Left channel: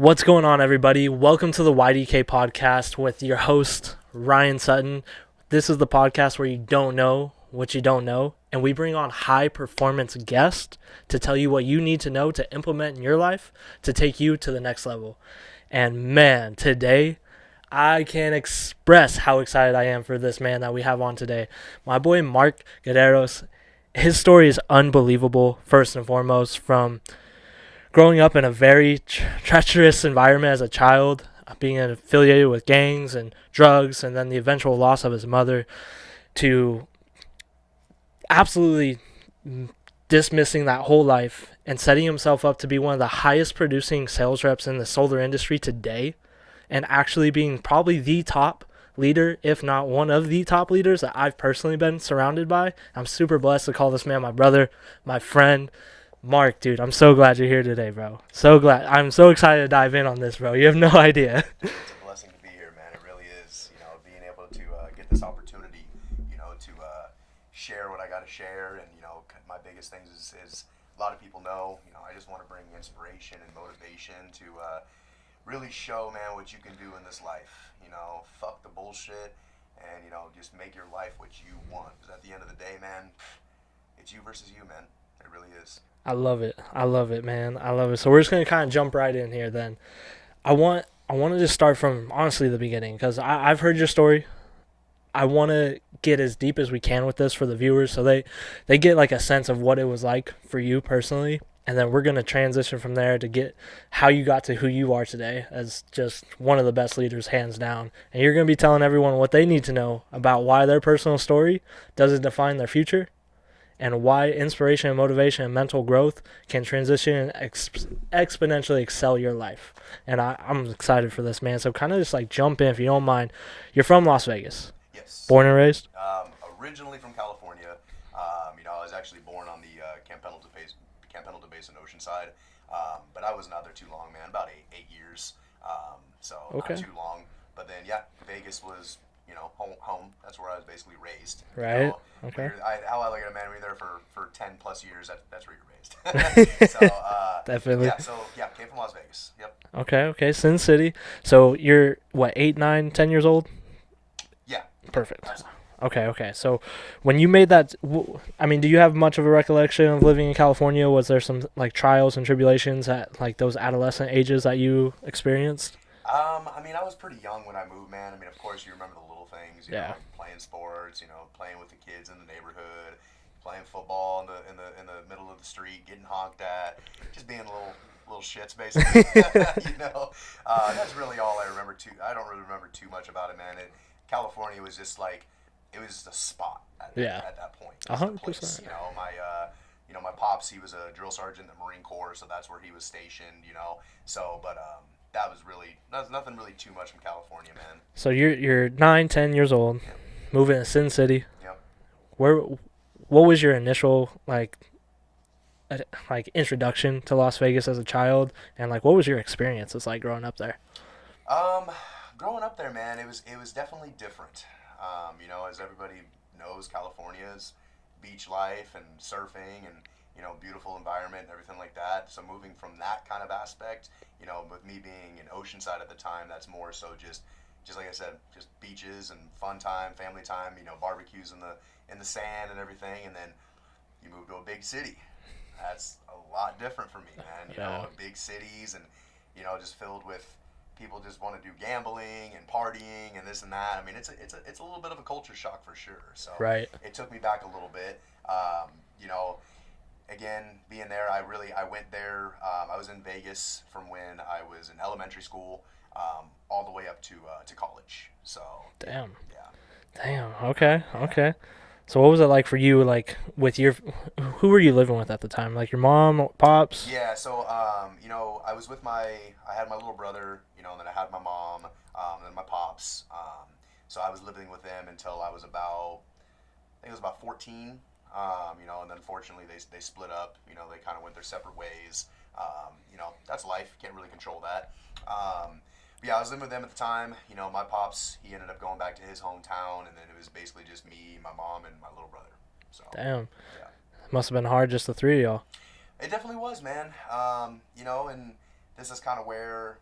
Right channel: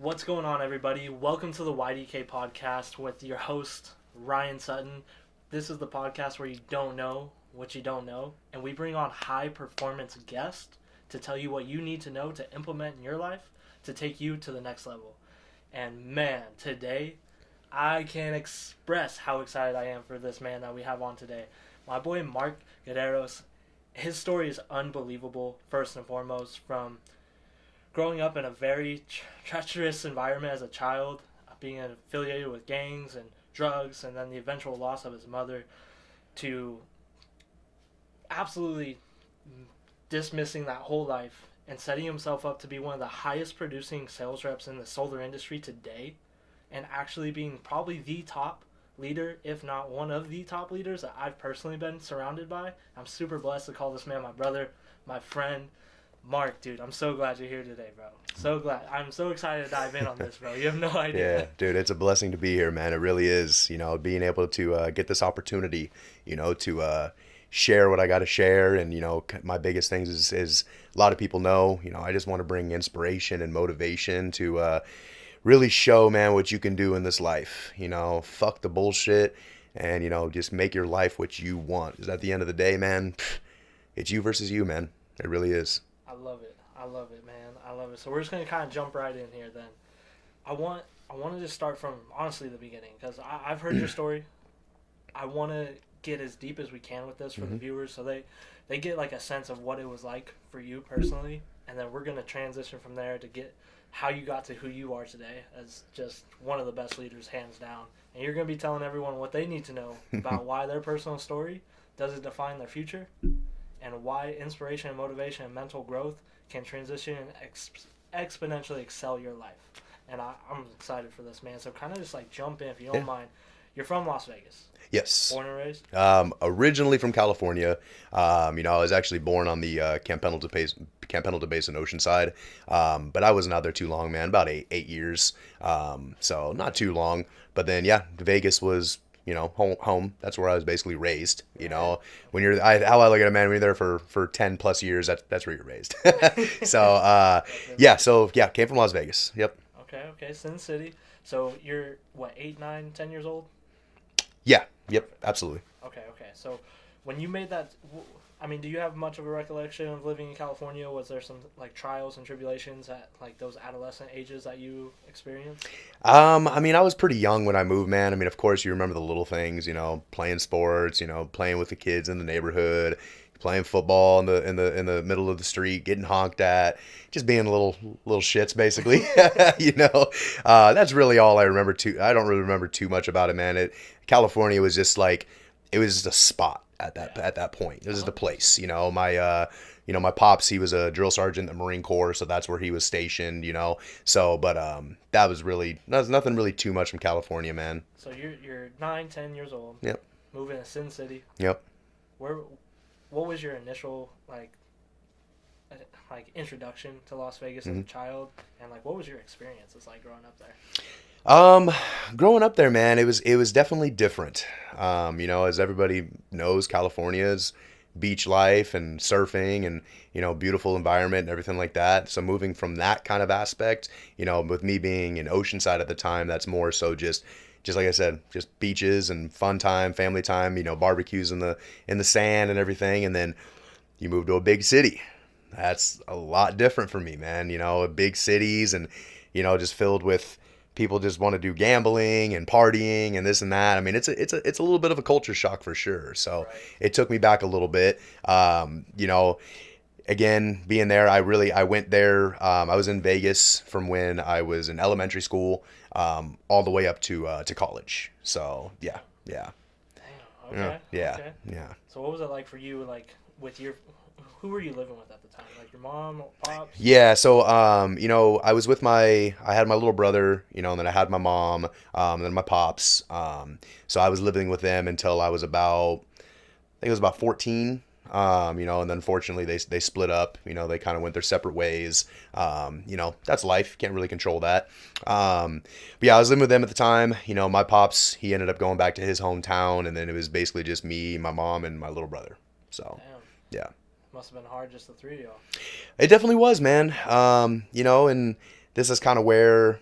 What's going on, everybody? Welcome to the YDK podcast with your host, Ryan Sutton. This is the podcast where you don't know what you don't know, and we bring on high performance guests to tell you what you need to know to implement in your life to take you to the next level. And man, today, I can't express how excited I am for this man that we have on today. My boy, Mark Gederos. His story is unbelievable, first and foremost, from growing up in a very treacherous environment as a child, being affiliated with gangs and drugs, and then the eventual loss of his mother, to absolutely dismissing that whole life and setting himself up to be one of the highest producing sales reps in the solar industry today, and actually being probably the top leader, if not one of the top leaders that I've personally been surrounded by. I'm super blessed to call this man my brother, my friend. Mark, dude, I'm so glad you're here today, bro. So glad. I'm so excited to dive in on this, bro. You have no idea. Yeah, dude, it's a blessing to be here, man. It really is. Being able to get this opportunity, to share what I got to share. And, my biggest things is a lot of people know, I just want to bring inspiration and motivation to really show, man, what you can do in this life. Fuck the bullshit and, just make your life what you want. Because at the end of the day, man, it's you versus you, man. It really is. I love it. I love it, man. I love it. So we're just gonna kind of jump right in here. Then, I want to just start from honestly the beginning because I've heard your story. I want to get as deep as we can with this for the viewers, so they get like a sense of what it was like for you personally, and then we're gonna transition from there to get how you got to who you are today as just one of the best leaders, hands down. And you're gonna be telling everyone what they need to know about why their personal story doesn't define their future, and why inspiration and motivation and mental growth can transition and exponentially excel your life. And I'm excited for this, man. So kind of just like jump in, if you don't mind. You're from Las Vegas. Yes. Born and raised? Originally from California. I was actually born on the Camp Pendleton Basin Oceanside. But I wasn't out there too long, man. About eight years. So not too long. But then, yeah, Vegas was home. That's where I was basically raised. Right. When how I look at it, man, when you're there for 10 plus years, that's where you're raised. So, Definitely. came from Las Vegas. Yep. Okay. Sin City. So you're, what, 8, 9, 10 years old? Yeah. Yep, Perfect. absolutely. Okay. So when you made that, do you have much of a recollection of living in California? Was there some, like, trials and tribulations at, like, those adolescent ages that you experienced? I was pretty young when I moved, man. Of course you remember the little things, playing sports, playing with the kids in the neighborhood, playing football in the middle of the street, getting honked at, just being little shits basically. That's really all I remember I don't really remember too much about it, man. California was just like, it was just a spot at that point. This is the place, my pops, he was a drill sergeant in the Marine Corps, so that's where he was stationed, So, but that was nothing really too much from California, man. So you're 9, 10 years old. Yep. Moving to Sin City. Yep. What was your initial like introduction to Las Vegas as a child, and like what was your experiences like growing up there? Growing up there, man, it was definitely different. As everybody knows, California's beach life and surfing and beautiful environment and everything like that. So moving from that kind of aspect, with me being in Oceanside at the time, that's more so just like I said, just beaches and fun time, family time, barbecues in the sand and everything. And then you move to a big city. That's a lot different for me, man. Big cities and just filled with people just want to do gambling and partying and this and that. It's a little bit of a culture shock for sure. So It took me back a little bit. Again, being there, I went there. I was in Vegas from when I was in elementary school, all the way up to college. So Damn. Yeah. Damn. Okay. Yeah. Okay. Yeah. So what was it like for you, like with who were you living with at the time? Like your mom, pops? Yeah, so I was with I had my little brother, and then I had my mom, and then my pops. So I was living with them until I was I think it was about 14. And then unfortunately they split up. They kind of went their separate ways. That's life. Can't really control that. But yeah, I was living with them at the time. My pops, he ended up going back to his hometown, and then it was basically just me, my mom, and my little brother. So Damn. Yeah. Must have been hard, just the three of y'all. It definitely was, man. And this is kind of where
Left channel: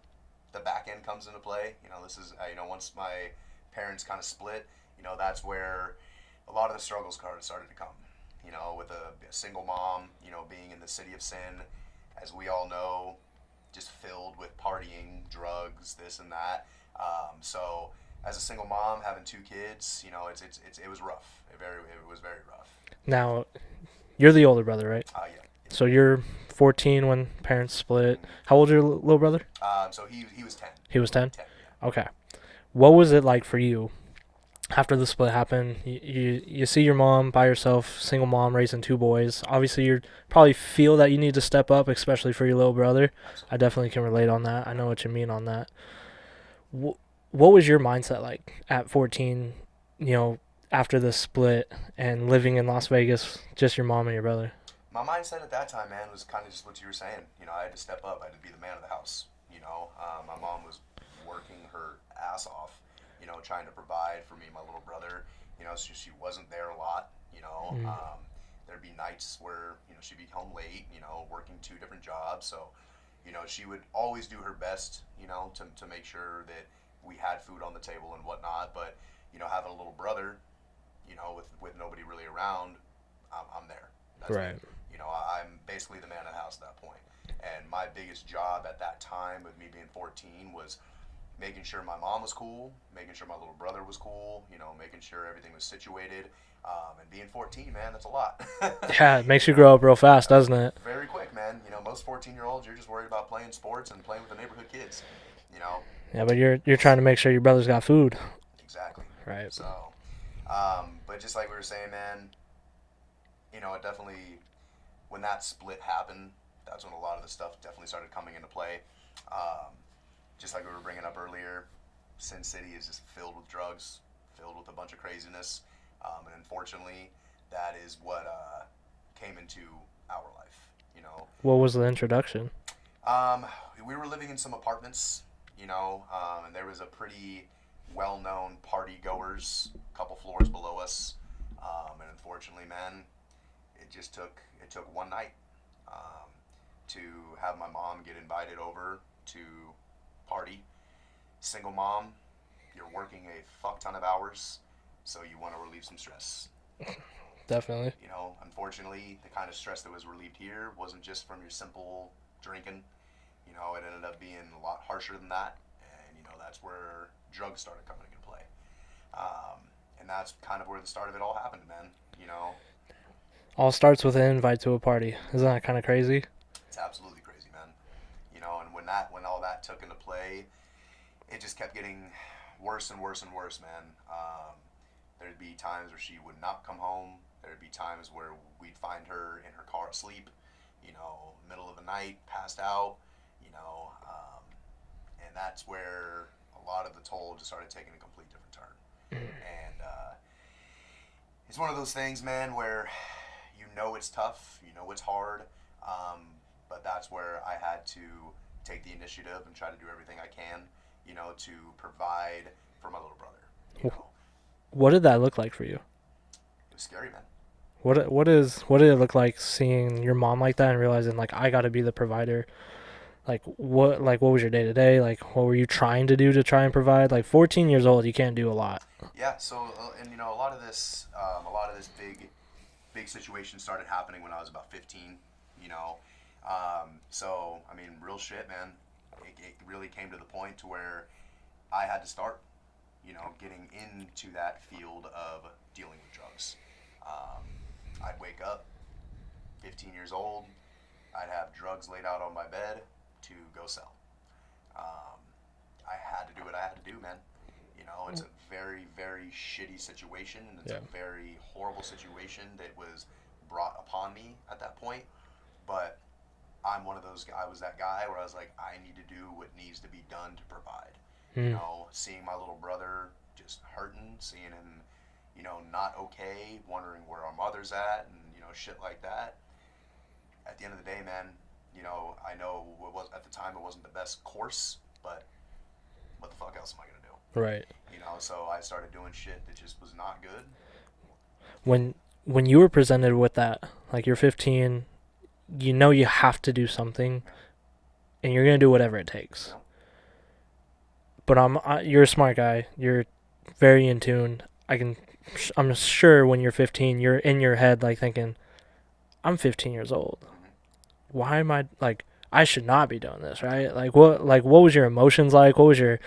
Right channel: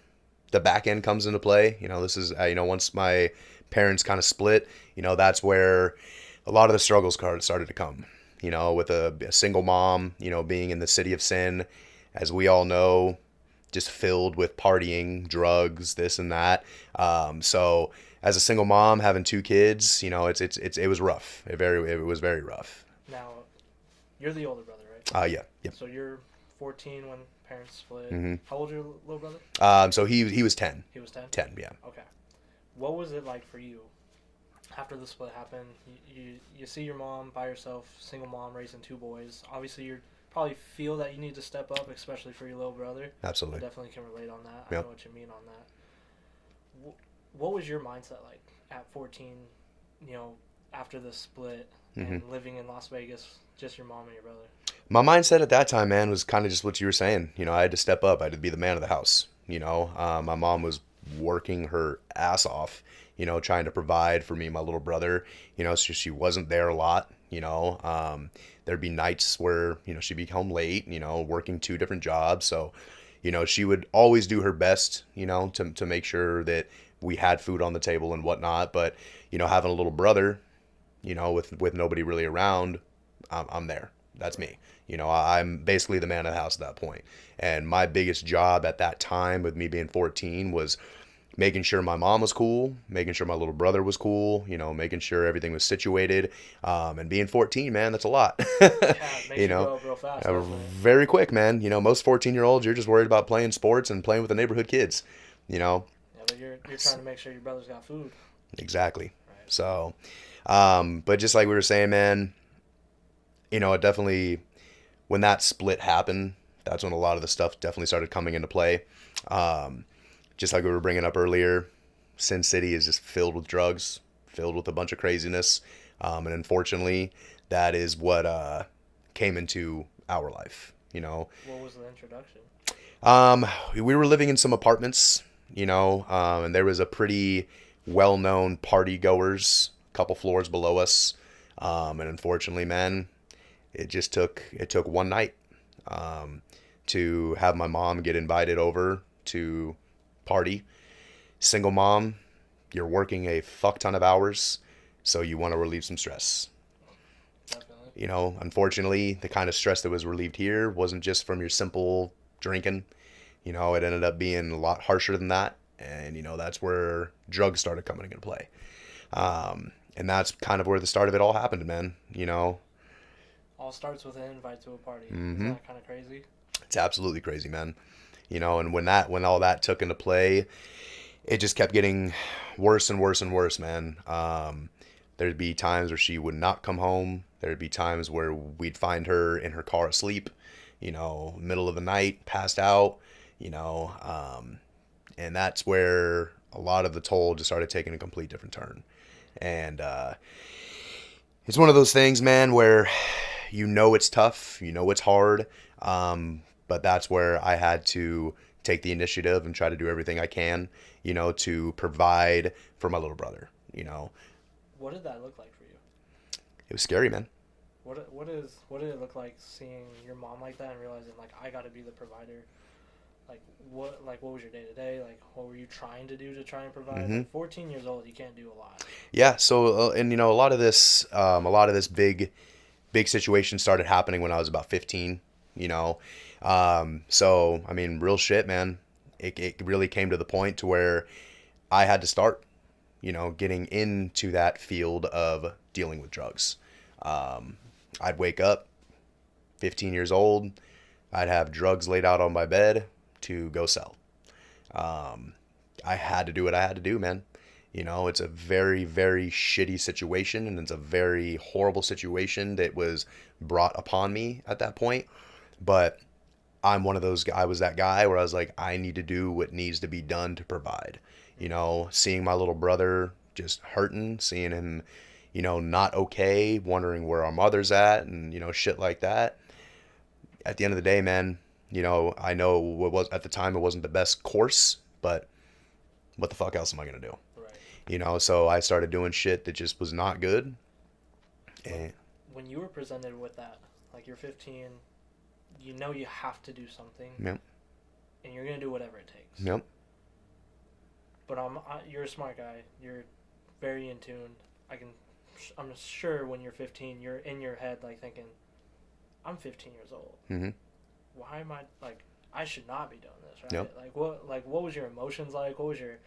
the back end comes into play. This is once my parents kind of split, that's where a lot of the struggles started to come. With a single mom, being in the city of sin, as we all know, just filled with partying, drugs, this and that. So as a single mom having two kids, it was rough. It was very rough. Now, you're the older brother, right? Yeah. So you're 14 when parents split. Mm-hmm. How old is your little brother? So he was 10. He was 10? 10, yeah. Okay. What was it like for you after the split happened? You see your mom by herself, single mom raising two boys. Obviously, you probably feel that you need to step up, especially for your little brother. Absolutely. I definitely can relate on that. Yep. I know what you mean on that. What was your mindset like at 14, after the split and living in Las Vegas, just your mom and your brother? My mindset at that time, man, was kind of just what you were saying. I had to step up. I had to be the man of the house. My mom was working her ass off, trying to provide for me and my little brother. So she wasn't there a lot. There'd be nights where, she'd be home late, working two different jobs. So, she would always do her best, to make sure that we had food on the table and whatnot. But, having a little brother, with nobody really around, I'm there. That's Right. me. I'm basically the man of the house at that point. And my biggest job at that time, with me being 14, was making sure my mom was cool, making sure my little brother was cool, making sure everything was situated. And being 14, man, that's a lot. Yeah, it makes you grow up real fast, doesn't it? Very quick, man. Most 14-year-olds, you're just worried about playing sports and playing with the neighborhood kids. Yeah, but you're trying to make sure your brother's got food. Exactly. Right. So, but just like we were saying, man, it definitely, when that split happened, that's when a lot of the stuff definitely started coming into play. Just like we were bringing up earlier, Sin City is just filled with drugs, filled with a bunch of craziness. And unfortunately, that is what came into our life, What was the introduction? We were living in some apartments, and there was a pretty well-known party goers a couple floors below us. And unfortunately, man, it took one night to have my mom get invited over to party. Single mom, you're working a fuck ton of hours, so you want to relieve some stress. Definitely. Unfortunately, the kind of stress that was relieved here wasn't just from your simple drinking. It ended up being a lot harsher than that. And, that's where drugs started coming into play. And that's kind of where the start of it all happened, man. All starts with an invite to a party. Mm-hmm. Isn't that kind of crazy? It's absolutely crazy, man. And when all that took into play, it just kept getting worse and worse and worse, man. There'd be times where she would not come home. There'd be times where we'd find her in her car asleep, middle of the night, passed out, and that's where a lot of the toll just started taking a complete different turn. And it's one of those things, man, where it's tough, it's hard, but that's where I had to take the initiative and try to do everything I can, to provide for my little brother. What did that look like for you? It was scary, man. What did it look like seeing your mom like that and realizing like I got to be the provider? What was your day to day? Like what were you trying to do to try and provide? Mm-hmm. Like 14 years old, you can't do a lot. Yeah. So and a lot of this big situation started happening when I was about 15. So I mean, real shit, man. It really came to the point to where I had to start, getting into that field of dealing with drugs. I'd wake up, 15 years old. I'd have drugs laid out on my bed to go sell. I had to do what I had to do, man. It's a very, very shitty situation, and it's a very horrible situation that was brought upon me at that point. But I was that guy where I was like, I need to do what needs to be done to provide. Seeing my little brother just hurting, seeing him, not okay, wondering where our mother's at, and, shit like that. At the end of the day, man, I know what was at the time it wasn't the best course, but what the fuck else am I gonna do? Right. So I started doing shit that just was not good. When you were presented with that, like you're 15, you have to do something, Yep. and you're gonna do whatever it takes. Yep. but you're a smart guy. You're very in tune. I'm sure when you're 15, you're in your head like thinking, I'm 15 years old. Hmm. Why am I like? I should not be doing this, Yep. right? What was your emotions like? What was your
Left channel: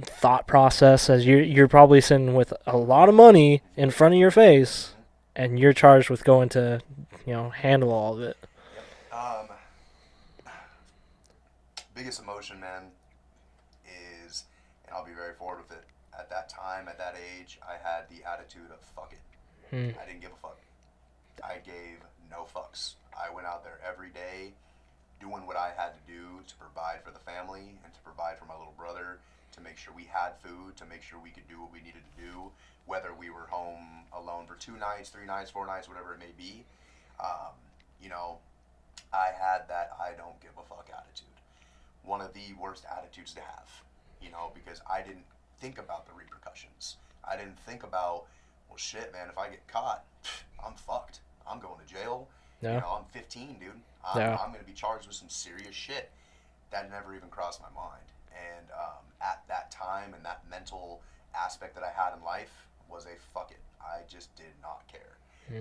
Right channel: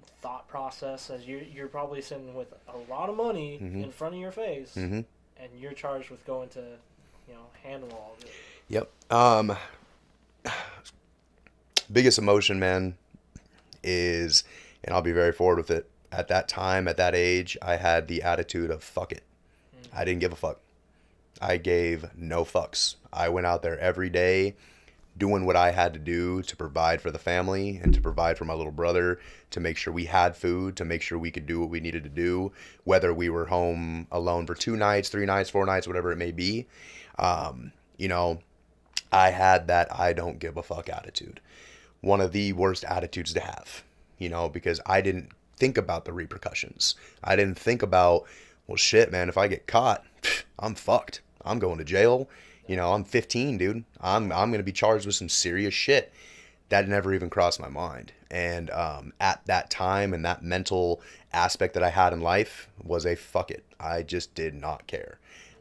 thought process as you're probably sitting with a lot of money Hmm. in front of your face, Hmm. and you're charged with going to, handle all of it. Yep. Biggest emotion, man, is, and I'll be very forward with it. At that time, at that age, I had the attitude of fuck it. Mm, I didn't give a fuck. I gave no fucks. I went out there every day doing what I had to do to provide for the family and to provide for my little brother, to make sure we had food, to make sure we could do what we needed to do, whether we were home alone for 2 nights, 3 nights, 4 nights, whatever it may be. You know, I had that I don't give a fuck attitude. One of the worst attitudes to have, because I didn't think about the repercussions. I didn't think about, well, shit, man, if I get caught, I'm fucked. I'm going to jail. yeah, I'm 15, dude. I'm yeah. I'm gonna be charged with some serious shit. That never even crossed my mind. And at that time and that mental aspect that I had in life was a fuck it. I just did not care.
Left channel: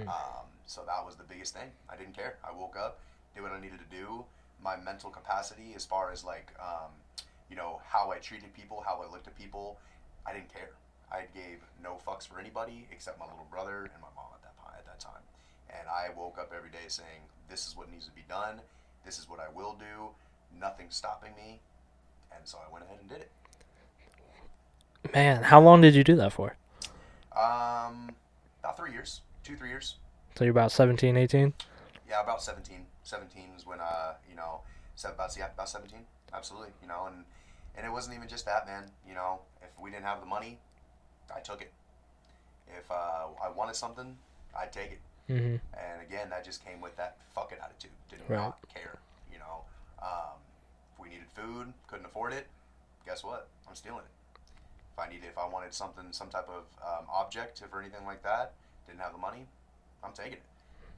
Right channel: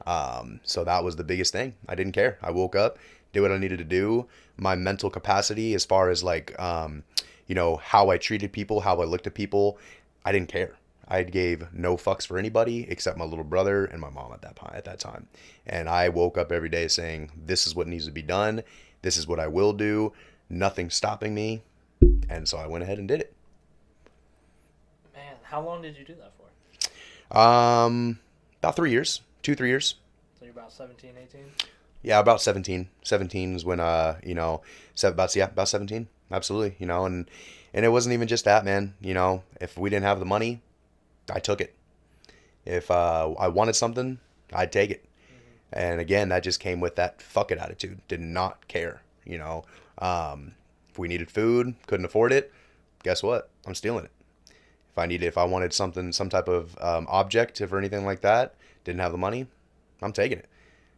Mm, So that was the biggest thing. I didn't care. I woke up, did what I needed to do. My mental capacity, as far as like, how I treated people, how I looked at people, I didn't care. I gave no fucks for anybody except my little brother and my mom at that time. And I woke up every day saying, "This is what needs to be done. This is what I will do. Nothing's stopping me." And so I went ahead and did it. man, how long did you do that for? About 3 years, 2, 3 years. So you're about 17, 18? Yeah, about 17. 17 is when about 17. Absolutely, and it wasn't even just that, man. If we didn't have the money, I took it. If I wanted something, I'd take it. Mm-hmm. And again, that just came with that fuck it attitude. Did Right. not care. If we needed food, couldn't afford it, guess what? I'm stealing it. If I wanted something, some type of object or anything like that, didn't have the money, I'm taking it.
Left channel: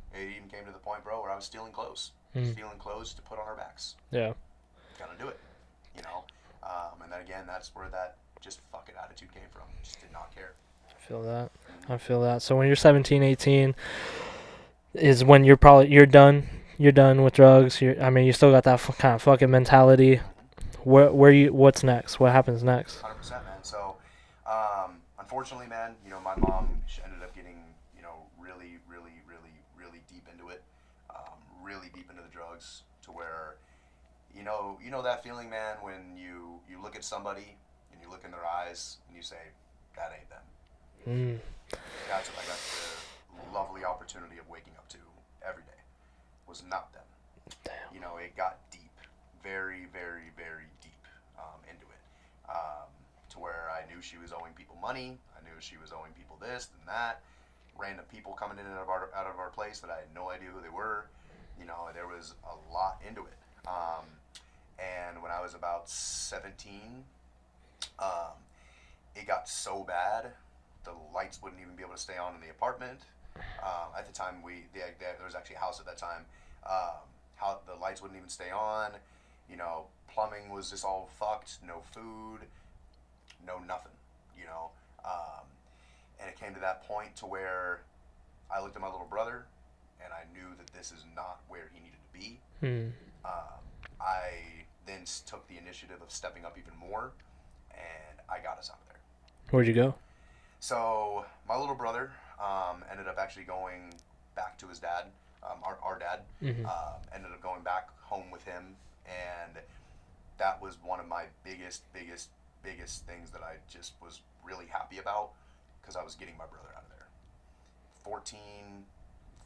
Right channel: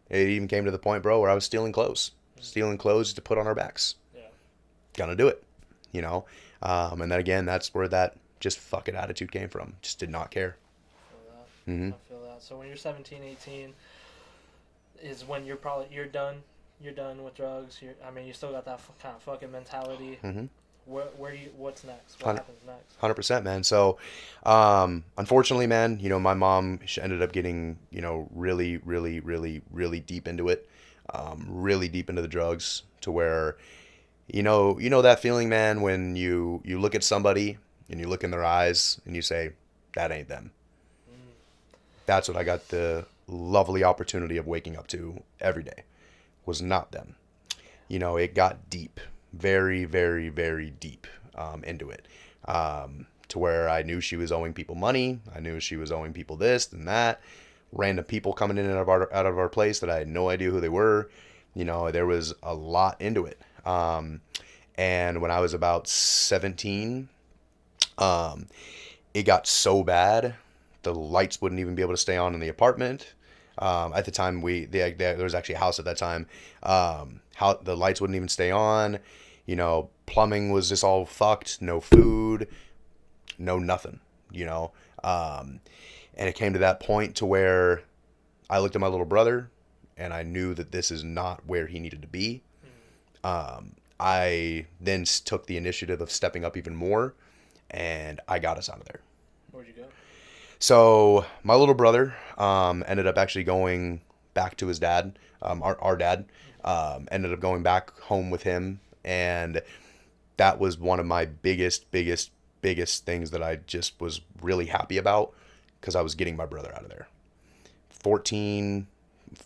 It even came to the point, bro, where I was Mm, stealing clothes to put on our backs. yeah. Gonna do it, you know. And then again, that's where that just fuck it attitude came from. Just did not care. I feel that. Hmm. I feel that. So when you're 17, 18, is when you're done. You're done with drugs. I mean, you still got that kind of fucking mentality. Hmm. What's next? What 100, happens next? 100%, man. So, unfortunately, man, my mom, she ended up getting, really, really, really, really deep into it, really deep into the drugs, to where, that feeling, man, when you look at somebody and you look in their eyes and you say, that ain't them. Mm, That's what I got the lovely opportunity of waking up to every day, was not them. It got deep, very, very, very deep, into it, to where I knew she was owing people money. I knew she was owing people this and that. Random people coming in and out of our place that I had no idea who they were. There was a lot into it. And when I was about 17, um, it got so bad, the lights wouldn't even be able to stay on in the apartment. At the time, there was actually a house at that time. How the lights wouldn't even stay on. Plumbing was just all fucked. No food, no nothing. You know, um, and it came to that point to where I looked at my little brother, and I knew that this is not where he needed to be. mm. I then took the initiative of stepping up even more, and I got us out of there. Where'd you go? So my little brother ended up actually going back to his dad. Our dad Mm-hmm. ended up going back home with him, and that was one of my biggest things that I just was really happy about, because I was getting my brother out of there. 14,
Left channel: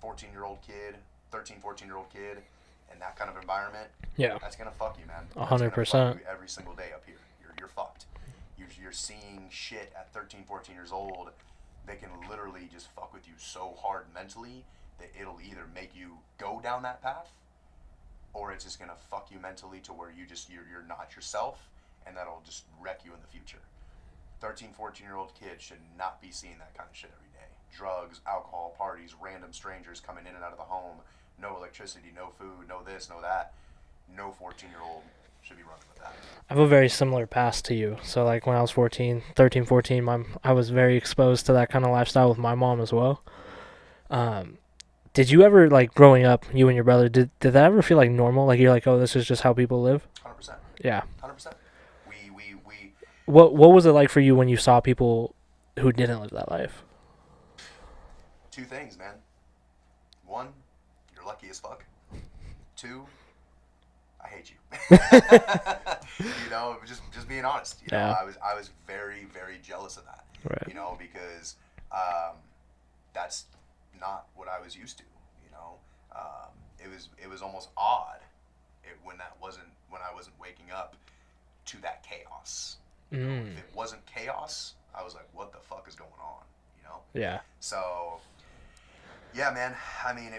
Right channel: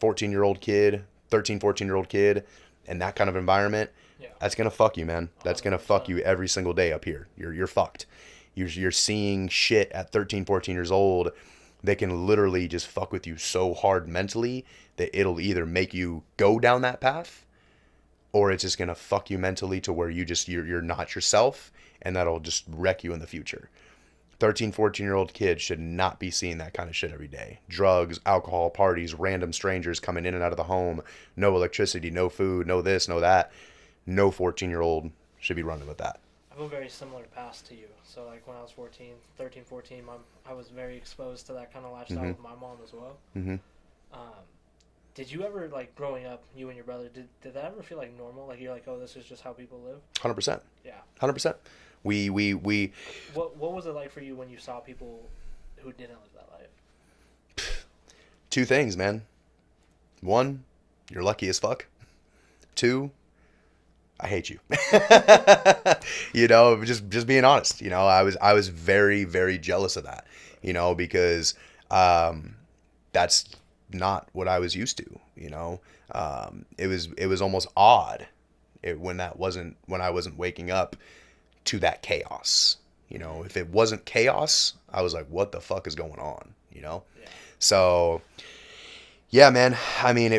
14-year-old kid, 13, 14-year-old kid, in that kind of environment, Yeah, that's gonna fuck you, man. a That's hundred gonna fuck percent. you every single day up here. You're fucked. You're seeing shit at 13, 14 years old. They can literally just fuck with you so hard mentally that it'll either make you go down that path, or it's just gonna fuck you mentally to where you're not yourself, and that'll just wreck you in the future. 13, 14-year-old kids should not be seeing that kind of shit every day. Drugs, alcohol, parties, random strangers coming in and out of the home, no electricity, no food, no this, no that. No 14-year-old should be running with that. I have a very similar past to you. So like when I was 14, 13, 14, I was very exposed to that kind of lifestyle Mm-hmm. with my mom as well. Mm-hmm. Um, did you ever like growing up, you and your brother, did that ever feel like normal? Like you're like, oh, this is just how people live? 100%. Yeah. 100%. We What was it like for you when you saw people who didn't live that life? two things, man. One, you're lucky as fuck. Two, I hate you. You know, just being honest. You know, Yeah. I was very very jealous of that. Right. You know, because um, that's not what I was used to. You know, it was almost odd when I wasn't waking up to that chaos. You know, if Mm. it wasn't chaos, I was like, what the fuck is going on? You know, Yeah. so yeah, man. I mean,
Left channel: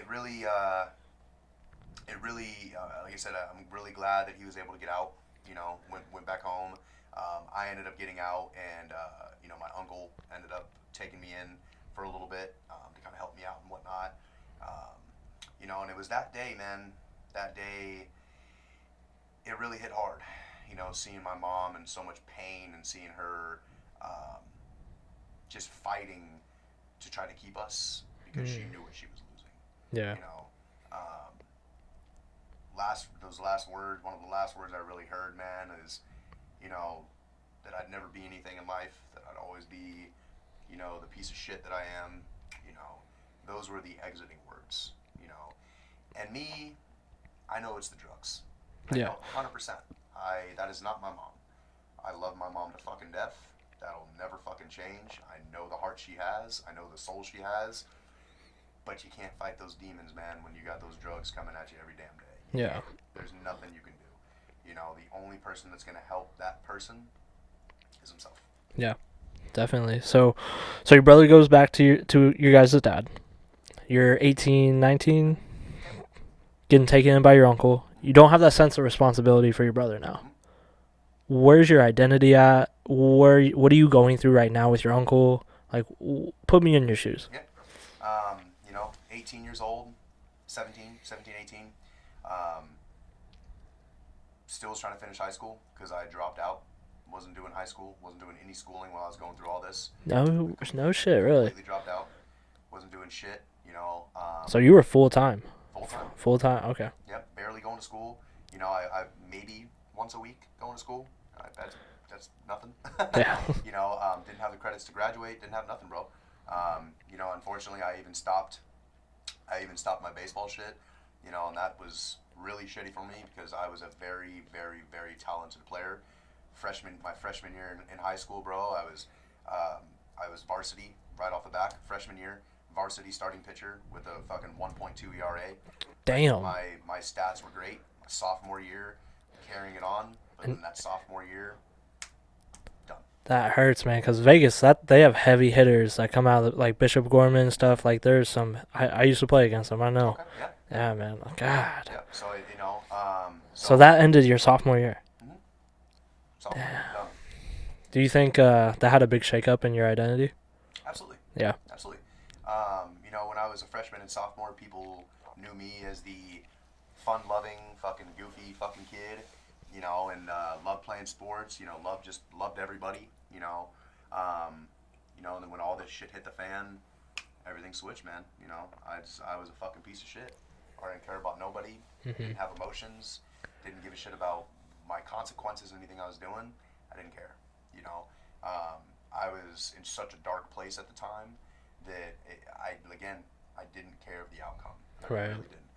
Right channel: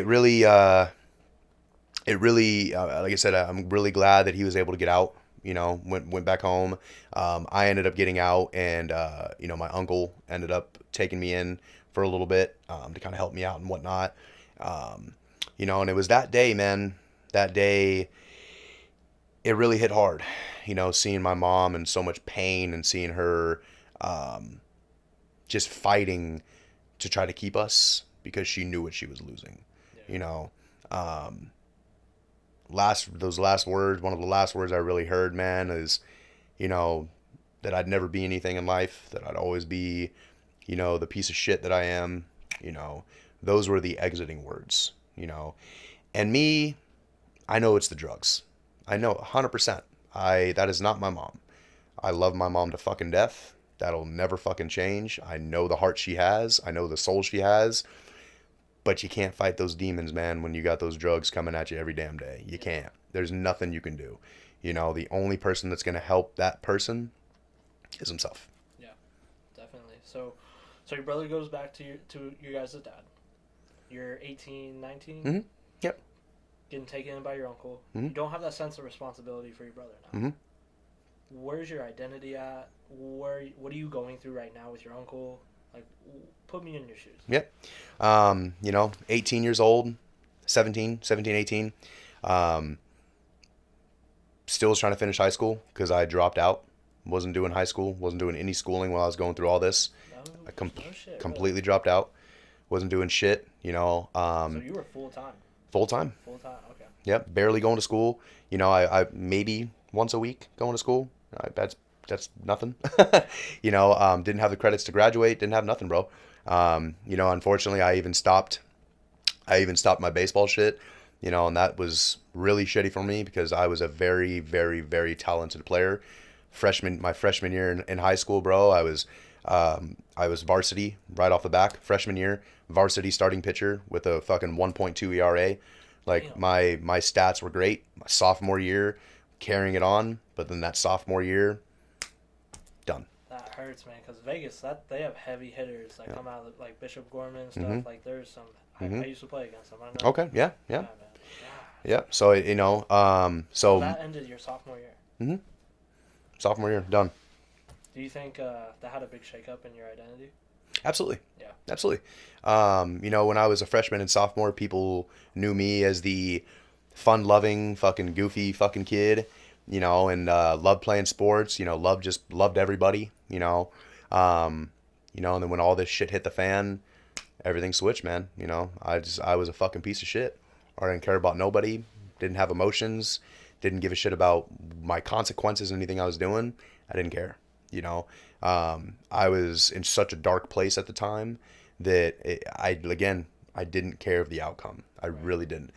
like I said, I'm really glad that he was able to get out. You know, went back home. I ended up getting out, and you know, my uncle ended up taking me in for a little bit to kind of help me out and whatnot. Um, you know, and it was that day, man. That day, it really hit hard. You know, seeing my mom in so much pain and seeing her um, just fighting to try to keep us because she Mm. knew what she was losing. Yeah. You know, um, those last words, one of the last words I really heard, man, is, you know, that I'd never be anything in life, that I'd always be, you know, the piece of shit that I am. You know, those were the exiting words. You know, and me, I know it's the drugs. I Yeah. know 100%. That is not my mom. I love my mom to fucking death. That'll never fucking change. I know the heart she has. I know the soul she has. But you can't fight those demons, man, when you got those drugs coming at you every damn day. You Yeah. can't. There's nothing you can do. You know, the only person that's going to help that person is himself. Yeah. Definitely. So your brother goes back to your guys' dad. You're 18, 19, Mm-hmm. Yep. getting taken in by your uncle. Mm-hmm. You don't have that sense of responsibility for your brother now. Mm-hmm. Where's your identity at? What are you going through right now with your uncle? Like, put me in your shoes. Yep. You know, 18 years old, 17, 18. Um, Still was trying to finish high school because I dropped out. Wasn't doing high school. Wasn't doing any schooling while I was going through all this. No, I no shit, really. completely dropped out. Wasn't doing shit. You know, So you were full time. full time. Full time. Okay. Yep, barely going to school. You know, I maybe once a week going to school. That's nothing. Yeah. You know, didn't have the credits to graduate. Didn't have nothing, bro. You know, unfortunately, I even stopped. I even stopped my baseball shit. You know, and that was really shitty for me because I was a very, very, very talented player. My freshman year in high school, bro, I was varsity right off the back. Freshman year, varsity starting pitcher with a fucking 1.2 ERA. Like Damn. my stats were great. My sophomore year, carrying it on, but then that sophomore year, done. That hurts, man. Because Vegas, that they have heavy hitters that come out of, like Bishop Gorman and Hmm. stuff. Like there's some. Hmm. I used to play against them. I know. Okay, yeah, yeah, Yeah, man. God. yeah. So you know, So that ended your sophomore year. hmm sophomore year, done. Do you think that had a big shakeup in your identity? Absolutely. Yeah. Absolutely. You know, when I was a freshman and sophomore, people knew me as the fun-loving, fucking goofy fucking kid, you know, and loved playing sports, you know, loved everybody, um, and then when all this shit hit the fan, everything switched, man. You know, I was a fucking piece of shit. I didn't care about nobody, Hmm. didn't have emotions, didn't give a shit about my consequences, anything I was doing. I didn't care, you know. I was in such a dark place at the time that I didn't care of the outcome. I Right. really didn't.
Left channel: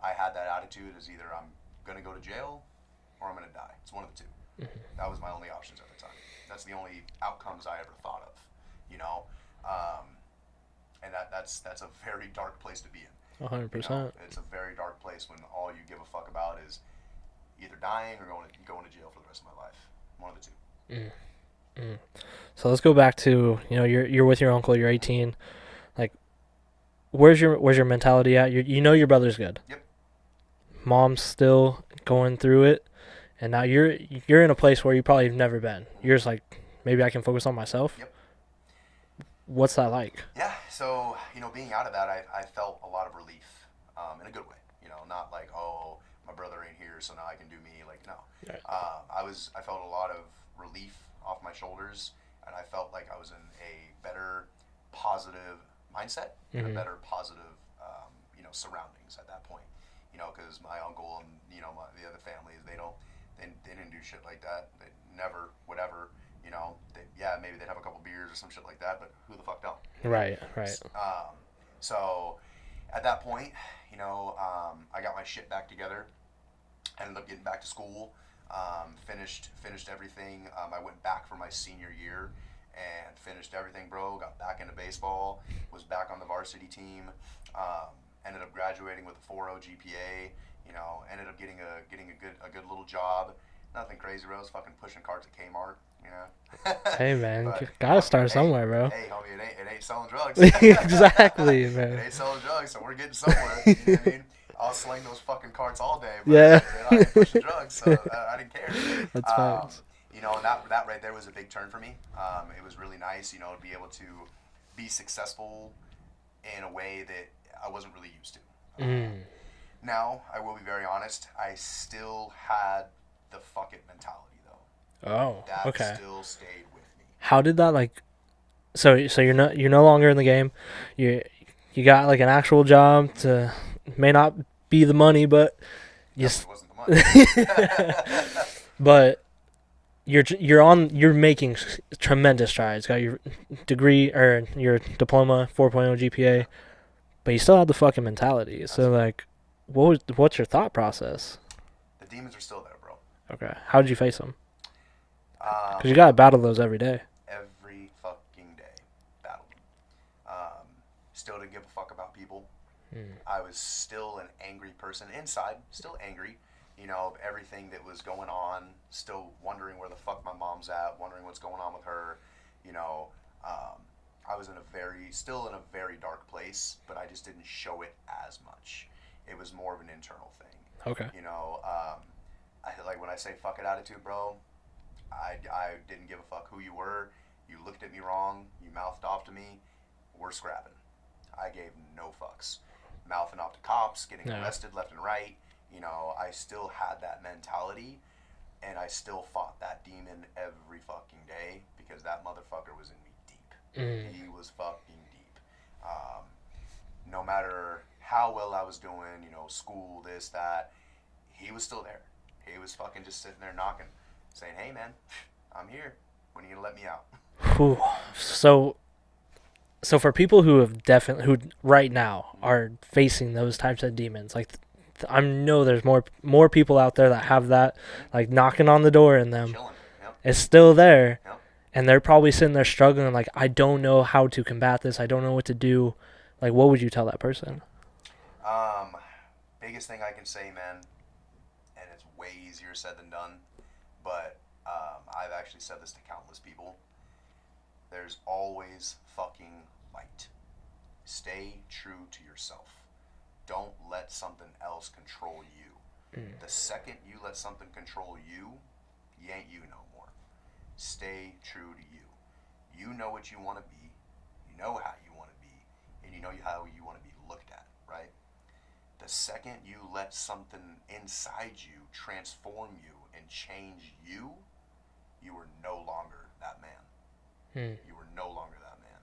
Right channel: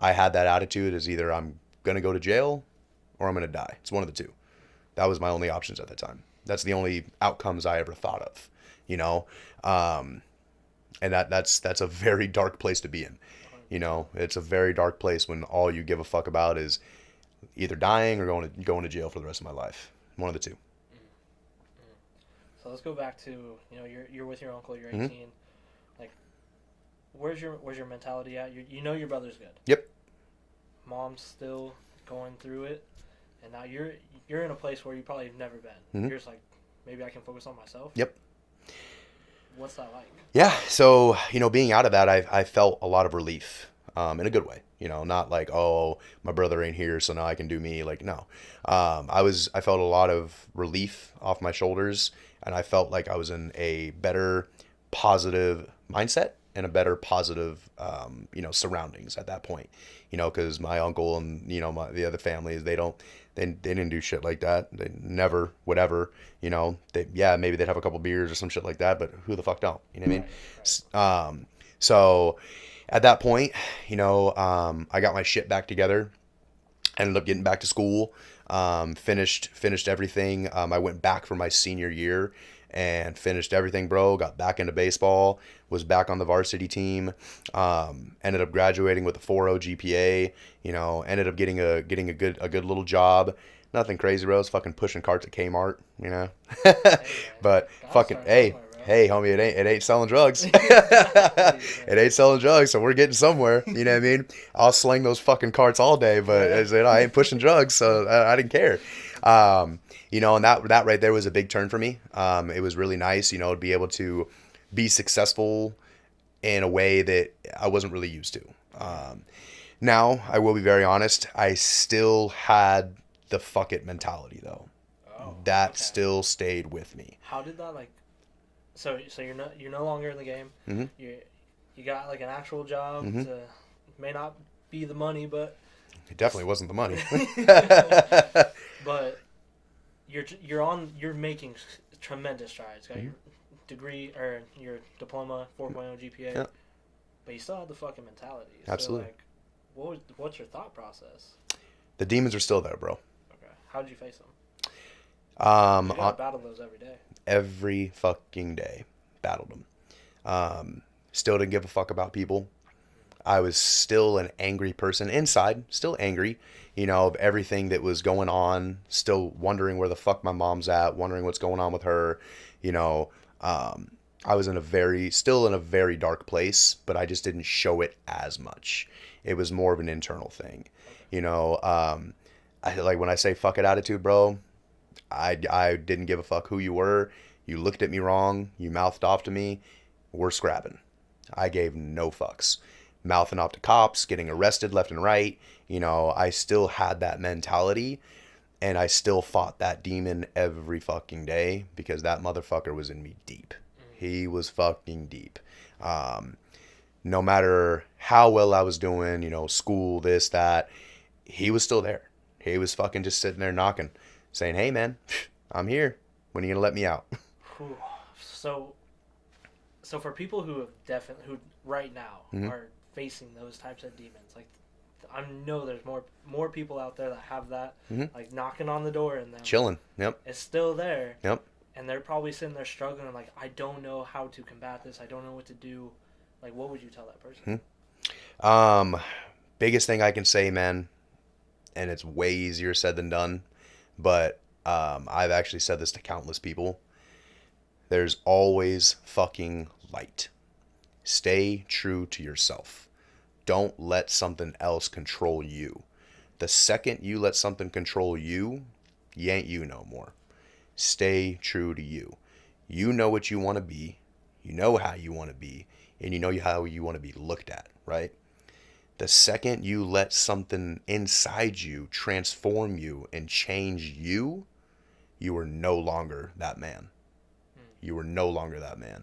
I had that attitude as either I'm gonna go to jail or I'm gonna die. It's one of the two. That was my only options at the time. That's the only outcomes I ever thought of, you know. Um, and that's a very dark place to be in. You know, 100%. it's a very dark place when all you give a fuck about is either dying or going to jail for the rest of my life. One of the two. Mm. Mm. So let's go back to you're with your uncle. You're Hmm. 18. Like, where's your mentality at? You know your brother's good. Yep. Mom's still going through it, and now you're in a place where you probably have never been. Hmm. You're just like, maybe I can focus on myself. Yep. What's that like? Yeah. So being out of that, I felt a lot of relief, in a good way. You know, not like, oh, my brother ain't here, so now I can do me. Like, no. Yeah. I felt a lot of relief off my shoulders, and I felt like I was in a better, positive mindset and a Mm-hmm. better, positive, surroundings at that point. You know, because my uncle and the other families, they didn't do shit like that. They never, whatever. You know, maybe they'd have a couple beers or some shit like that, but who the fuck don't? You know what I mean? Right. Right. So at that point, I got my shit back together. Ended up getting back to school. Finished everything. I went back for my senior year and finished everything, bro. Got back into baseball. Was back on the varsity team. Ended up graduating with a 4.0 GPA. You know, ended up getting a good little job. Nothing crazy, bro. I was fucking pushing carts at Kmart, you know. Hey, man, But gotta fucking start hey, somewhere, bro. hey, homie, it ain't selling drugs. Exactly, It man. ain't selling drugs, so we're getting somewhere. You know what I mean? I'll sling those fucking carts all day, but Yeah. I ain't pushing drugs, so I didn't care. That's Um, facts. and that right there was a big turn for me. It was really nice, to be able to be successful in a way that I wasn't really used to. Mm. Now, I will be very honest, I still had the fuck it mentality though. Oh, That okay. still stayed with me. How did that like? So you're no longer in the game. Hmm. You got like an actual job Hmm. to may not be the money, but It you definitely wasn't the money. but you're making tremendous strides. Got your degree or your diploma, 4.0 GPA, Yeah, but you still have the fucking mentality. So absolutely. like, what's your thought process? The demons are still there, bro. Okay, how did you face them? Because Um, you gotta battle those every day. every fucking day, battled them. Still didn't give a fuck about people. Mm. I was still an angry person inside, still angry, of everything that was going on, still wondering where the fuck my mom's at, wondering what's going on with her, you know. Um, I was still in a very dark place, but I just didn't show it as much. It was more of an internal thing, Okay. you know. I like when I say fuck it attitude, bro. I didn't give a fuck who you were. You looked at me wrong. You mouthed off to me. We're scrapping. I gave no fucks. Mouthing off to cops, getting Yeah. arrested left and right. I still had that mentality and I still fought that demon every fucking day because that motherfucker was in me deep. Mm. He was fucking deep. Um, no matter how well I was doing, school, this, that, he was still there. He was fucking just sitting there knocking, saying, "Hey, man, I'm here. When are you gonna let me out?" Whew. So so for people who have definitely who right now Mhm. are facing those types of demons, like I know there's more people out there that have that, Mhm. like knocking on the door in them. Chilling. Yep. It's still there, Yep. and they're probably sitting there struggling. Like, I don't know how to combat this. I don't know what to do. Like, what would you tell that person? Um, biggest thing I can say, man, and it's way easier said than done, but I've actually said this to countless people. There's always fucking light. Stay true to yourself. Don't let something else control you. Mm. The second you let something control you, you ain't you no more. Stay true to you. You know what you want to be. You know how you want to be. And you know how you want to be looked at, right? The second you let something inside you transform you and change you, you are no longer that man. Mm. You are no longer that man.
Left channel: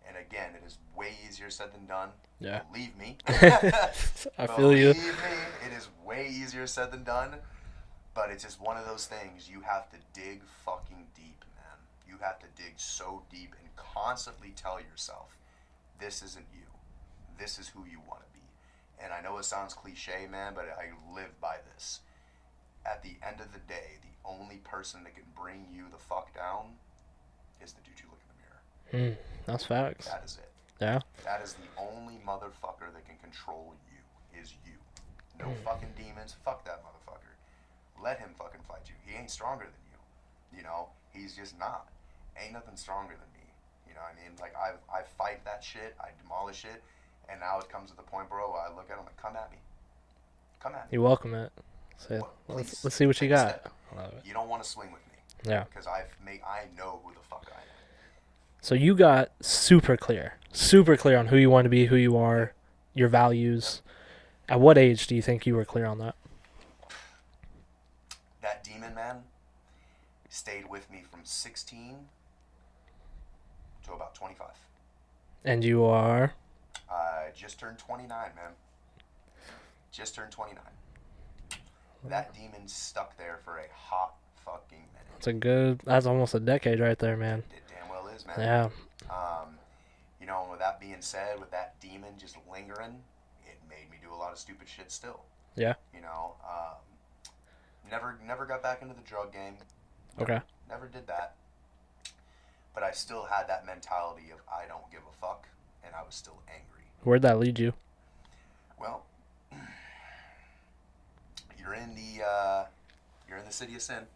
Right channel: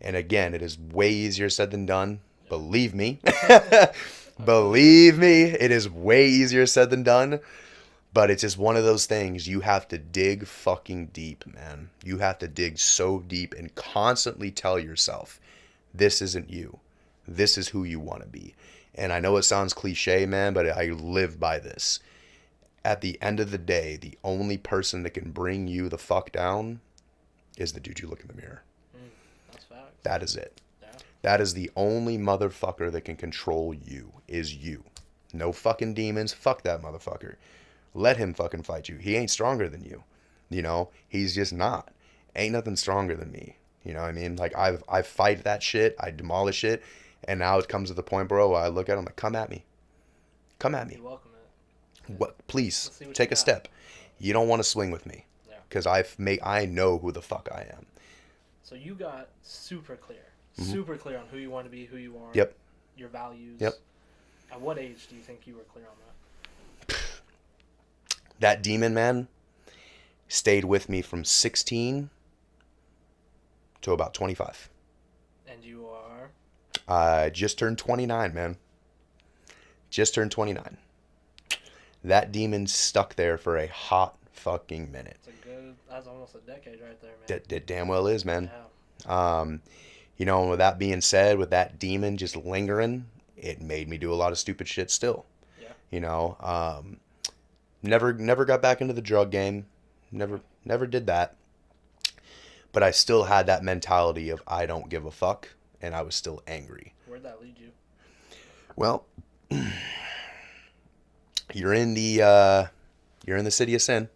And again, it is way easier said than done. Yeah. Believe me. I feel you. Believe me, it is way easier said than done. But it's just one of those things you have to dig fucking deep, man. You have to dig so deep and constantly tell yourself, this isn't you. This is who you want to be. And I know it sounds cliche, man, but I live by this. At the end of the day, the only person that can bring you the fuck down is the dude you look in the mirror. Mm. That's facts. That is it. Yeah. That is the only motherfucker that can control you, is you. No Mm. fucking demons. Fuck that motherfucker. Let him fucking fight you. He ain't stronger than you. He's just not. Ain't nothing stronger than me. You know what I mean? Like I fight that shit, I demolish it, and now it comes to the point, bro, where I look at him like, come at me. Come at me. You welcome it. Say, What please let's see what you take a got. step. Love it. You don't want to swing with me. Yeah. Because I know who the fuck I am. So you got super clear on who you want to be, who you are, Yep. your values. Yep. At what age do you think you were clear on that? That demon, man, stayed with me from 16 to about 25. And you are. I just turned 29, man. Just turned 29. That demon stuck there for a hot fucking minute. It's a good. That's almost a decade right there, man. It damn well is, man. Yeah. Um, you know, with that being said, with that demon just lingering, it made me do a lot of stupid shit still. Yeah. You know, never got back into the drug game. Okay. Never did that. But I still had that mentality of I don't give a fuck, and I was still angry. Where'd that lead you? Well, you're in the city of sin,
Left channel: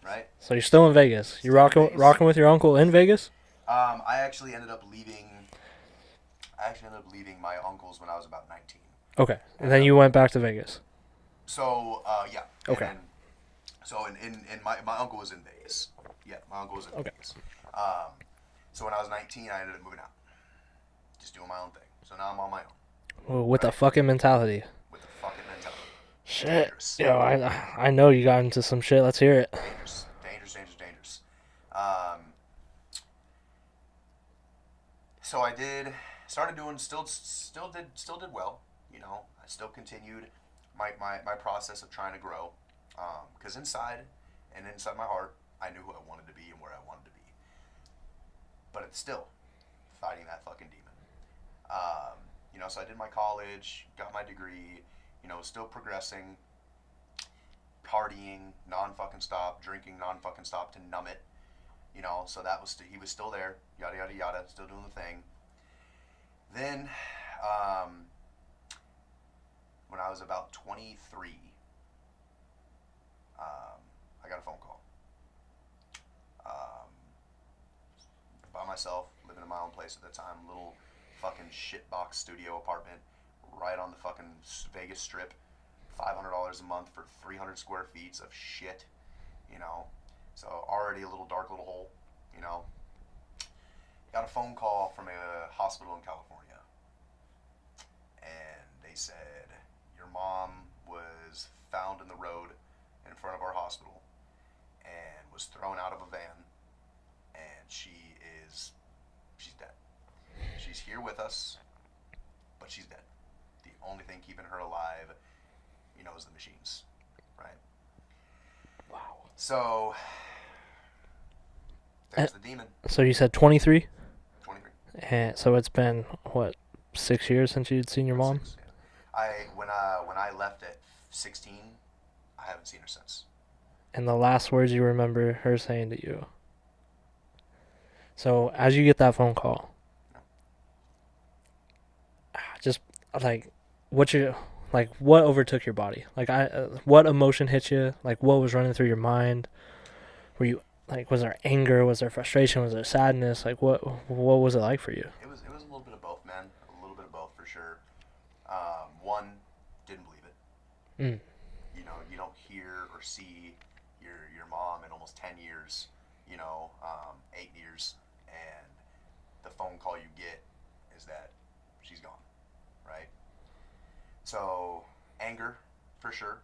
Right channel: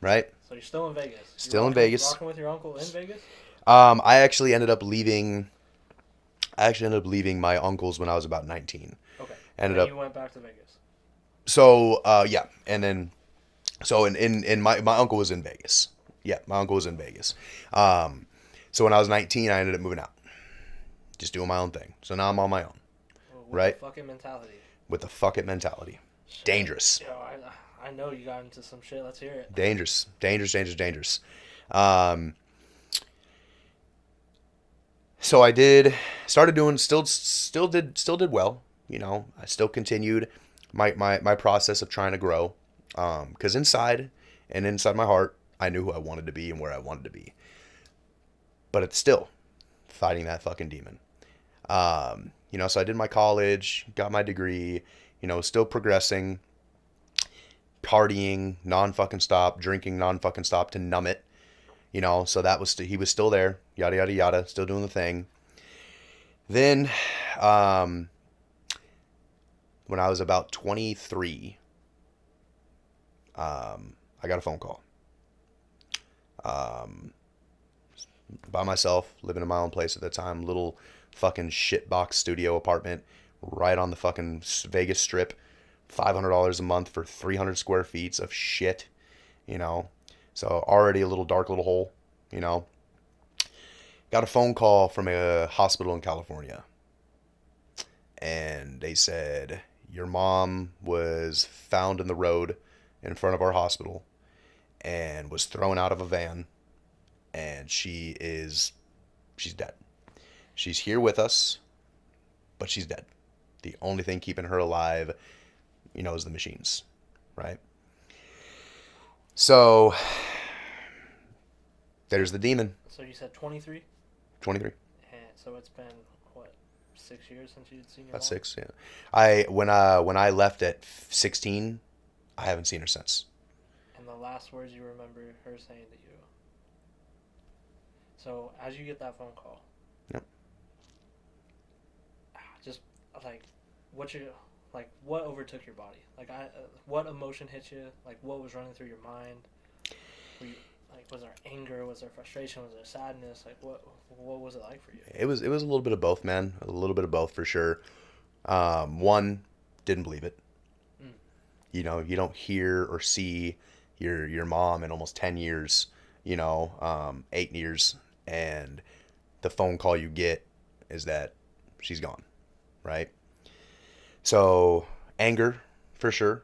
right? So you're still in Vegas. You Still in Vegas. rocking with your uncle in Vegas? I actually ended up leaving. My uncle's when I was about 19. Okay. And Ended then up, you went back to Vegas. So yeah, and Okay. then so in my uncle was in Vegas. Yeah, my uncle was in Vegas. So when I was 19, I ended up moving out, just doing my own thing. So now I'm on my own Well, with Right. the fucking mentality. with the fuck it mentality. Shit. Dangerous. Yo, I know you got into some shit. Let's hear it. Dangerous. Um, so I started doing still did well. You know, I still continued my process of trying to grow. Because inside my heart, I knew who I wanted to be and where I wanted to be. But it's still fighting that fucking demon. You know, so I did my college, got my degree, you know, still progressing, partying non-fucking stop, drinking non-fucking stop to numb it, you know, so that was, he was still there, yada, yada, yada, still doing the thing. Then, when I was about 23, I got a phone call. By myself, living in my own place at the time, little fucking shitbox studio apartment right on the fucking Vegas Strip, $500 a month for 300 square feet of shit, you know. So already a little dark little hole, you know. Got a phone call from a hospital in California, and they said your mom was found in the road in front of our hospital and was thrown out of a van, and she's dead. She's here with us, but she's dead. The only thing keeping her alive, you know, is the machines, right? So there's the demon. So you said 23? 23. And so it's been, what, 6 years since you'd seen your About mom? 6, yeah. When I left at 16, I haven't seen her since. And the last words you remember her saying to you. So as you get that phone call, Yep. just like what overtook your body? Like what emotion hit you? Like what was running through your mind? Were you like, was there anger? Was there frustration? Was there sadness? Like what was it like for you? It was a little bit of both, man. A little bit of both for sure. One, didn't believe it. Mm. You know, you don't hear or see your mom in almost 10 years, you know, 8 years, and the phone call you get is that she's gone, right? So anger, for sure.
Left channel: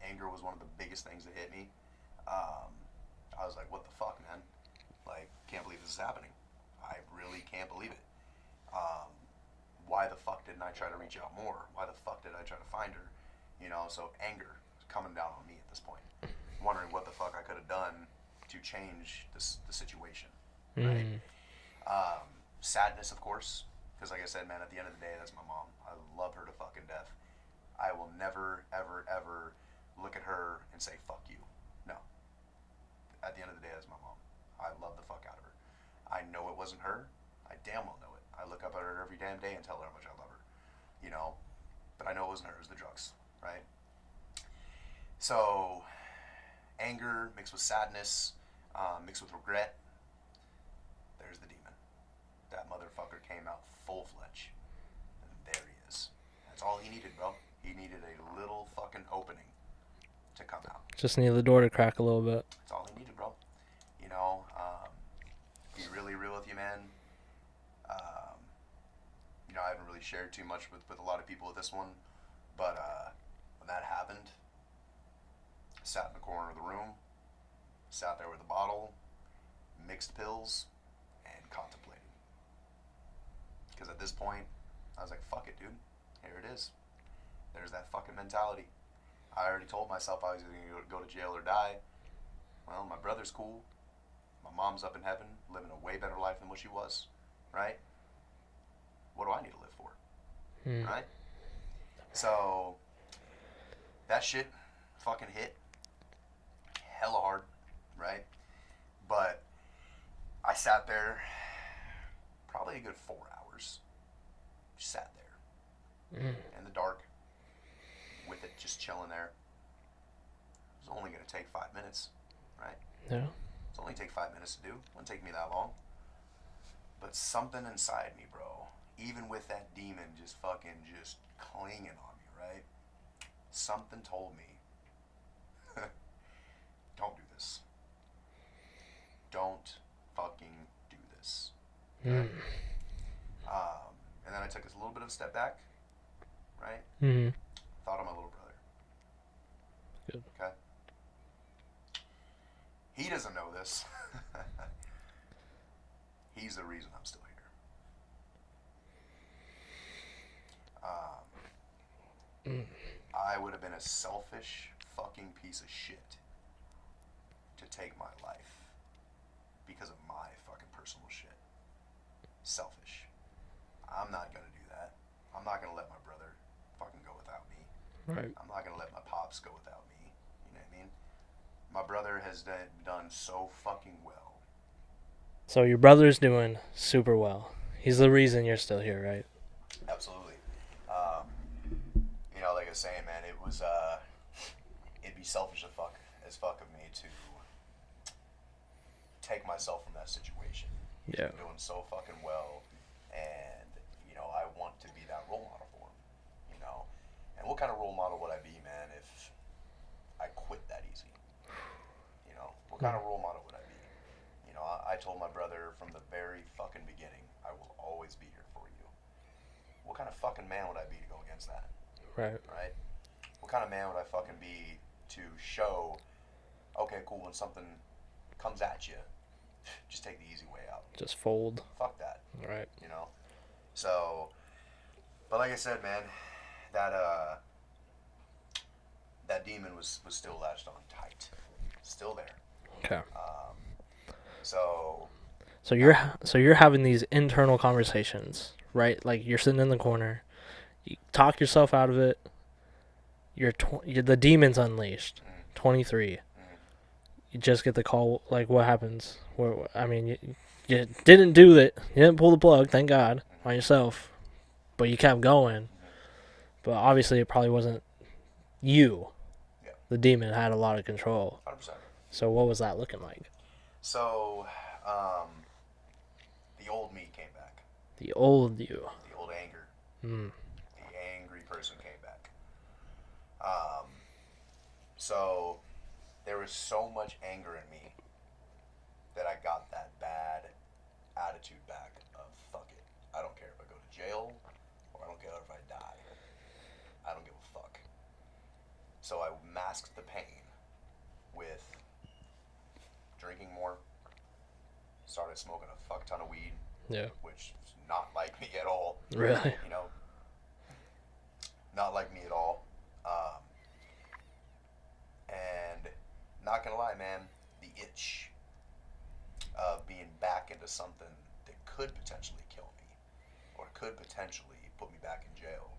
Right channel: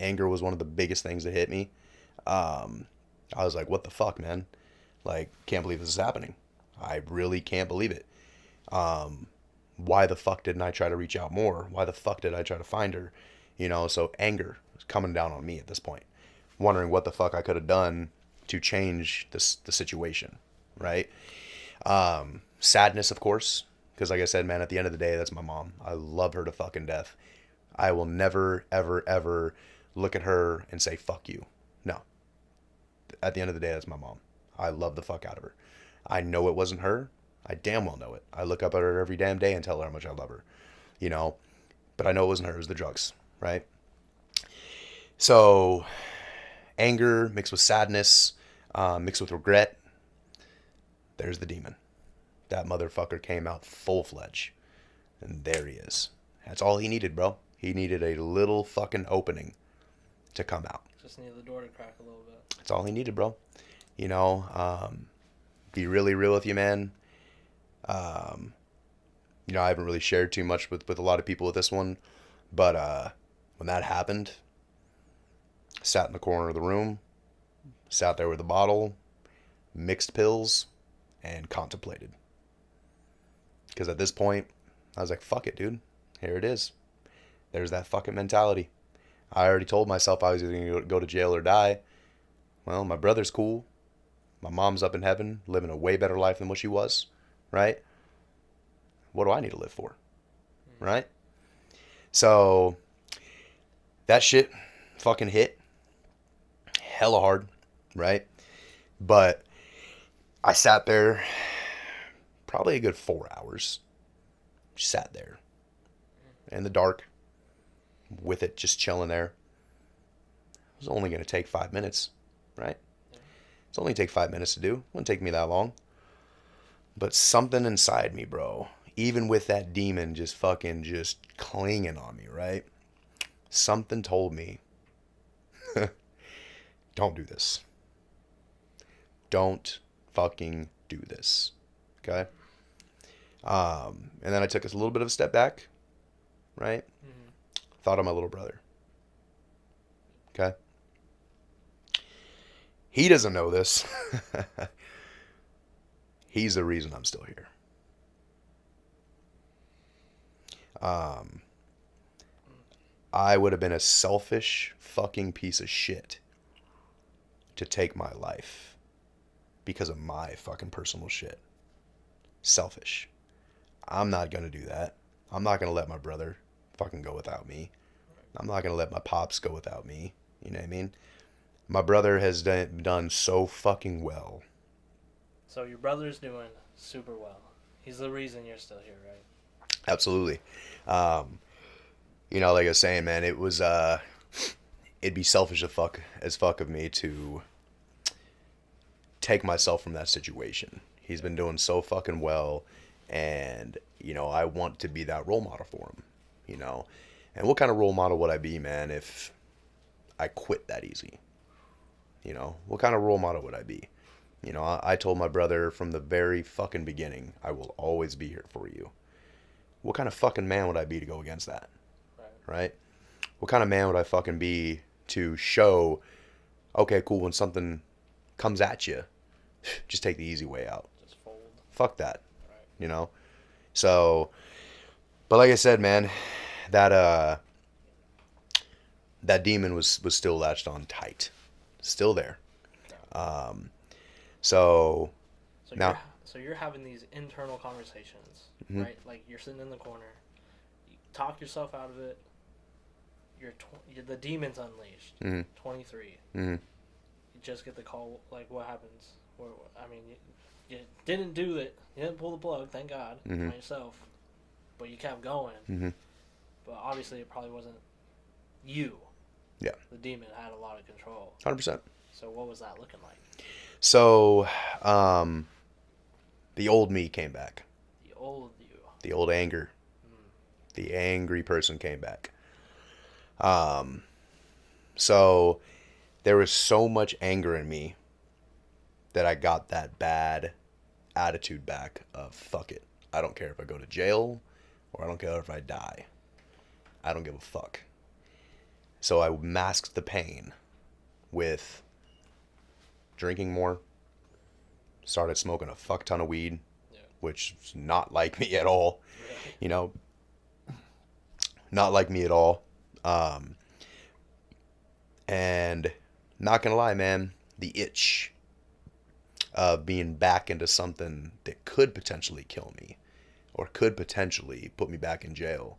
Anger was one of the biggest things that hit me. I was like, what the fuck, man? Like, can't believe this is happening. I really can't believe it. Why the fuck didn't I try to reach out more? Why the fuck did I try to find her? You know, so anger is coming down on me at this point, wondering what the fuck I could have done to change the situation, right? Sadness, of course, because like I said, man, at the end of the day, that's my mom. I love her to fucking death. I will never, ever, ever look at her and say, fuck you. No. At the end of the day, that's my mom. I love the fuck out of her. I know it wasn't her. I damn well know it. I look up at her every damn day and tell her how much I love her, you know, but I know it wasn't her. It was the drugs, right? So anger mixed with sadness, mixed with regret. There's the demon. That motherfucker came out full-fledged, and there he is. That's all he needed, bro. He needed a little fucking opening to come out. Just needed the door to crack a little bit. That's all he needed, bro. You know, be really real with you, man. You know, I haven't really shared too much with a lot of people with this one, but when that happened, sat in the corner of the room, sat there with a bottle, mixed pills, and contemplated. Because at this point, I was like, fuck it, dude. Here it is. There's that fucking mentality. I already told myself I was either going to go to jail or die. Well, my brother's cool. My mom's up in heaven, living a way better life than what she was, right? What do I need to live for, right? So that shit fucking hit hella hard, right? But I sat there probably a good 4 hours. Just sat there in the dark with it, just chilling there. It was only going to take 5 minutes, right? Yeah. It's only take 5 minutes to do. It wouldn't take me that long. But something inside me, bro, even with that demon just fucking just clinging on me, right? Something told me, don't do this. Don't fucking do this. Okay? And then I took a little bit of a step back, right? Mm-hmm. Thought of my little brother. Good. Okay? He doesn't know this. He's the reason I'm still here. I would have been a selfish fucking piece of shit to take my life because of my fucking personal shit. Selfish. I'm not gonna do that. I'm not gonna let my brother fucking go without me. Right. I'm not gonna let my pops go without me. You know what I mean? My brother has done so fucking well. So your brother's doing super well. He's the reason you're still here, right? Absolutely. You know, like I was saying, man, it was it'd be selfish as fuck of me to take myself from that situation. He's been doing so fucking well, and you know, I want to be that role model for him. You know, and what kind of role model would I be, man, if I quit that easy? You know, what kind of role model would I be? You know, I told my brother from the very fucking beginning, I will always be here for you. What kind of fucking man would I be to go against that? Right. Right? What kind of man would I fucking be to show, okay, cool, when something comes at you, just take the easy way out. Just fold. Fuck that. Right. You know? So, but like I said, man, that that demon was still latched on tight. Still there. Okay. So So now, you're having these internal conversations, Mhm. right? Like you're sitting in the corner, you talk yourself out of it. You're the demon's unleashed. Mhm. 23. Mhm. You just get the call. Like what happens? I mean, you didn't do it. You didn't pull the plug. Thank God Mhm. on yourself. But you kept going. Mhm. But obviously, it probably wasn't you. Yeah. The demon had a lot of control. 100%. So what was that looking like? So, the old me came back. The old you. The old anger. Mm. The angry person came back. So there was so much anger in me that I got that bad attitude back of fuck it. I don't care if I go to jail or I don't care if I die. I don't give a fuck. So I masked the pain with drinking more, started smoking a fuck ton of weed, Yeah. which is not like me at all. Really? You know, not like me at all. And not gonna lie, man, the itch of being back into something that could potentially kill me or could potentially put me back in jail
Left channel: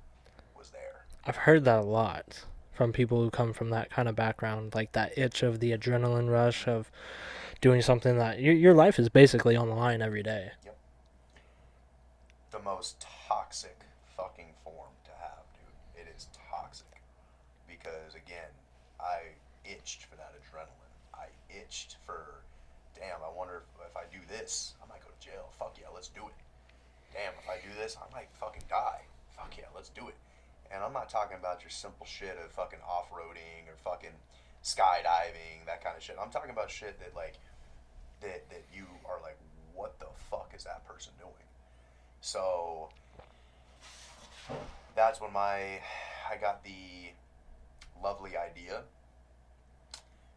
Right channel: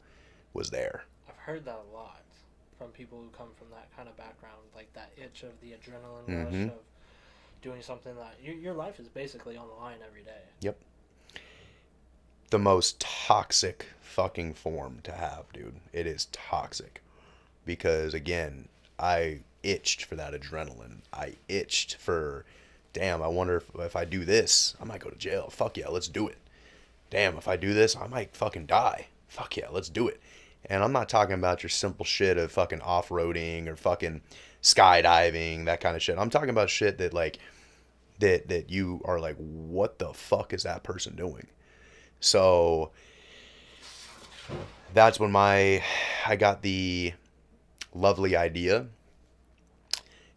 was there. I've heard that a lot from people who come from that kind of background, like that itch of the adrenaline rush Mm-hmm. of doing something that your life is basically on the line every day. Yep. The most toxic fucking form to have, dude. It is toxic. Because, again, I itched for that adrenaline. I itched for, damn, I wonder if I do this, I might go to jail. Fuck yeah, let's do it. Damn, if I do this, I might fucking die. Fuck yeah, let's do it. And I'm not talking about your simple shit of fucking off-roading or fucking skydiving, that kind of shit. I'm talking about shit that, like, that you are like, what the fuck is that person doing? So that's when I got the lovely idea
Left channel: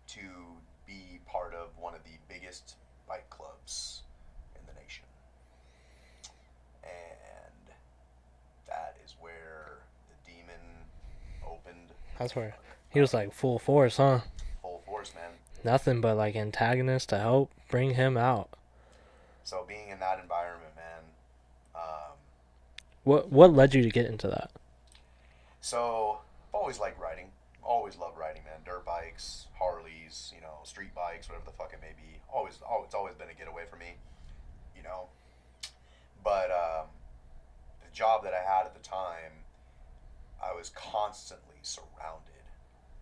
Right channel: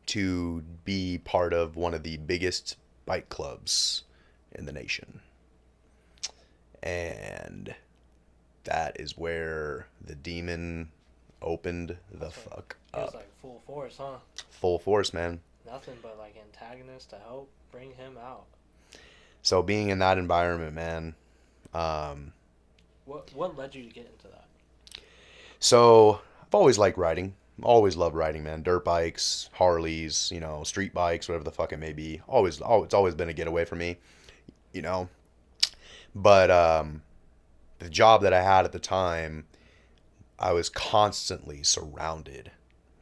to be part of one of the biggest bike clubs in the nation. And that is where the demon opened the That's where fuck he was up. like full force, huh? Full force, man. Nothing but like antagonists to help bring him out. So being in that environment, man. Um, What led you to get into that? so I've always liked riding. Always loved riding, man. Dirt bikes, Harleys, street bikes, whatever the fuck it may be. It's always been a getaway for me, you know. But the job that I had at the time, I was constantly surrounded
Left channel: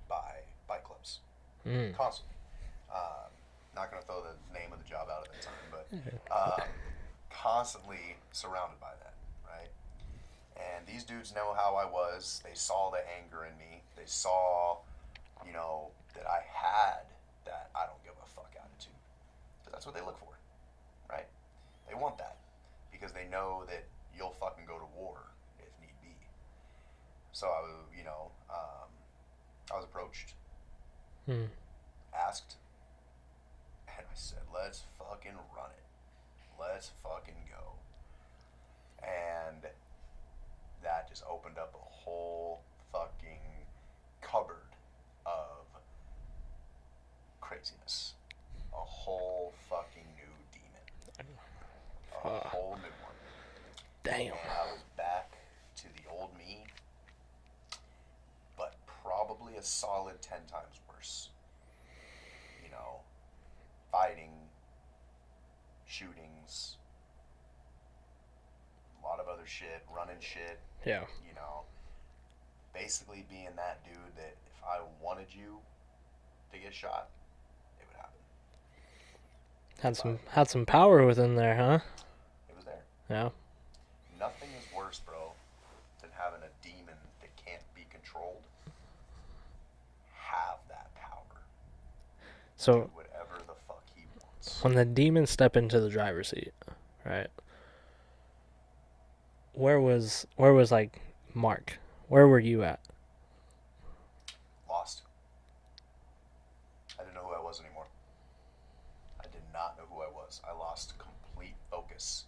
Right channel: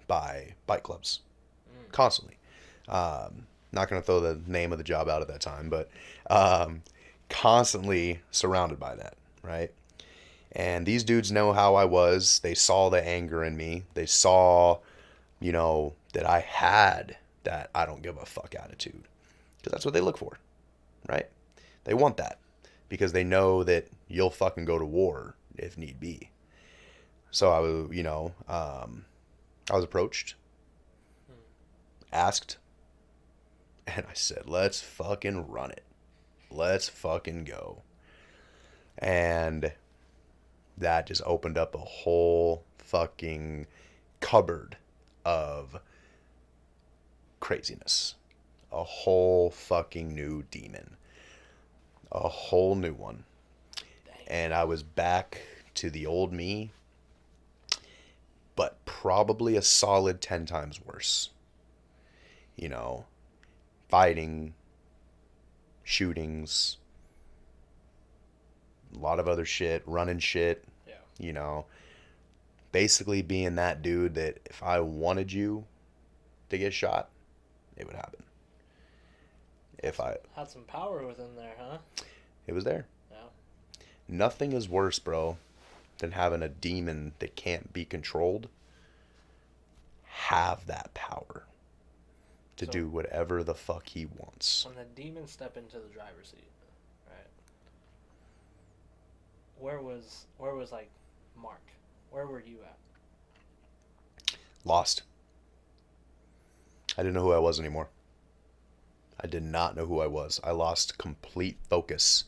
by bike clubs. Mm. Constantly. Not going to throw the name of the job out at that time, but um, constantly surrounded by that, right? And these dudes know how I was. They saw the anger in me. They saw, that I had that I don't give a fuck attitude. Because that's what they look for, right? They want that because they know that you'll fucking go to war if need be. So I was approached, Mm. asked, and I said, let's fucking run it. Let's fucking go. And that just opened up a whole fucking cupboard of craziness. A whole fucking new demon. A whole new one. Damn. And I was back to the old me, but probably a solid 10 times worse. You know, fighting, shootings, a lot of other shit, running shit, Yeah. you know. Basically being that dude that if I wanted you to get shot, it would happen. Had If I some had some power within there, huh? It was there. Yeah. Nothing is worse, bro, than having a demon that can't be controlled have that power to do So whatever the fuck he wants. when the demons step into the driver's seat, right? Where was like Mark? Where were you at? Lost. I didn't know who I was anymore. I did not know who I was. I lost complete focus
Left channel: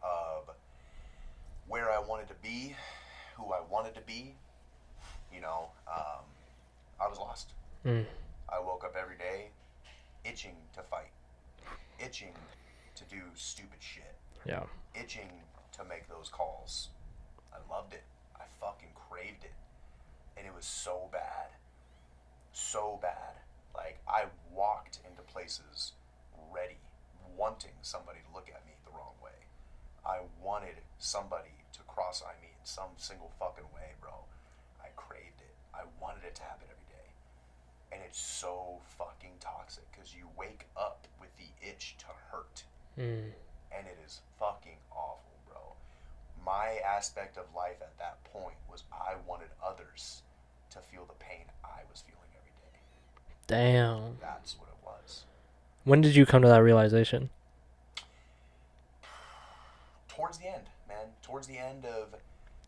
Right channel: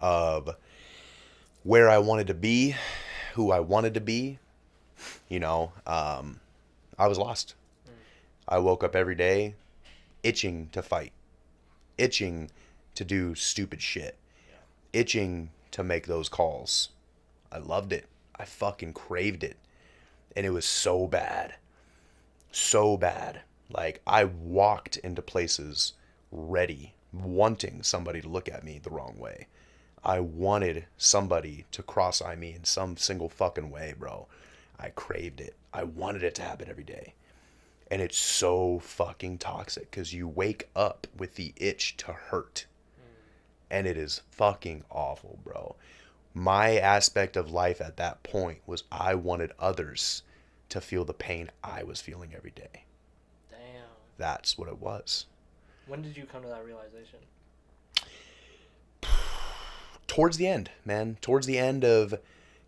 of where I wanted to be, who I wanted to be. I was lost. Mm. I woke up every day itching to fight, itching to do stupid shit, Yeah. itching to make those calls. I loved it. I fucking craved it. And it was so bad. So bad. Like, I walked into places ready, wanting somebody to look at me the wrong way. I wanted somebody to cross-eye me in some single fucking way, bro. I craved it. I wanted it to happen every day. And it's so fucking toxic because you wake up with the itch to hurt. Mm. And it is fucking awful, bro. My aspect of life at that point was I wanted others to feel the pain I was feeling every day. Damn. That's what it was. When did you come to that realization? Towards the end, man. Towards the end of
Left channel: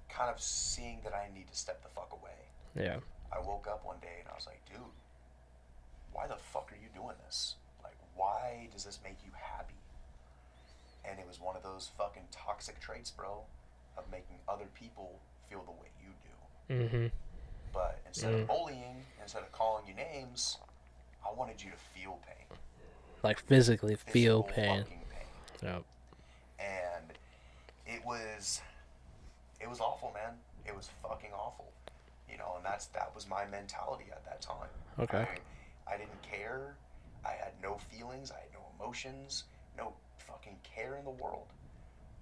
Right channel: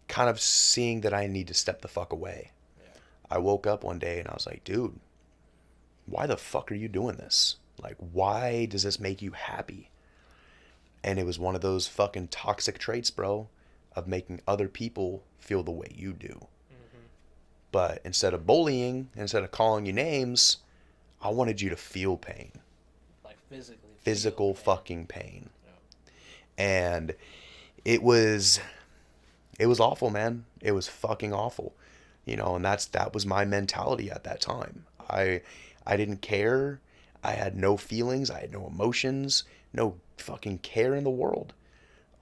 kind of seeing that I need to step the fuck away. Yeah. I woke up one day and I was like, dude, why the fuck are you doing this? Like, why does this make you happy? And it was one of those fucking toxic traits, bro, of making other people feel the way you do. Mm-hmm. But instead of bullying, instead of calling you names, I wanted you to feel pain. Like physically feel Physical pain. fucking pain. Yeah. And it was awful, man. It was fucking awful. And that was my mentality at that time. Okay. I didn't care. I had no feelings, I had no emotions, no fucking care in the world.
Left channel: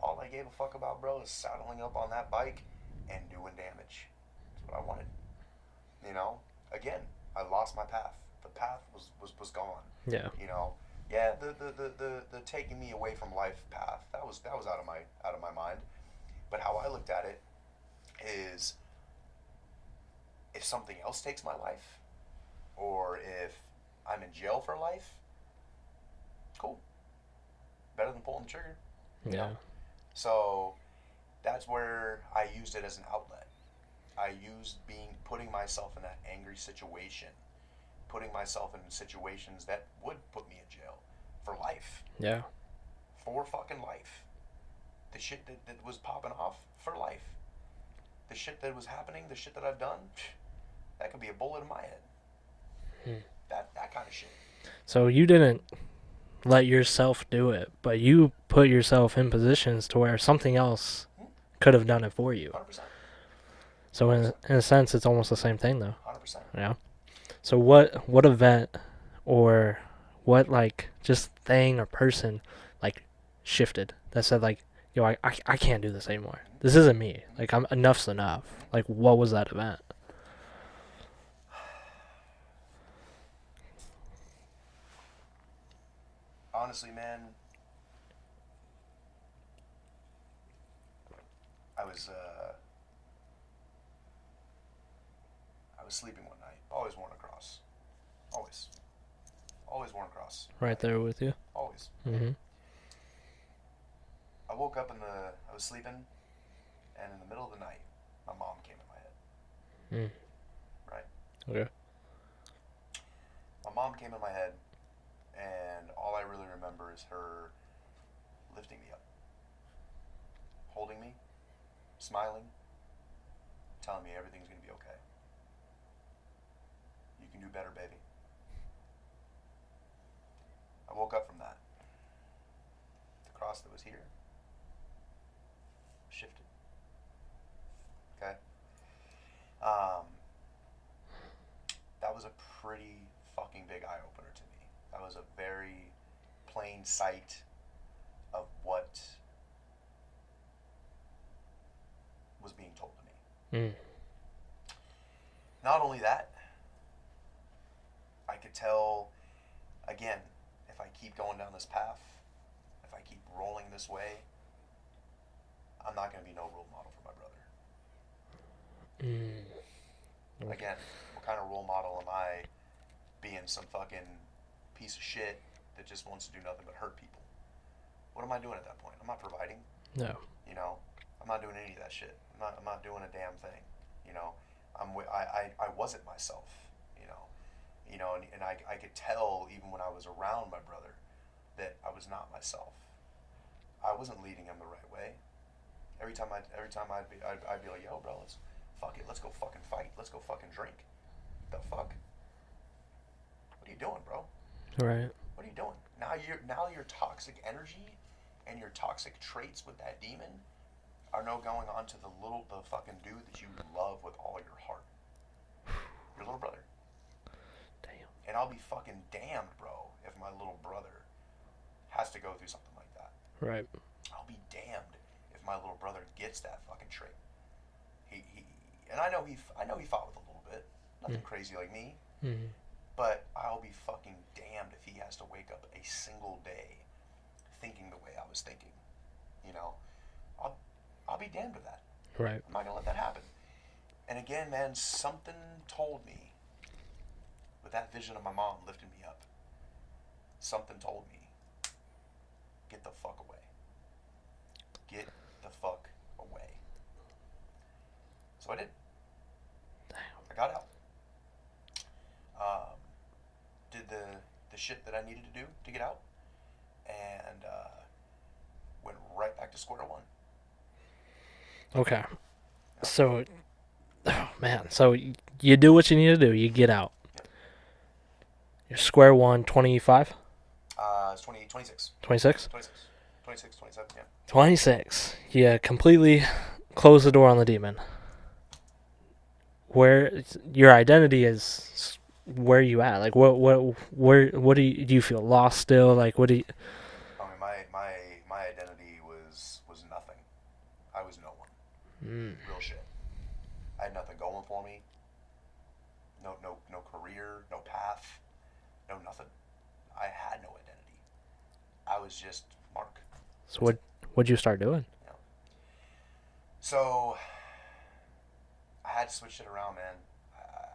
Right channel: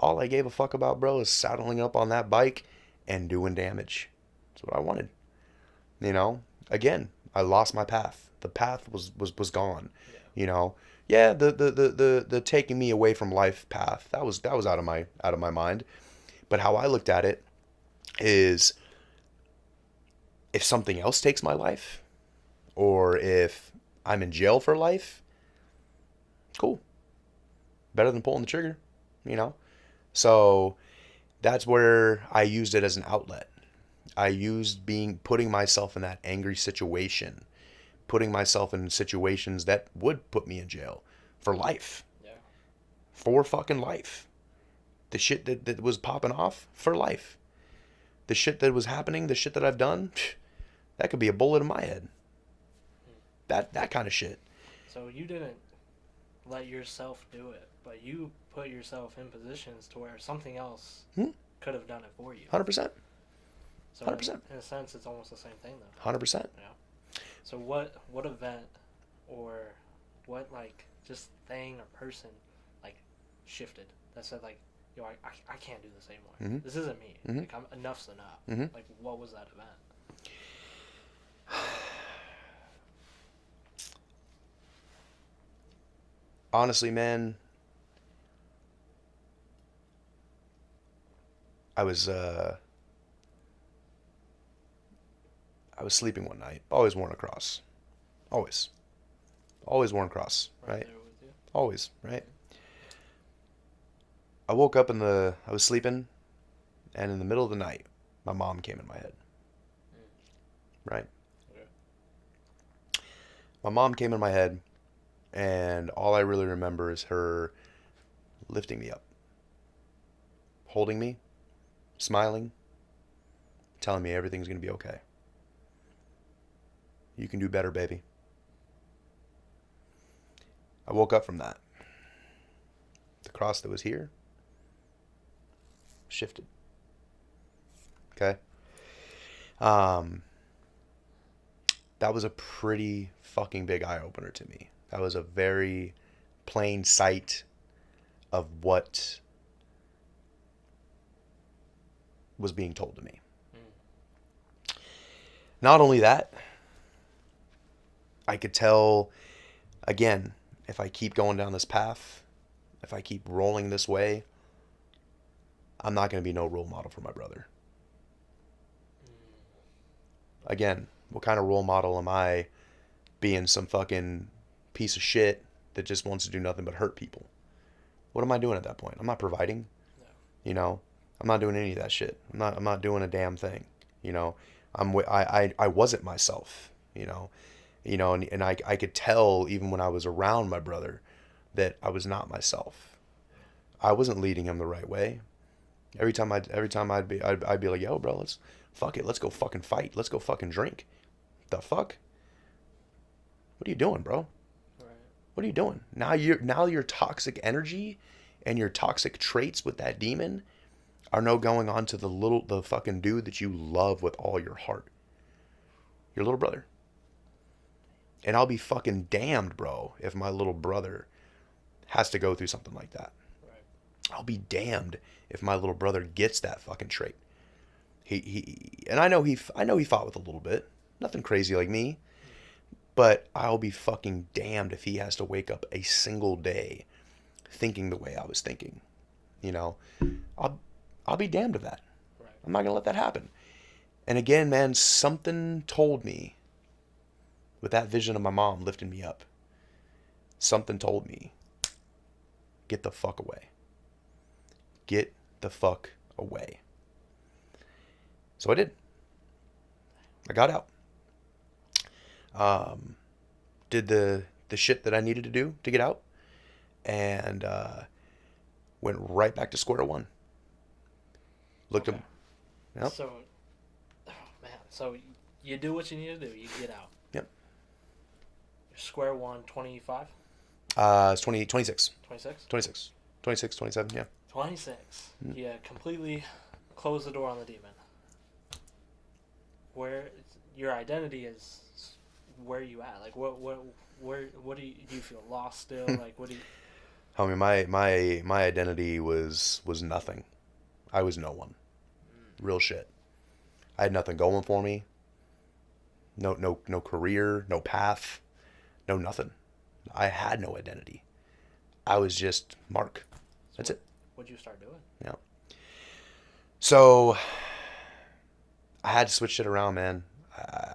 All I gave a fuck about, bro, is saddling up on that bike and doing damage. That's what I wanted. Again, I lost my path. The path was gone. Yeah. Yeah, the taking me away from life path, that was out of my mind. But how I looked at it is if something else takes my life or if I'm in jail for life, cool. Better than pulling the trigger, you Yeah. know? So that's where I used it as an outlet. I used putting myself in that angry situation, putting myself in situations that would put me in jail for life, Yeah. for fucking life. The shit that was popping off for life. The shit that was happening, the shit that I've done, that could be a bullet in my head. That kind of shit. So you didn't let yourself do it, but you put yourself in positions to where something else Hmm? could have done it for you. 100%. So 100%. in a sense, it's almost the same thing, though. 100%. Yeah. So what event or what like just thing or person like shifted that said like, yo, I can't do this anymore. Mm-hmm. This isn't me. Mm-hmm. Like I'm enough's enough. Mm-hmm. Like what was that event? Honestly, man, I was uh I was sleeping one night. Always worn a cross. Always. Always worn a cross. Right Right? there with you. Always, right? Mm-hmm. I woke up I was sleeping, and in the middle of the night, my mom came in my head. Mm. Right? Okay. My mom came in my head, and all I really remember is her lifting me up, holding me, smiling, telling me everything's gonna be okay. You can do better, baby. I woke up from that. The cross that was here shifted. Okay? Um, that was a pretty fucking big eye opener to me. That was a very plain sight of what was being told to me. Mm. Not only that, I could tell, again, if I keep going down this path, if I keep rolling this way, I'm not going to be no role model for my brother. Mm. Again, what kind of role model am I being some fucking piece of shit that just wants to do nothing but hurt people? What am I doing at that point? I'm not providing, No. you know. I'm not doing any of that shit. I'm not doing a damn thing, you know. I wasn't myself, you know. And I could tell even when I was around my brother that I was not myself. I wasn't leading him the right way. I'd be like, yo, bro, let's fuck it. Let's go fucking fight. Let's go fucking drink. The fuck? What are you doing, bro? Right. What are you doing? Now your toxic energy and your toxic traits with that demon are now going on to the fucking dude that you love with all your heart. Your little brother. Damn. And I'll be fucking damned, bro, if my little brother has to go through something like that. Right. I'll be damned if my little brother gets that fucking trait. He and I know he fought with a little bit. Nothing crazy like me. Mm. But I'll be fucking damned if he has to wake up a single day thinking the way I was thinking. You know, I'll be damned of that. Right. I'm not gonna let that happen. And again, man, something told me with that vision of my mom lifting me up. Something told me, get the fuck away. Get the fuck away. So I did. I got out. Did the shit that I needed to do to get out, and went right back to square one. Okay. Yep. So, oh man. So you do what you need to do. You get out. Yep. You're square one, 25? It's 26. 26? 26. 26, 27, yeah. 26. You completely close the door on the demon. Where your identity is, where are you at? Like what do you feel lost still? Like what do you? I mean, my identity was nothing. I was no one. Real shit. I had nothing going for me. No career, no path, no nothing. I had no identity. I was just Mark. So what'd you start doing? Yeah. So I had to switch it around, man.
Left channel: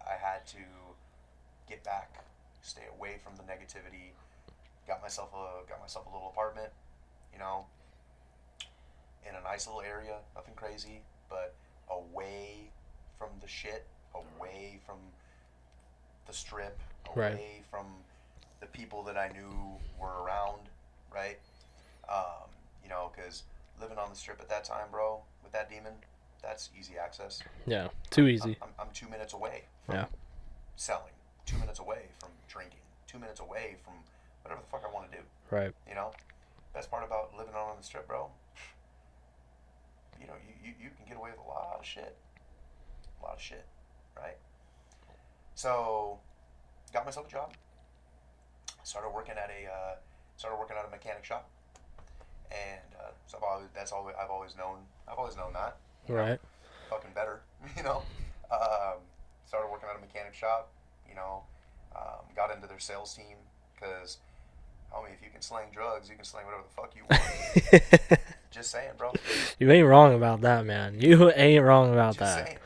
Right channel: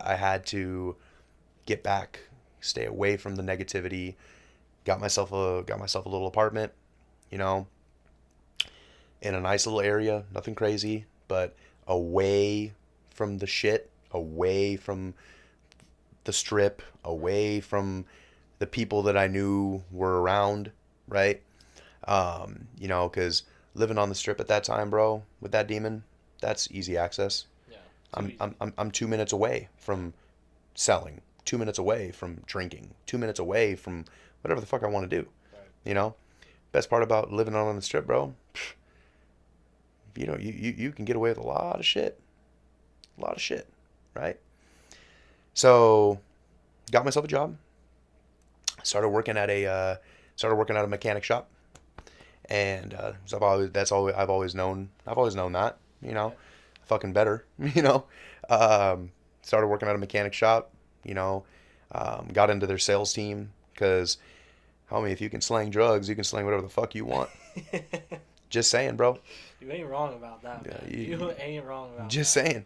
I had to get back, stay away from the negativity. Got myself a little apartment, you know. in a nice little area, nothing crazy, but away from the shit, away from the strip, Right. away from the people that I knew were around, right? You know, because living on the strip at that time, bro, with that demon, that's easy access. Yeah. Too easy. I'm 2 minutes away Yeah. from selling, 2 minutes away from drinking, 2 minutes away from whatever the fuck I want to do. Right. You know, best part about living on the strip, bro, you know, you can get away with a lot of shit, right? So, got myself a job, started working at a mechanic shop, and so that's all I've always known. I've always known that, you know, Right. fucking better, you know. Um, Started working at a mechanic shop, you know, got into their sales team because, homie, if you can slang drugs, you can slang whatever the fuck you want. Just saying, bro. You ain't wrong about that, Yeah, man. You ain't wrong about just that. saying.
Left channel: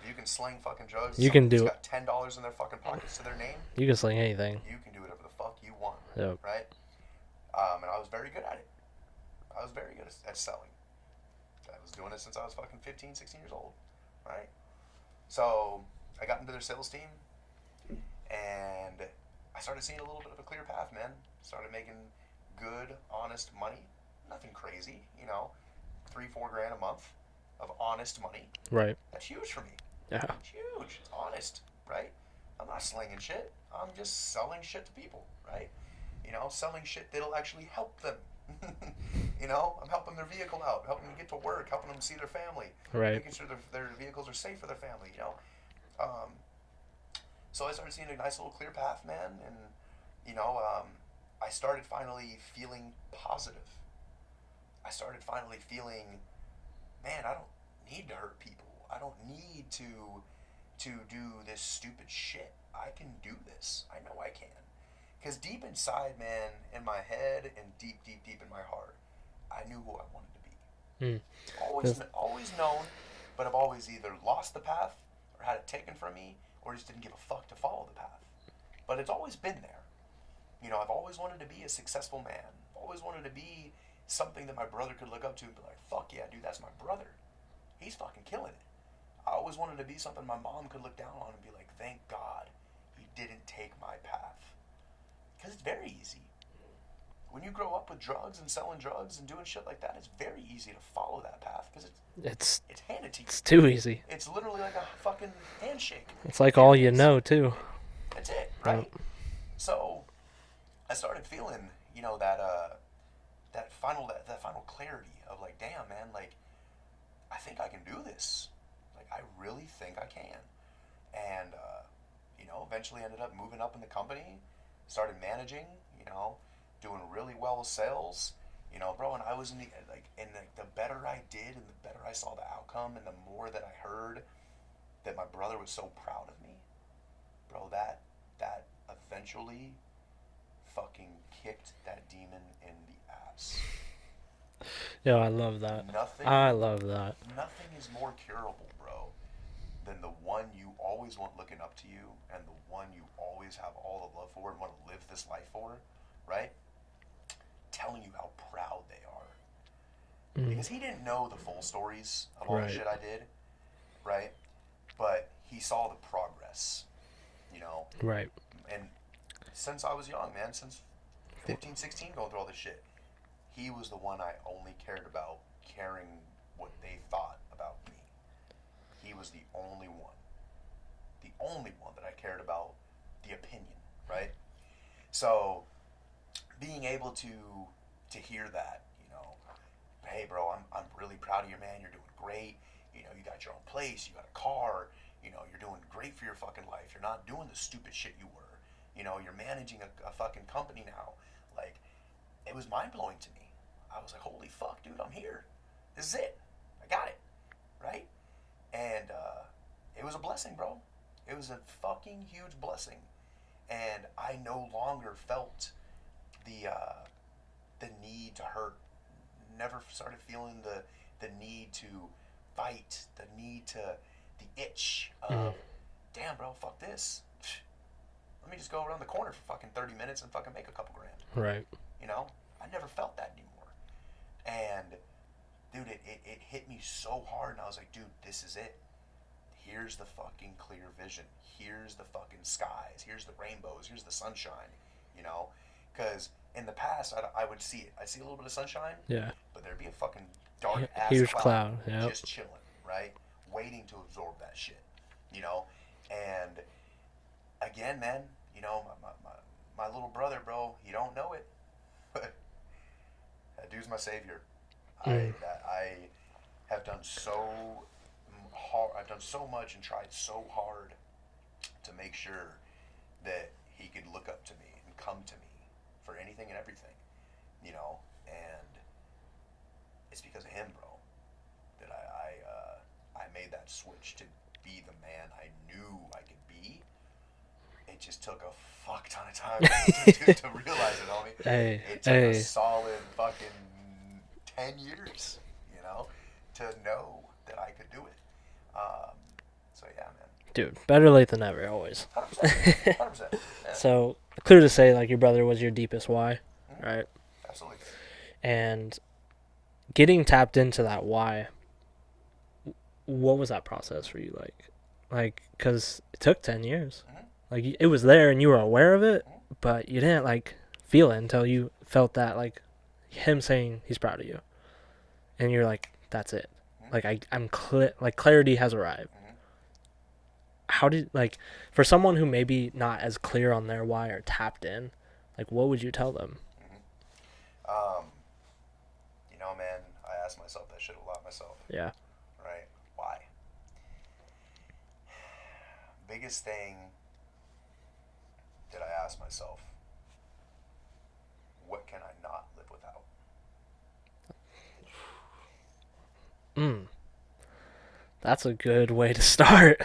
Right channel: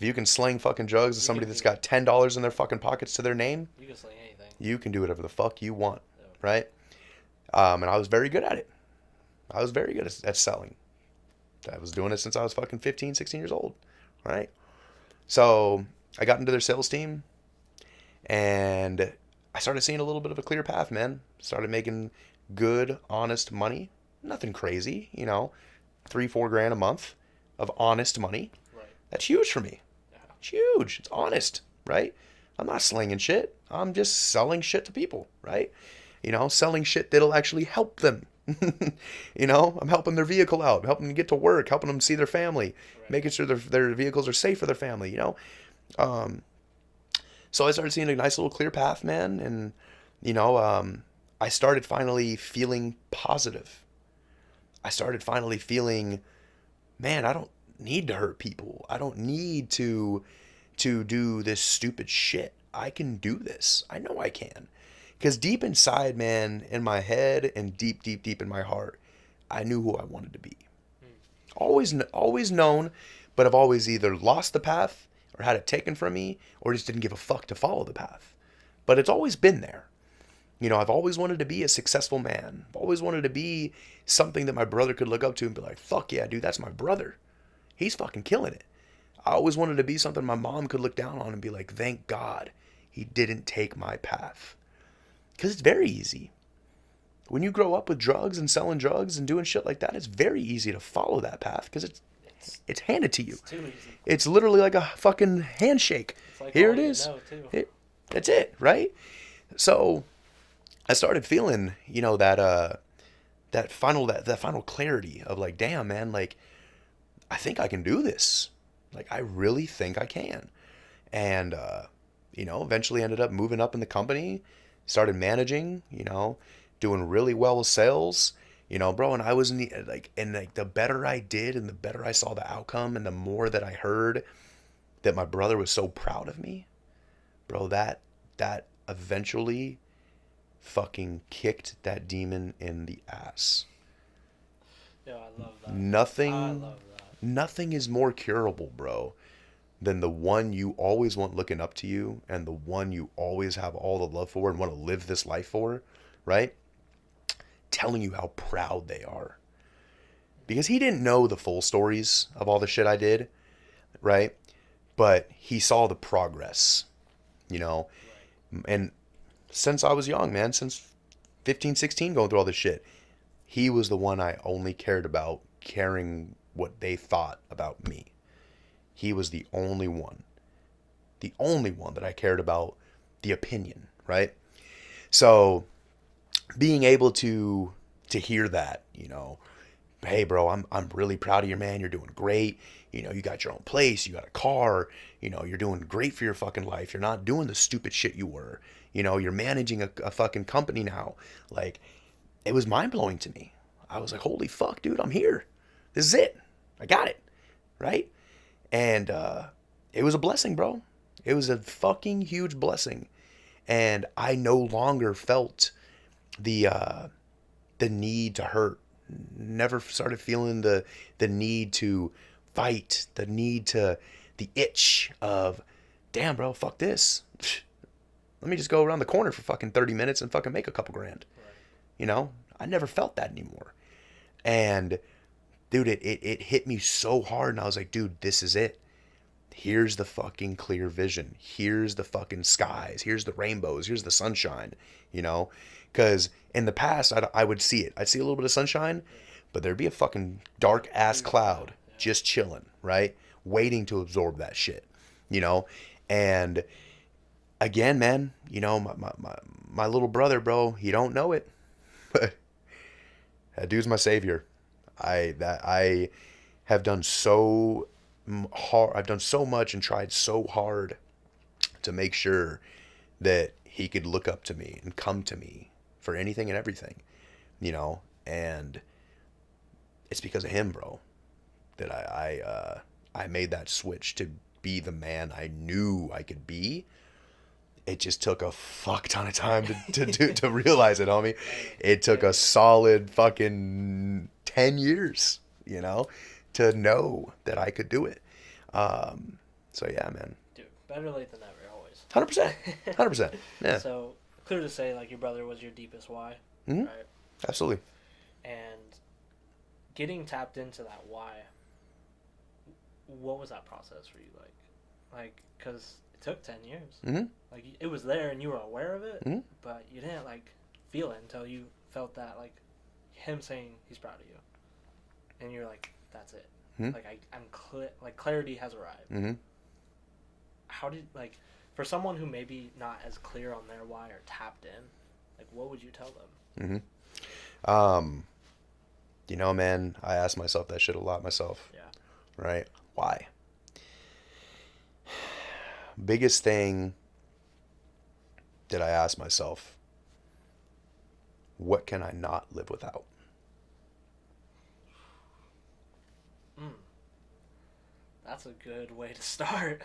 If you can sling fucking drugs to You somebody can that's do it. got $10 in their fucking pockets to their name, You can sling anything. you can do whatever the fuck you want, Yep. right? And I was very good at it. I was very good at selling. I was doing it since I was fucking 15, 16 years old, right? So I got into their sales team and I started seeing a little bit of a clear path, man. Started making good, honest money. Nothing crazy, you know, 3, 4 grand a month of honest money. Right. That's huge for me. Yeah. It's huge. It's honest, right? I'm not slinging shit. I'm just selling shit to people, right? You know, selling shit that'll actually help them. You know, I'm helping their vehicle out, helping them get to work, helping them see their family, Right. making sure their vehicles are safe for their family, you know? Um, so I started seeing a nice little clear path, man. And, you know, I started finally feeling positive. I started finally feeling, man, I don't need to hurt people. I don't need to do this stupid shit. I can do this. I know I can. Because deep inside, man, in my head and deep, deep, deep in my heart, I knew who I wanted to be. Mm. Always known, but I've always either lost the path or had it taken from me or just didn't give a fuck to follow the path. But it's always been there. You know, I've always wanted to be a successful man. I've always wanted to be something that my brother could look up to and be like, fuck yeah, dude, that's my brother. He's fucking killing it. I always wanted to be something my mom could look down on and be like, thank God he didn't take my path. Because it's very easy. When you grow up with drugs and selling drugs and doing shit like that, it's very easy to follow that path because It's it's handed to you. it's too easy. It's literally like a fucking handshake. It's like Here all it you is. know too. That's it, Yeah. right? So I started feeling, you know, that final clarity of like, damn, man, like I think I can do this. Like I really think I can. And you know, eventually ended up moving up in the company, started managing, you know, doing really well with sales, you know, bro. And I was in the like the better I did and the better I saw the outcome and the more that I heard that my brother was so proud of me, bro, that eventually fucking kicked that demon in the ass. Yeah, I love that. I Nothing love that. nothing is more curable, bro, than the one you always want looking up to you and the one you always have all the love for and want to live this life for, right? Telling you how proud they are. Mm. Because he didn't know the full stories of all the Right. shit I did, right? But he saw the progress, you know? Right. And since I was young, man, since 15, 16, going through all this shit, he was the one I only cared about caring what they thought about me. He was the only one that I cared about the opinion, right? So being able to hear that, you know, hey bro, I'm really proud of you, man. You're doing great. You know, you got your own place, you got a car, you know, you're doing great for your fucking life. You're not doing the stupid shit you were. You know, you're managing a fucking company now. Like, it was mind blowing to me. I was like, holy fuck, dude, I'm here. This is it. I got it. Right? And it was a blessing, bro. It was a fucking huge blessing. And I no longer felt the the need to hurt. Never started feeling the need to fight, the itch Mm. of, damn, bro, fuck this. Let me just go around the corner for fucking 30 minutes and fucking make a couple grand. Right. You know, I never felt that anymore. And dude, it hit me so hard, and I was like, dude, this is it. Here's the fucking clear vision. Here's the fucking skies. Here's the rainbows. Here's the sunshine, you know? Because in the past, I would see it. I'd see a little bit of sunshine, Yeah. but there'd be a fucking dark ass Huge cloud cloud. Yep. just chilling, right? Waiting to absorb that shit, you know? And again, man, you know, my little brother, bro, he don't know it, but that dude's my savior. Mm. I have done so hard. I've done so much and tried so hard to make sure that he could look up to me and come to me for anything and everything, you know. And it's because of him, bro, that I made that switch to be the man I knew I could be. It just took a fuck ton of time to realize it, homie. Hey, It took a hey, solid fucking 10 years, you know, to know that I could do it. Um, so yeah, man. dude, better late than never, always. 100%. 100%. Yeah. So clear to say, like your brother was your deepest why, Hmm. right? Absolutely. And getting tapped into that why. What was that process for you like? Like, cause it took 10 years. Hmm. Like it was there and you were aware of it, Hmm. but you didn't like feel it until you felt that like him saying he's proud of you, and you're like, that's it. Hmm. Like I'm clear. Like clarity has arrived. Hmm. How did like for someone who maybe not as clear on their why or tapped in, like what would you tell them? Hmm. Um, you know, man, I ask myself that shit a lot myself, Yeah. right? Why? Biggest thing that I ask myself, what can I not live without? Mm, that's a good way to start.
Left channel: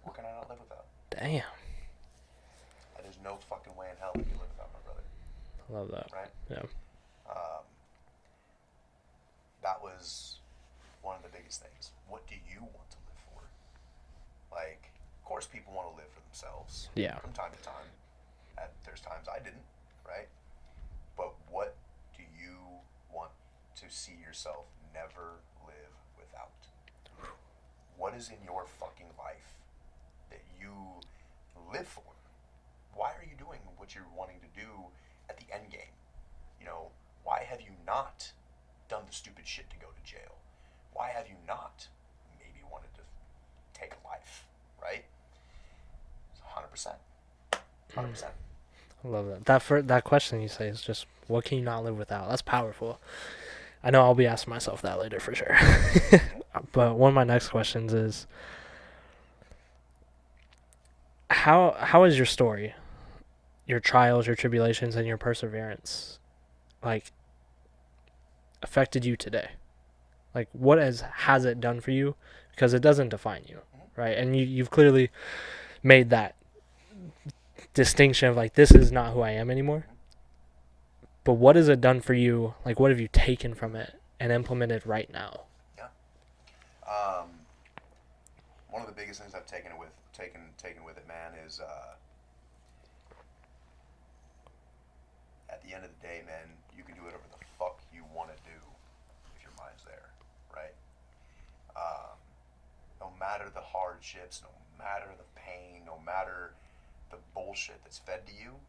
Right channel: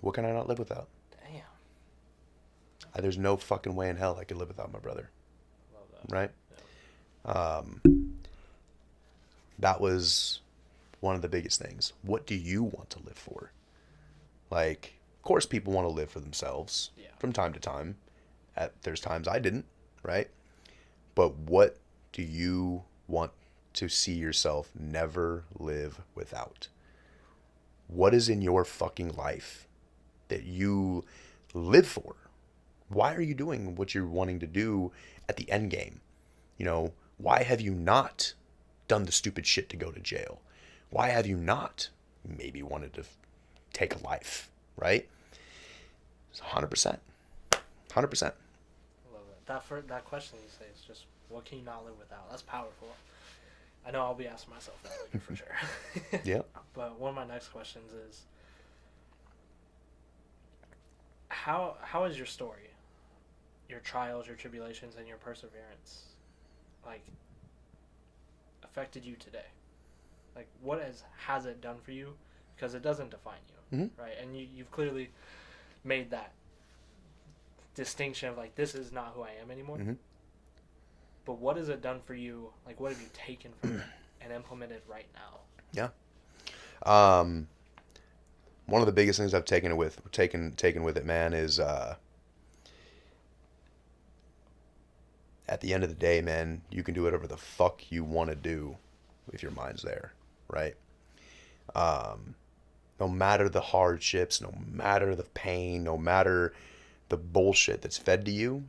What can I not live without? Damn. There's no fucking way in hell I could live without my brother, I love that. right? Yeah. That was one of the biggest things. What do you want to live for? Like, of course, people want to live for themselves Yeah. from time to time. There's times I didn't, right? But what do you want to see yourself never live without? What is in your fucking life that you live for? Why are you doing what you're wanting to do at the end game? You know, why have you not done the stupid shit to go to jail? Why have you not maybe wanted to take a life, right? It's 100%. 100%. I love that. That question you say is just what can you not live without? That's powerful. I know I'll be asking myself that later for sure. Yep. But one of my next questions is how is your story, your trials, your tribulations, and your perseverance, like affected you today? Like what has it done for you? Because it doesn't define you, Mm-hmm. right? And you've clearly made that distinction of like this is not who I am anymore. Mm-hmm. But what has it done for you? Like what have you taken from it and implemented right now? Yeah. Um, One of the biggest things I've taken with it, man, is at the end of the day, man, you can do whatever the fuck you want to do if your mind's there, right? Um, no matter the hardships, no matter the pain, no matter the bullshit that's fed to you,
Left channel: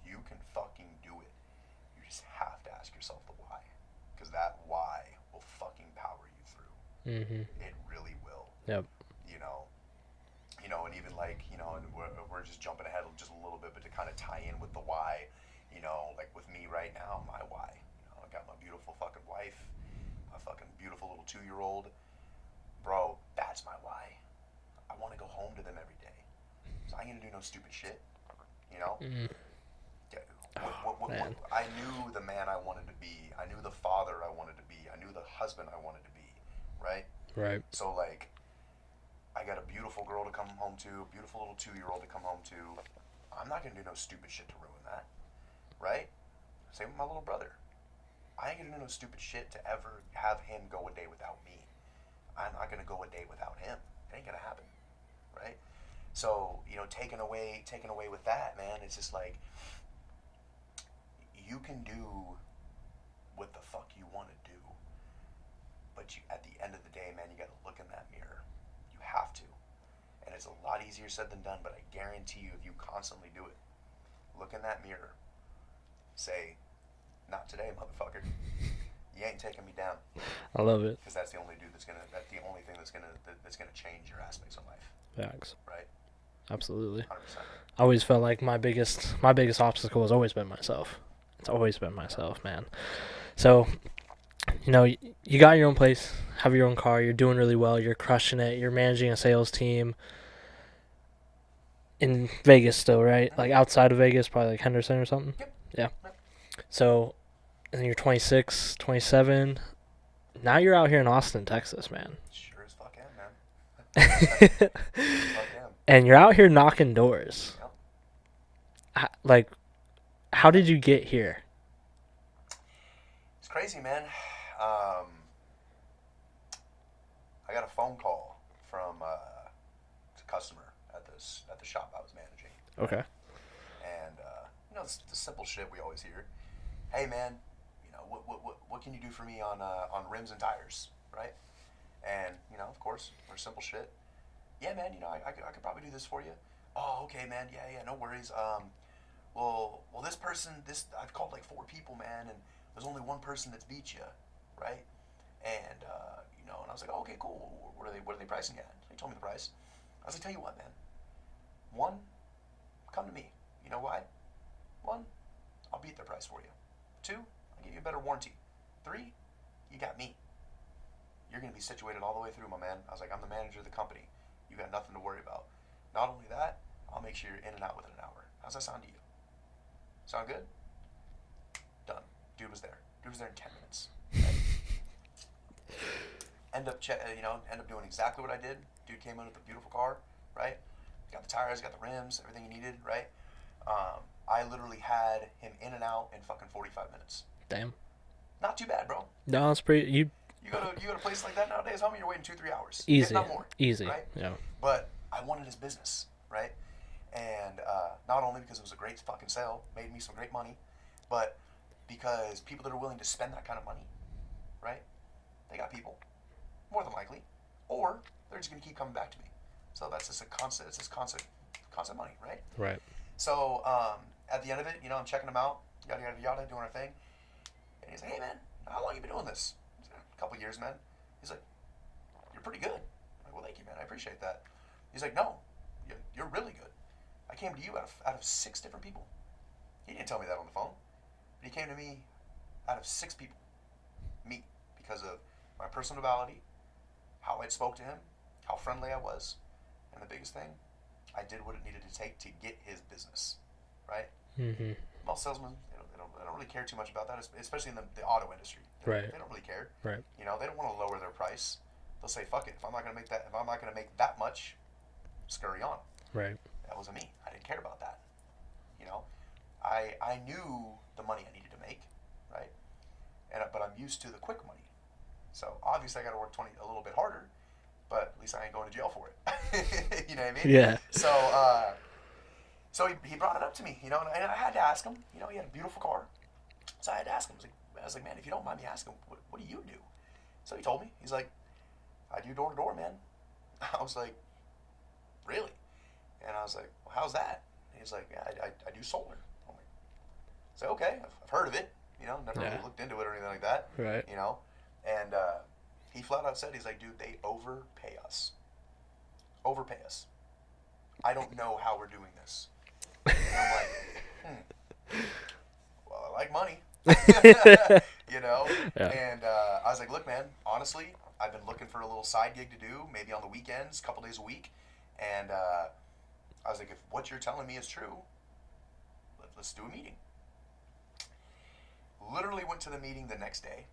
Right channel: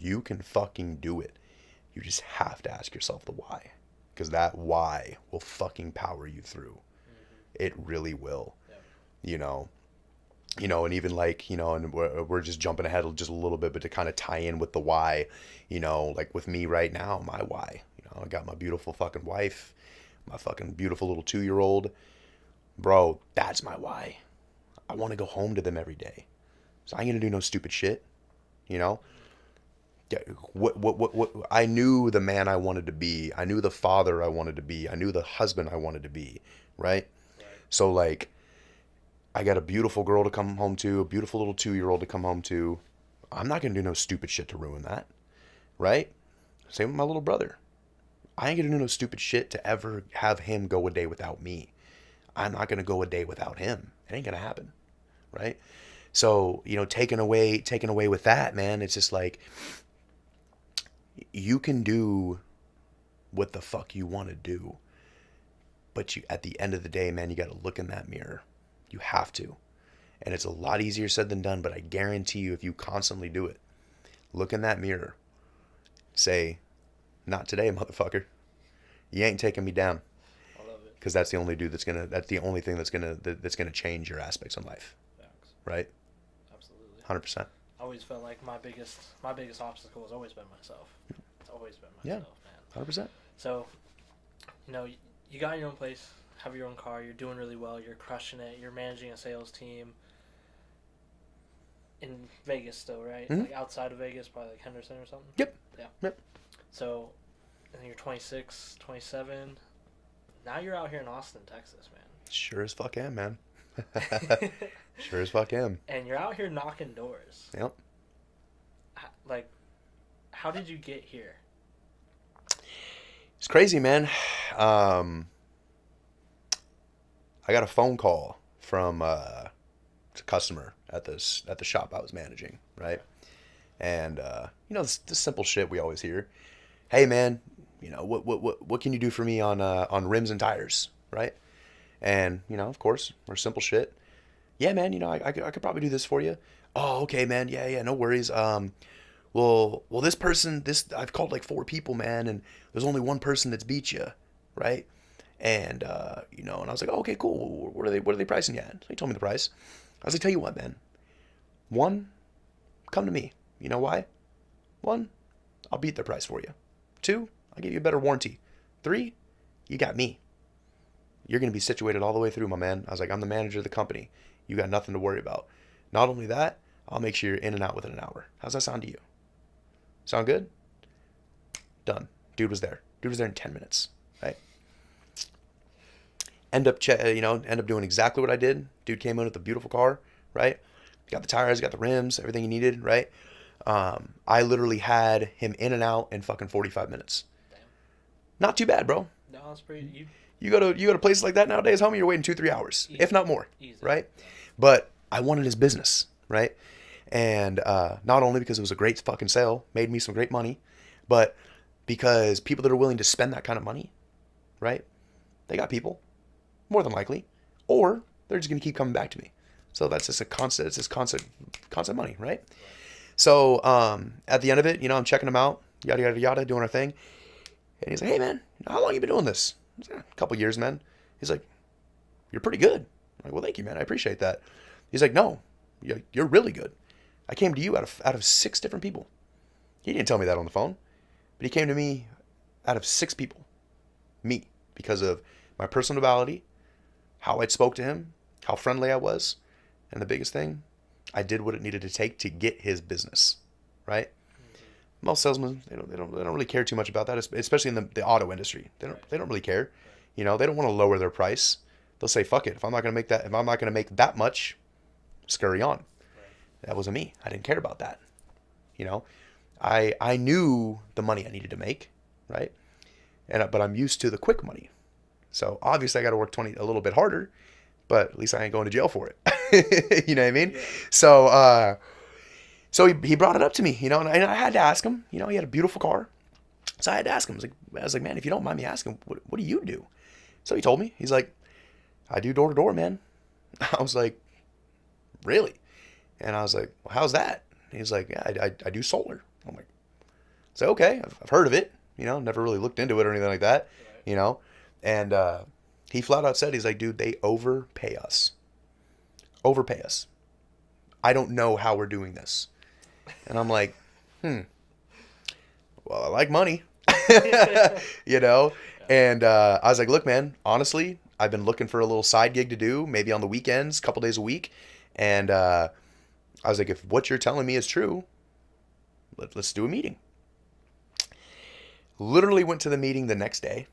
you can fucking do it. You just have to ask yourself the why, because that why will fucking power you through. Mm-hmm. It really will. Yep. You know, and even like, and we're just jumping ahead just a little bit, but to kind of tie in with the why, like with me right now, my why, I got my beautiful fucking wife, my fucking beautiful little 2-year-old, bro. That's my why. I want to go home to them every day, so I ain't gonna do no stupid shit, you know. Mm. Yeah, Oh, what man. I knew the man I wanted to be. I knew the father I wanted to be. I knew the husband I wanted to be, right? Right. So like, I got a beautiful girl to come home to, a beautiful little 2-year-old to come home to. I'm not gonna do no stupid shit to ruin that, right? Same with my little brother. I ain't gonna do no stupid shit to ever have him go a day without me. I'm not gonna go a day without him. It ain't gonna happen, right? So, taken away with that, man, it's just like you can do what the fuck you want to do. But at the end of the day, man, you got to look in that mirror. You have to. And it's a lot easier said than done, but I guarantee you, if you constantly do it, look in that mirror, say, not today, motherfucker. You ain't taking me down. I love it. Because that's the only thing that's gonna change your aspects in life. Facts. Right? Absolutely. 100%. I always felt like my biggest obstacle has always been myself. It's always been myself, man. 100%. So, you got your own place, have your own car, you're doing really well, you're crushing it, you're managing a sales team in Vegas still, right? Mm-hmm. Like outside of Vegas, probably like Henderson or something? Yep. Yeah. Yep. So, and then you're 26, 27. Now you're out here in Austin, Texas, man. Sure as fuck am, man. Sure as fuck am. And you're out here knocking doors. Yep. Like, how did you get here? It's crazy, man. I got a phone call from a customer at the shop I was managing. Right? Okay. And the simple shit we always hear. Hey, man, what can you do for me on rims and tires, right? And of course, we're simple shit. Yeah, man, I could probably do this for you. Oh, okay, man. Yeah, no worries. Well, this person, I've called like 4 people, man, and there's only one person that's beat you, right? And and I was like, oh, okay, cool. What are they pricing you at? So he told me the price. I was like, tell you what, man. 1, come to me. You know why? 1, I'll beat their price for you. 2, I'll give you a better warranty. 3, you got me. You're gonna be situated all the way through, my man. I was like, I'm the manager of the company. You got nothing to worry about. Not only that, I'll make sure you're in and out within an hour. How's that sound to you? Sound good? Done. Dude was there. Dude was there in 10 minutes. Right? End up doing exactly what I did. Dude came in with a beautiful car, right? Got the tires, got the rims, everything he needed, right? I literally had him in and out in fucking 45 minutes. Damn. Not too bad, bro. No, it's pretty. You go to places like that nowadays, homie, you're waiting 2-3 hours, Easy. if not more. Easy. Right? Yeah. But I wanted his business, right? And not only because it was a great fucking sale, made me some great money, but because people that are willing to spend that kind of money, right? They got people, more than likely, or they're just gonna keep coming back to me. So that's just a constant. It's just constant money, right? Right. So at the end of it, I'm checking him out, yada yada yada, doing our thing, and he's like, "Hey, man, how long you been doing this?" I was like, "A couple years, man." He's like, "You're pretty good." I'm like, "Well, thank you, man. I appreciate that." He's like, "No, you're really good. I came to you out of 6 different people." He didn't tell me that on the phone, but he came to me out of 6 people, me, because of my personality, how I spoke to him, how friendly I was, and the biggest thing, I did what it needed to take to get his business, right? Mm-hmm. Most salesmen, they don't really care too much about that, especially in the auto industry. They don't really care. Right. They don't want to lower their price. They'll say, "Fuck it. If I'm not gonna make that much, scurry on." Right. That wasn't me. I didn't care about that. I knew the money I needed to make, right? But I'm used to the quick money. So obviously I got to work a little bit harder, but at least I ain't going to jail for it. You know what I mean? Yeah. So he brought it up to me, and I had to ask him. He had a beautiful car, so I had to ask him. I was like, "Man, if you don't mind me asking, what do you do?" So he told me. He's like, "I do door to door, man." I was like, "Really?" And I was like, "Well, how's that?" And he's like, "Yeah, I do solar." I'm like, "So okay, I've heard of it. Never really looked into it or anything like that." Right. And he flat out said, he's like, "Dude, they overpay us. Overpay us. I don't know how we're doing this." And I'm like, well, I like money. Yeah. And I was like, "Look, man, honestly, I've been looking for a little side gig to do, maybe on the weekends, a couple days a week." And I was like, "If what you're telling me is true, let's do a meeting." Literally went to the meeting the next day,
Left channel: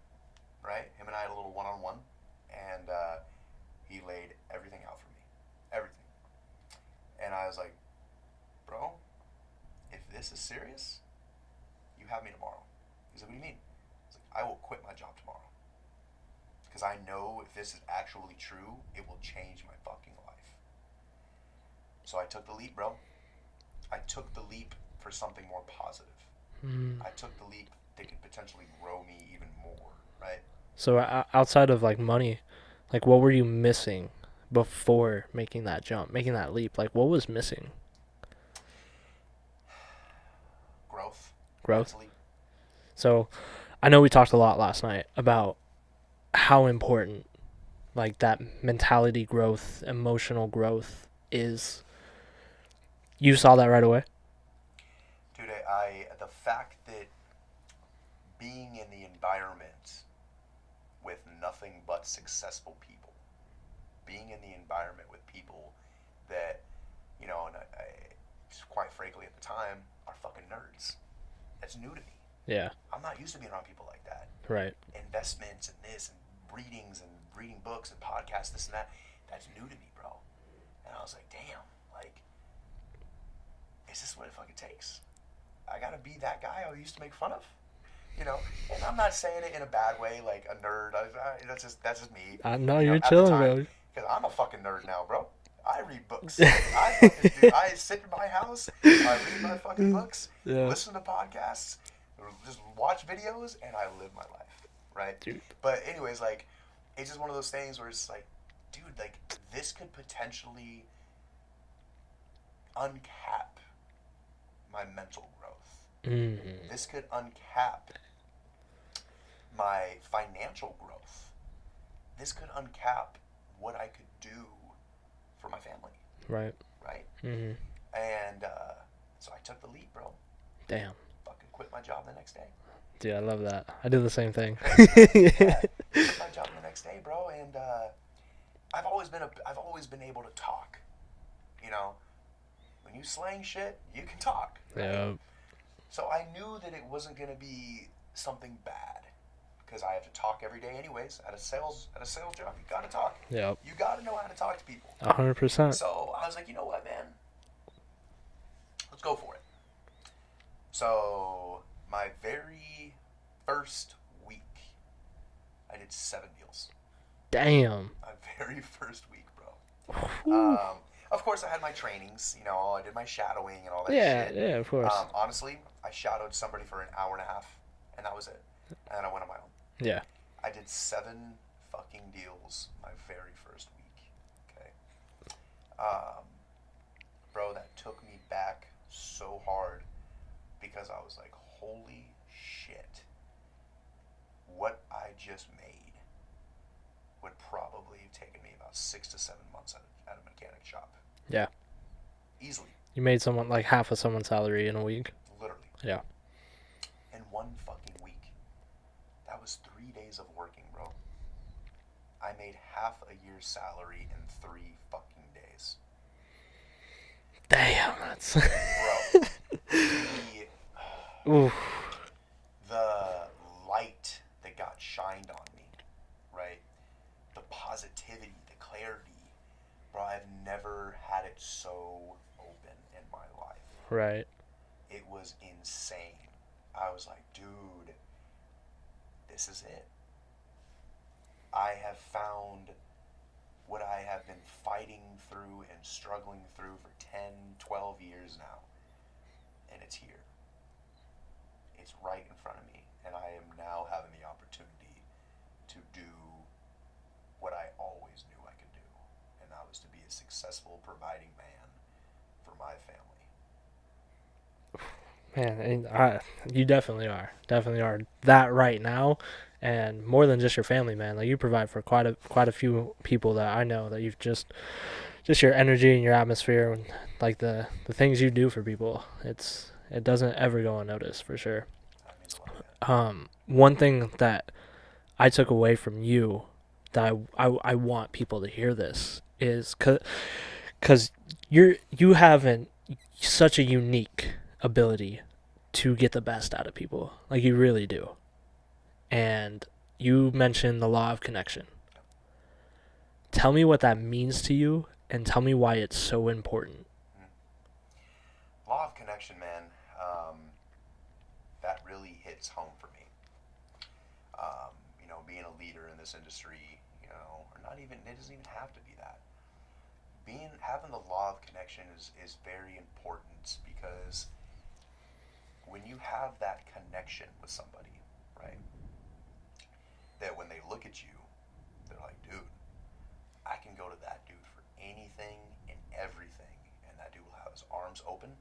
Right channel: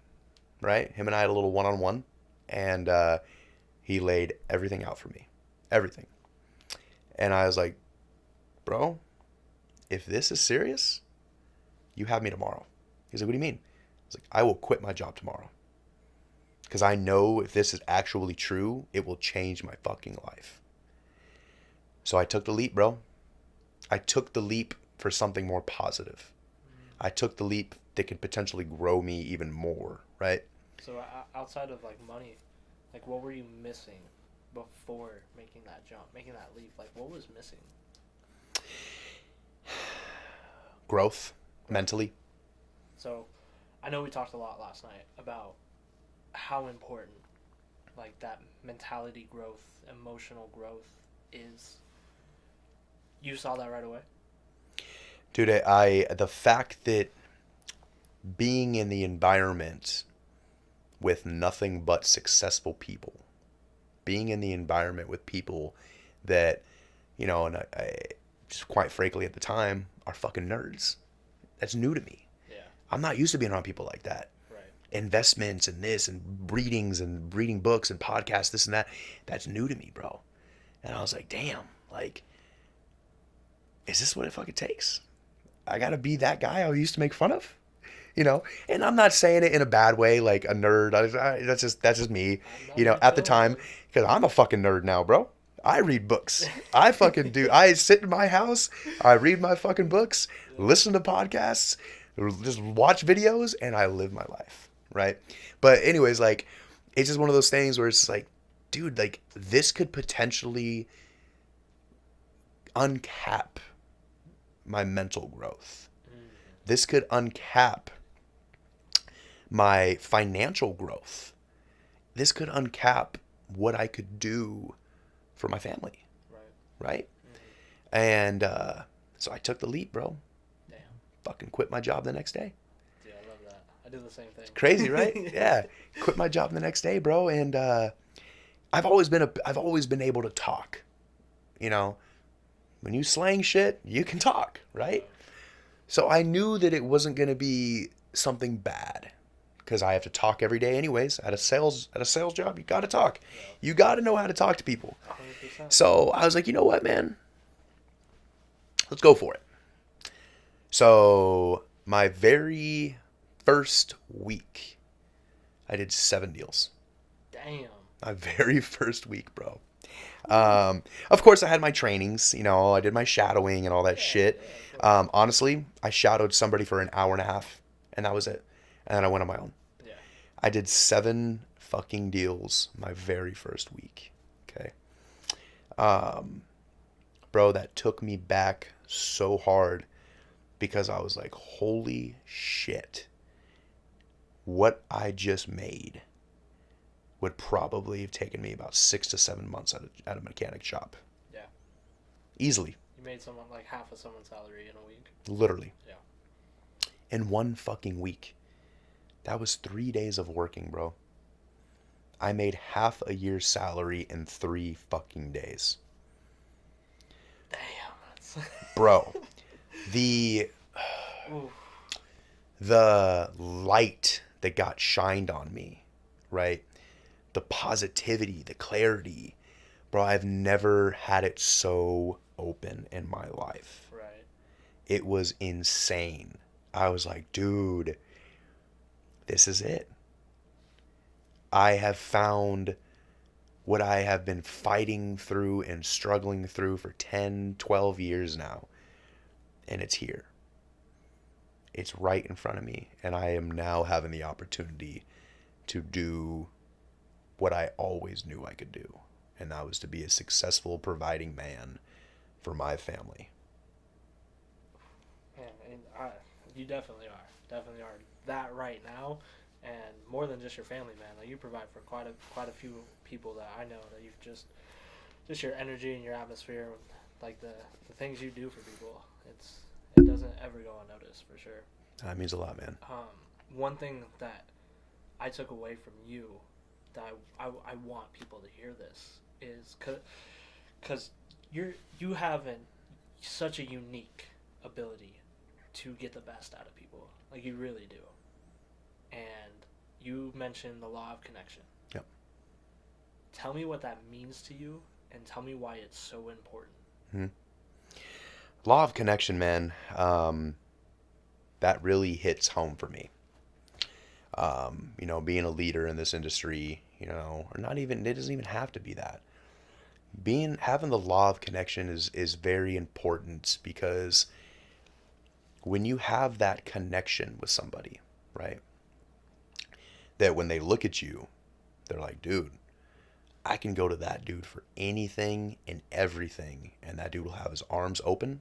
right? Him and I had a little one-on-one, and he laid everything out for me. Everything. And I was like, "Bro, if this is serious, you have me tomorrow." He's like, "What do you mean?" I was like, "I will quit my job tomorrow. Because I know if this is actually true, it will change my fucking life." So I took the leap, bro. I took the leap for something more positive. I took the leap that could potentially grow me even more, right? So outside of like money, like what were you missing before making that jump, making that leap? Like what was missing? Growth, Growth. mentally. So I know we talked a lot last night about how important like that mentality growth, emotional growth is. You saw that right away? Dude, the fact that being in the environment with nothing but successful people, being in the environment with people that, and I just quite frankly at the time are fucking nerds. That's new to me. Yeah. I'm not used to being around people like that. Right. Investments and this and readings and reading books and podcasts, this and that. That's new to me, bro. And I was like, damn, like, is this what it fucking takes? I gotta be that guy I used to make fun of, And I'm not saying it in a bad way, like a nerd. That's just me, I know you're At the chilling, time, bro. because I'm a fucking nerd now, bro. I read books. I fucking do. I sit in my house. I read my fucking books, Yeah. listen to podcasts, just watch videos, and I live my life, right? But anyways, like, it's just one of those things where it's like, dude, like this could potentially uncap my mental growth. Mm. This could uncap my financial growth. This could uncap what I could do for my family, Right. right? Mm-hmm. And so I took the leap, bro. Damn. Fucking quit my job the next day. Dude, I love that. I do the same thing. Crazy, right? Yeah. Quit my job the next day, bro. And I've always been able to talk. When you slang shit, you can talk, right? So I knew that it wasn't gonna be something bad, because I have to talk every day anyways. At a sales job, you gotta talk. Yep. You gotta know how to talk to people. 100%. So I was like, you know what, man? Let's go for it. So my very first week, I did 7 deals. Damn. My very first week, bro. Of course, I had my trainings. I did my shadowing and all that shit. Yeah, of course. Honestly, I shadowed somebody for an hour and a half, and that was it. And then I went on my own. Yeah. I did 7 fucking deals my very first week. Okay. Bro, that took me back so hard, because I was like, holy shit. What I just made would probably have taken me about 6 to 7 months at a mechanic shop. Yeah. Easily. You made someone like half of someone's salary in a week. Literally. Yeah. In one fucking week. That was 3 days of working, bro. I made half a year's salary in 3 fucking days. Damn, that's Bro, the Oof. the light that got shined on me, right? The positivity, the clarity. Bro, I've never had it so open in my life. Right. It was insane. I was like, dude, this is it. I have found what I have been fighting through and struggling through for 10, 12 years now. And it's here. It's right in front of me. And I am now having the opportunity to do what I always knew I could do. And that was to be a successful, providing man for my family. Man, and you definitely are that right now, and more than just your family, man. Like you provide for quite a few people that I know, that you've just your energy and your atmosphere, and like the things you do for people. It doesn't ever go unnoticed, for sure. That means a lot, man. One thing that I took away from you, that I want people to hear this, is because you have such a unique ability to get the best out of people. Like you really do. And you mentioned the law of connection. Yep. Tell me what that means to you, and tell me why it's so important. Mm-hmm. Law of connection, man. That really hits home for me. Being a leader in this industry, or not even, it doesn't even have to be that. Having the law of connection is very important, because when you have that connection with somebody, right, that when they look at you, they're like, dude, I can go to that dude for anything and everything, and that dude will have his arms open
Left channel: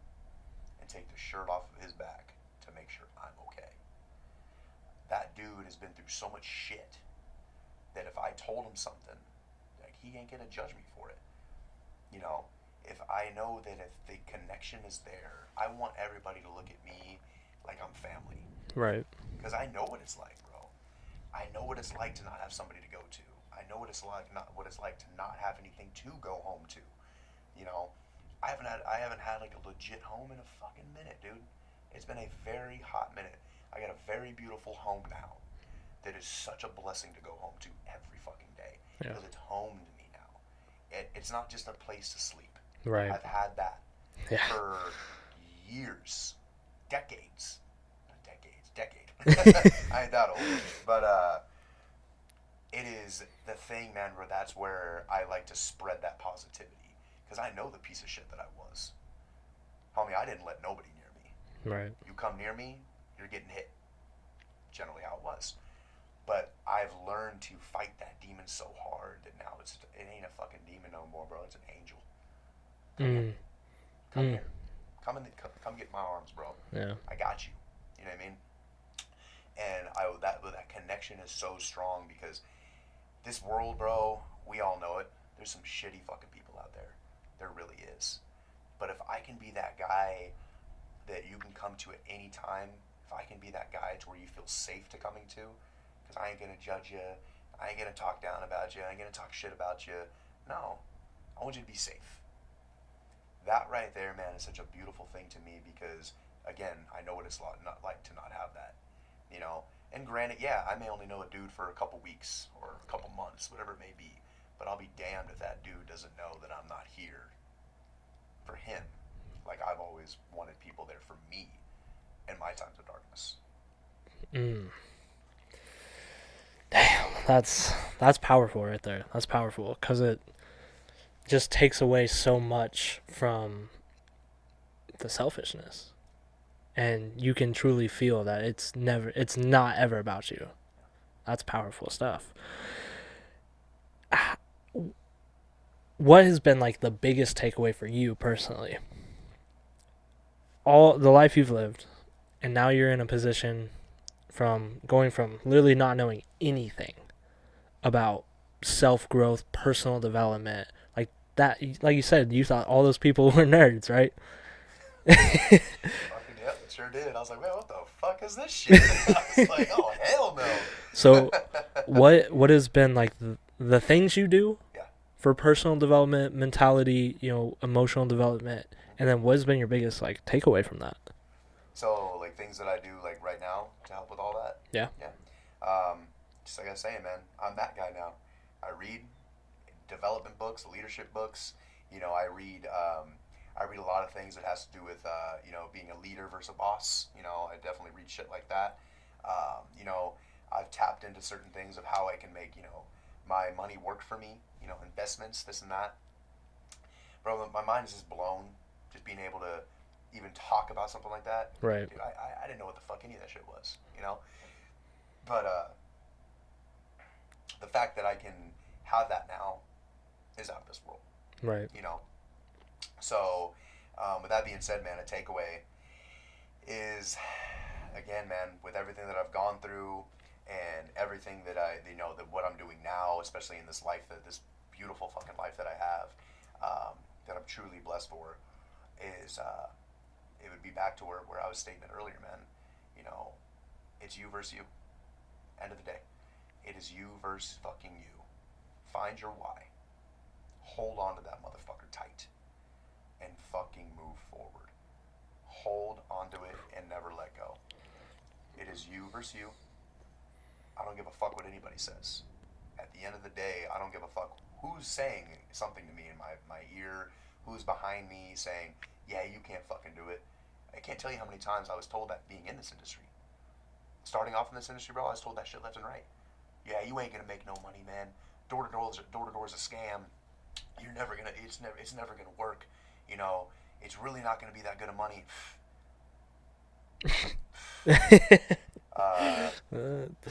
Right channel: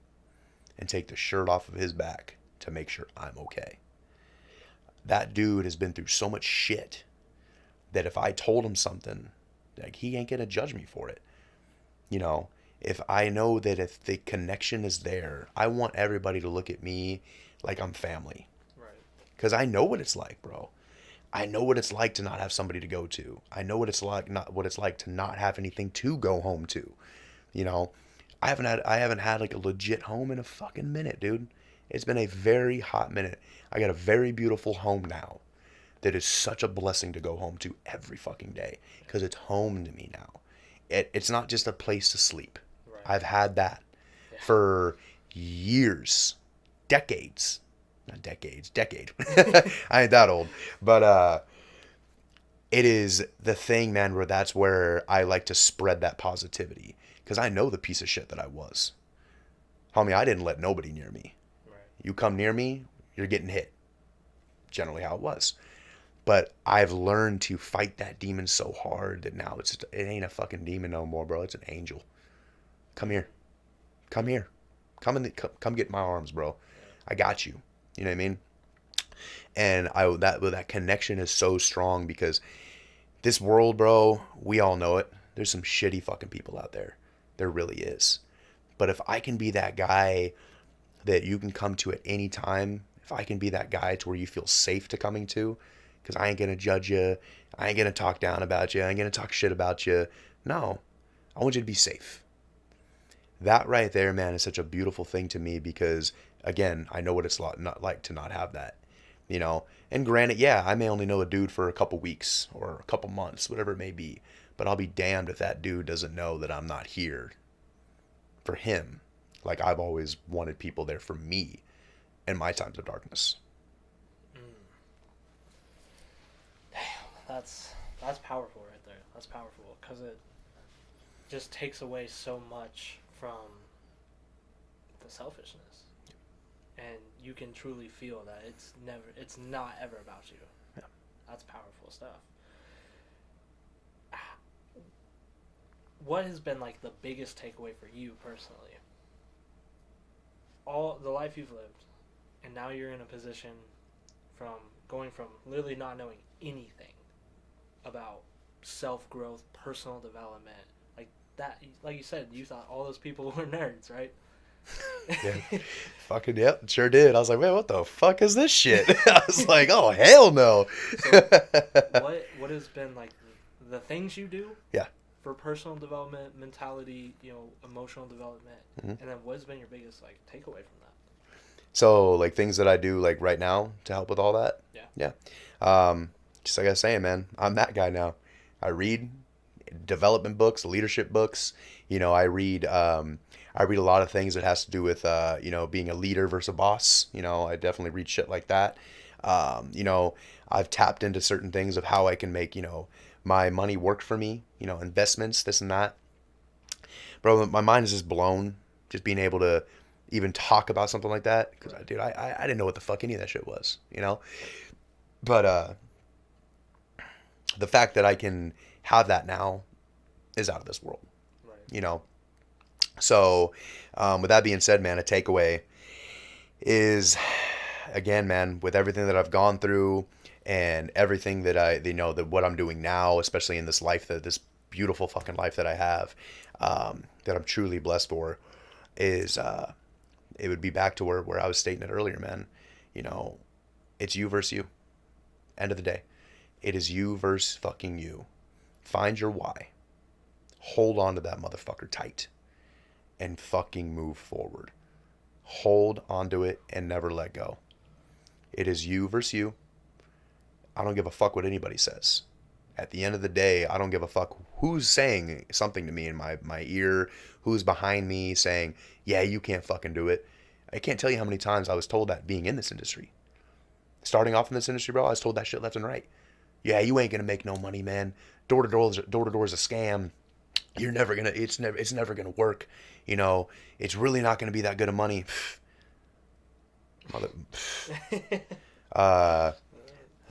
and take the shirt off of his back to make sure I'm okay. That dude has been through so much shit that if I told him something, like, he ain't gonna judge me for it. You know, if I know that if the connection is there, I want everybody to look at me like I'm family. Right. Because I know what it's like, bro. I know what it's like to not have somebody to go to. I know what it's like to not have anything to go home to. You know, I haven't had like a legit home in a fucking minute, dude. It's been a very hot minute. I got a very beautiful home now that is such a blessing to go home to every fucking day because it's home to me now. It's not just a place to sleep. Right. I've had that for years, decades. Not decades, decade. I ain't that old. But it is the thing, man, that's where I like to spread that positivity. Because I know the piece of shit that I was. Homie, I didn't let nobody near me. Right. You come near me, you're getting hit. Generally how it was. But I've learned to fight that demon so hard that now it ain't a fucking demon no more, bro. It's an angel. Come here. Come here. Come get in my arms, bro. Yeah. I got you. You know what I mean? And that connection is so strong because this world, bro, we all know it. There's some shitty fucking people out there. There really is. But if I can be that guy that you can come to at any time, if I can be that guy to where you feel safe to coming to, because I ain't going to judge you. I ain't going to talk down about you. I ain't going to talk shit about you. No. I want you to be safe. That right there, man, is such a beautiful thing to me because, again, I know what it's not like to not have that, you know. And granted, yeah, I may only know a dude for a couple weeks or a couple months, whatever it may be, but I'll be damned if that dude doesn't know that I'm not here for him, like I've always wanted people there for me in my times of darkness. Damn, that's powerful right there. That's powerful because it just takes away so much from the selfishness, and you can truly feel that it's not ever about you. That's powerful stuff. What has been like the biggest takeaway for you personally? All the life you've lived, and now you're in a position from going from literally not knowing anything about self-growth, personal development, like that, like you said, you thought all those people were nerds, right? Fucking yep, sure did. I was like, man, what the fuck is this shit? I was like, oh hell no. So what has been like the things you do Yeah. for personal development, mentality, emotional development, and then what has been your biggest like takeaway from that? So like things that I do like right now to help with all that. Yeah. Yeah. Just like I was saying, man, I'm that guy now. I read development books, leadership books. I read a lot of things that has to do with being a leader versus a boss. I definitely read shit like that. I've tapped into certain things of how I can make my money work for me. Investments, this and that. Bro, my mind is just blown. Just being able to even talk about something like that. Right. Dude, I didn't know what the fuck any of that shit was. But the fact that I can have that now is out of this world. Right. So, with that being said, man, a takeaway is, again, man, with everything that I've gone through and everything that that what I'm doing now, especially in this life, this beautiful fucking life that I have, that I'm truly blessed for, is it would be back to where I was stating it earlier, man. It's you versus you. End of the day. It is you versus fucking you. Find your why. Hold on to that motherfucker tight. And fucking move forward. Hold onto it and never let go. It is you versus you. I don't give a fuck what anybody says. At the end of the day, I don't give a fuck who's saying something to me in my ear, who's behind me saying, yeah, you can't fucking do it. I can't tell you how many times I was told that being in this industry. Starting off in this industry, bro, I was told that shit left and right. Yeah, you ain't gonna make no money, man. Door to door is a scam. You're never gonna. It's never gonna work. It's really not gonna be that good of money. Uh, Uh,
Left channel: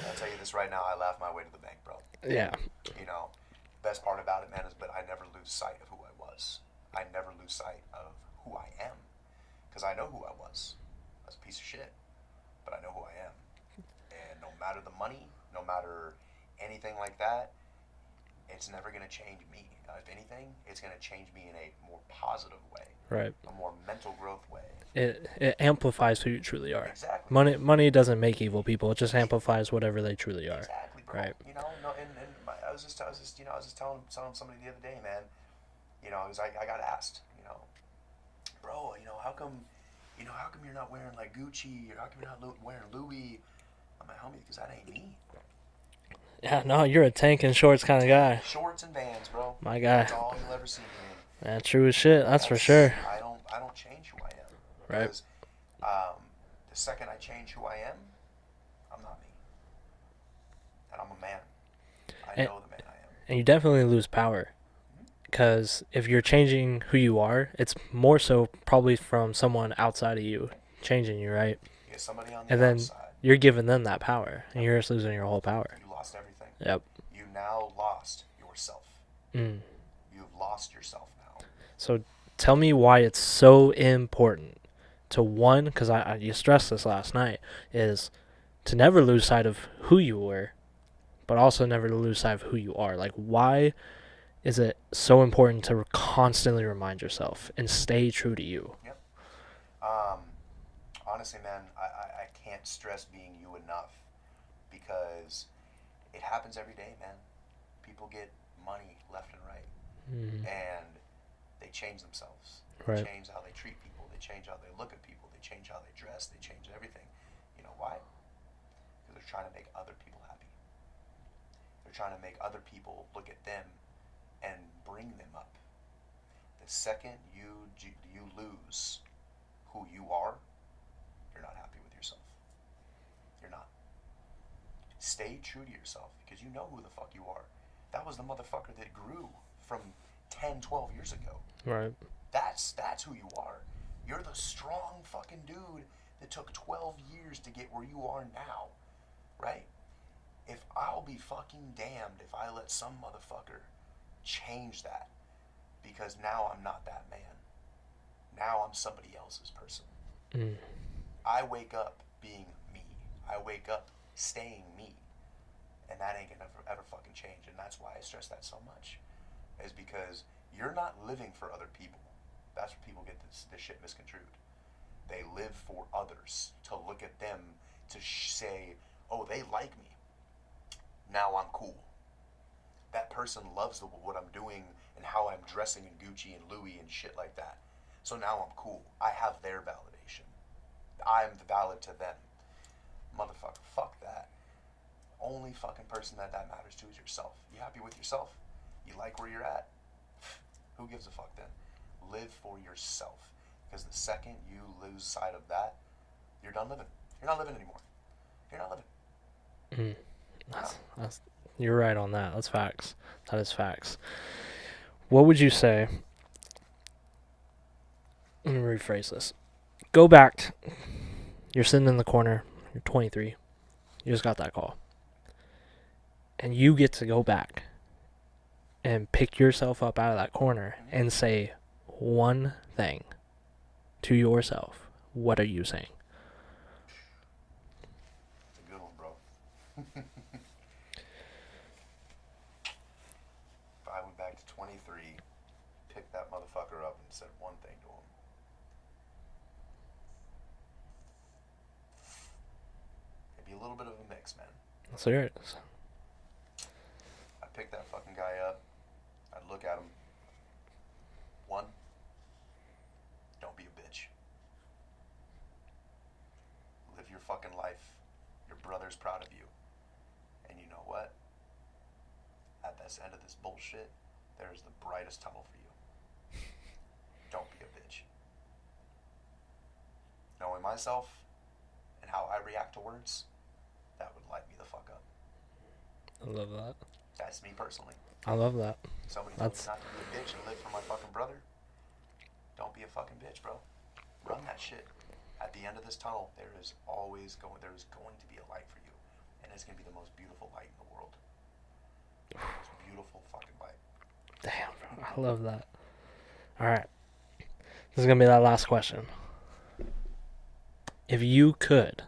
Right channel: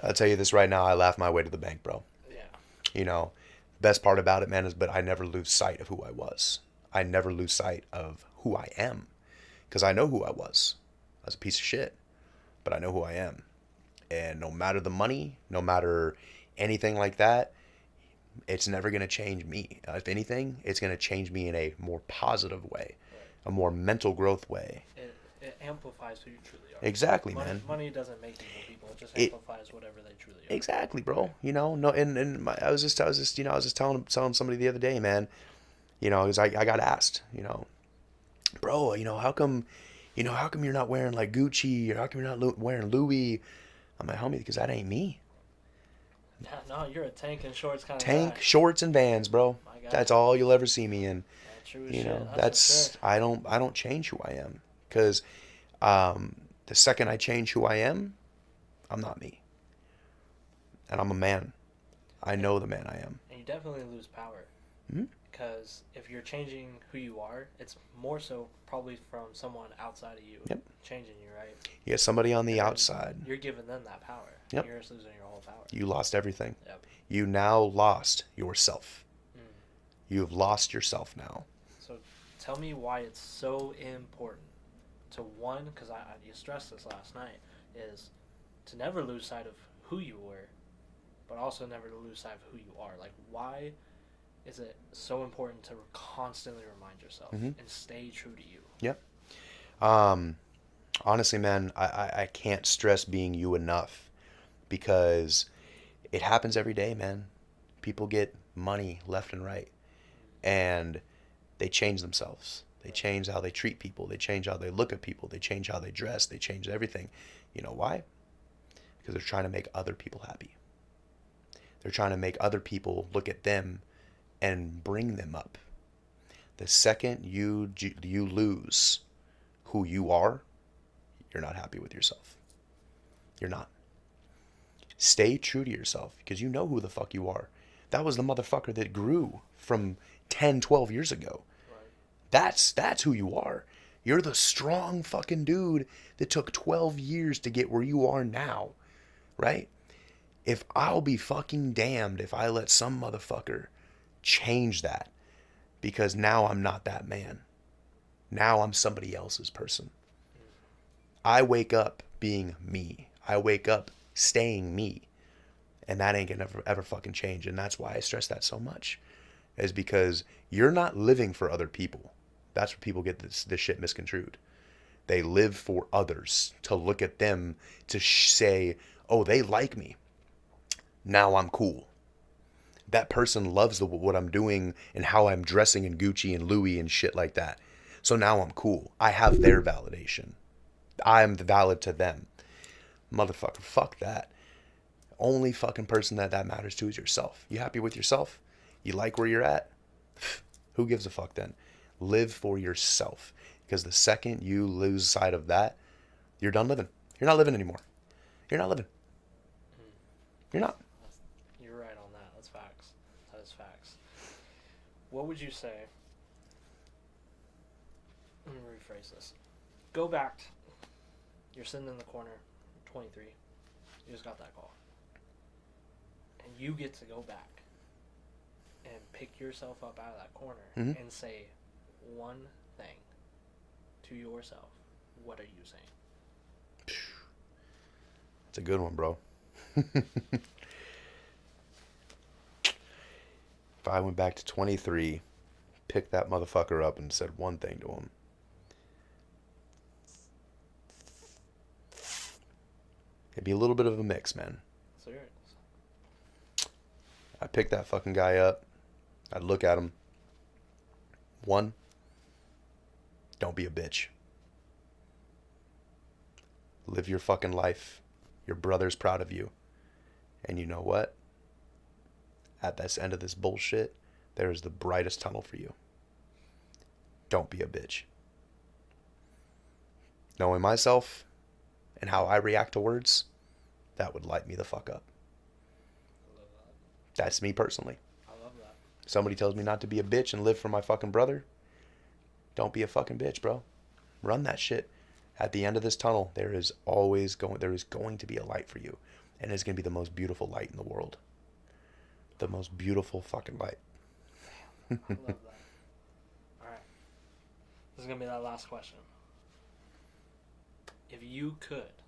I'll tell you this right now. I laugh my way to the bank, bro. yeah. You know, best part about it, man, is but I never lose sight of who I was. I never lose sight of who I am because I know who I was. I was a piece of shit, but I know who I am. And no matter the money, no matter anything like that, it's never going to change me. If anything, it's going to change me in a more positive way, Right. a more mental growth way. It amplifies who you truly are. Exactly, man. Money doesn't make evil people. It just It amplifies whatever they truly are. exactly, bro. Right. You know, no, and I was just telling somebody the other day, man. You know, because I got asked, bro, how come you're not wearing like Gucci or how come you're not wearing Louis? I'm like, homie, because that ain't me. Yeah. No, you're a tank and shorts kind of Tank, guy. shorts, and Vans, bro. My guy. That's all you'll ever see me in. Yeah, true as shit. That's for sure. I don't change who I am Right. because the second I change who I am, I'm not me, and I'm a man. I And, know the man I am. and you definitely lose power. Hmm. Because if you're changing who you are, it's more so probably from someone outside of you Yep. changing you, right? You get somebody on the And then outside. you're giving them that power, and Yep. you're just losing your whole power. You lost everything. Yep. You now lost yourself. Mm. You've lost yourself now. So tell me why it's so important to one, because you stressed this last night, is to never lose sight of who you were, but also never to lose sight of who you are. Like, why is it so important to constantly remind yourself and stay true to you? Yep. Um, Honestly, man, I can't stress being you enough because it happens every day, man. People get money left and right, Mm. and they change themselves. They Right. change how they treat people. They change how they look at people. They change how they dress. They change everything. You know why? Because they're trying to make other people happy. They're trying to make other people look at them and bring them up. The second you lose who you are, you're not happy with yourself. You're not. Stay true to yourself because you know who the fuck you are. That was the motherfucker that grew from 10, 12 years ago. Right. That's who you are. You're the strong fucking dude that took 12 years to get where you are now, right? If I'll be fucking damned if I let some motherfucker change that because now I'm not that man. Now I'm somebody else's person. Mm. I wake up being me. I wake up staying me. And that ain't gonna ever fucking change. And that's why I stress that so much. Is because you're not living for other people. That's where people get this shit misconstrued. They live for others to look at them to say, oh, they like me. Now I'm cool. That person loves what I'm doing and how I'm dressing in Gucci and Louis and shit like that. So now I'm cool. I have their validation. I'm valid to them. Motherfucker, fuck that. Only fucking person that matters to is yourself. You happy with yourself? You like where you're at? Who gives a fuck then? Live for yourself. Because the second you lose sight of that, you're done living. You're not living anymore. You're not living. Mm. You're not. You're right on that. That's facts. That is facts. What would you say? Let me rephrase this. Go back. You're sitting in the corner. You're 23. You just got that call. And you get to go back and pick yourself up out of that corner and say one thing to yourself. What are you saying? It's a good one, bro. If I went back to 23, picked that motherfucker up and said one thing to him, it'd be a little bit of a mix, man. So here it is. I pick that fucking guy up. I'd look at him. One, don't be a bitch. Live your fucking life. Your brother's proud of you. And you know what? At this end of this bullshit, there is the brightest tunnel for you. Don't be a bitch. Knowing myself and how I react to words, that would light me the fuck up. I love that. That's me personally. I love that. Somebody tells me not to be a bitch and live for my fucking brother. Don't be a fucking bitch, bro. Run that shit. At the end of this tunnel, there is going to be a light for you, and it's going to be the most beautiful light in the world. The most beautiful fucking light. Damn, bro. I love that. All right. This is going to be that last question. If you could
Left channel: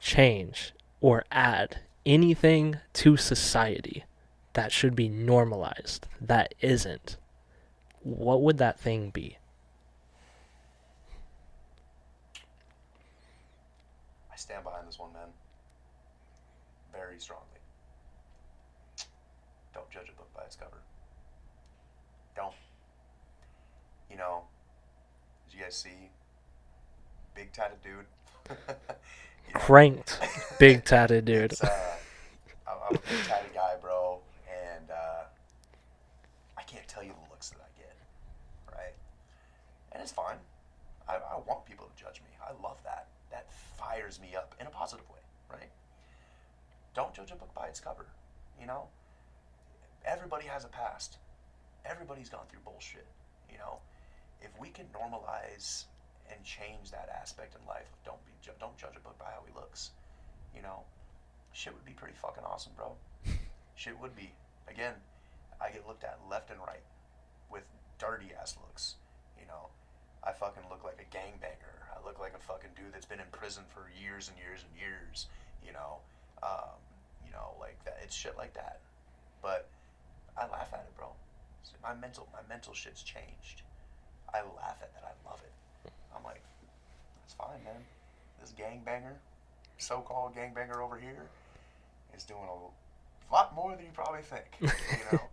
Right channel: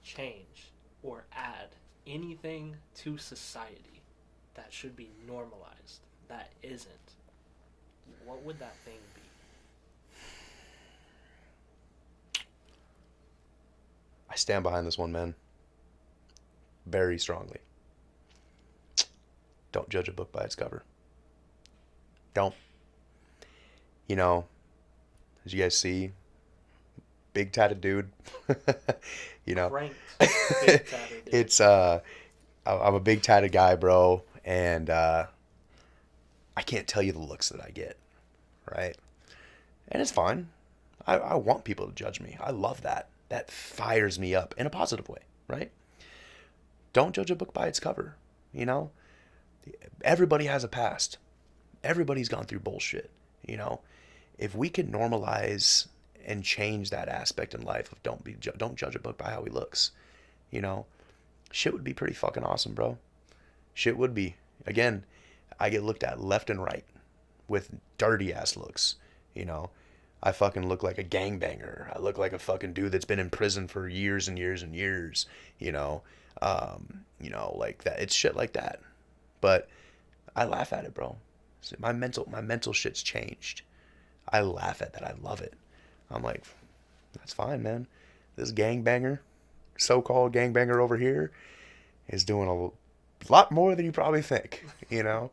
change or add anything to society that should be normalized that isn't, what would that thing be? I stand behind this one, man. Very strongly. Don't judge a book by its cover. Don't. You know, as you guys see, big tatted dude. You know, Cranked, big tatted dude. it's I'm a big tatted guy, bro, and I can't tell you the looks that I get, right? And it's fine. I want people to judge me. I love that. That fires me up in a positive way, right? Don't judge a book by its cover. You know, everybody has a past. Everybody's gone through bullshit. You know, if we can normalize and change that aspect in life of don't judge a book by how he looks, you know, shit would be pretty fucking awesome, bro. Shit would be. Again, I get looked at left and right with dirty ass looks, you know. I fucking look like a gangbanger. I look like a fucking dude that's been in prison for years and years and years, you know. Like that. It's shit like that. But I laugh at it, bro. My mental shit's changed. I laugh at that. I love it. I'm like, that's fine, man. This gangbanger, so-called gangbanger over here, is doing a lot more than you probably think, you know?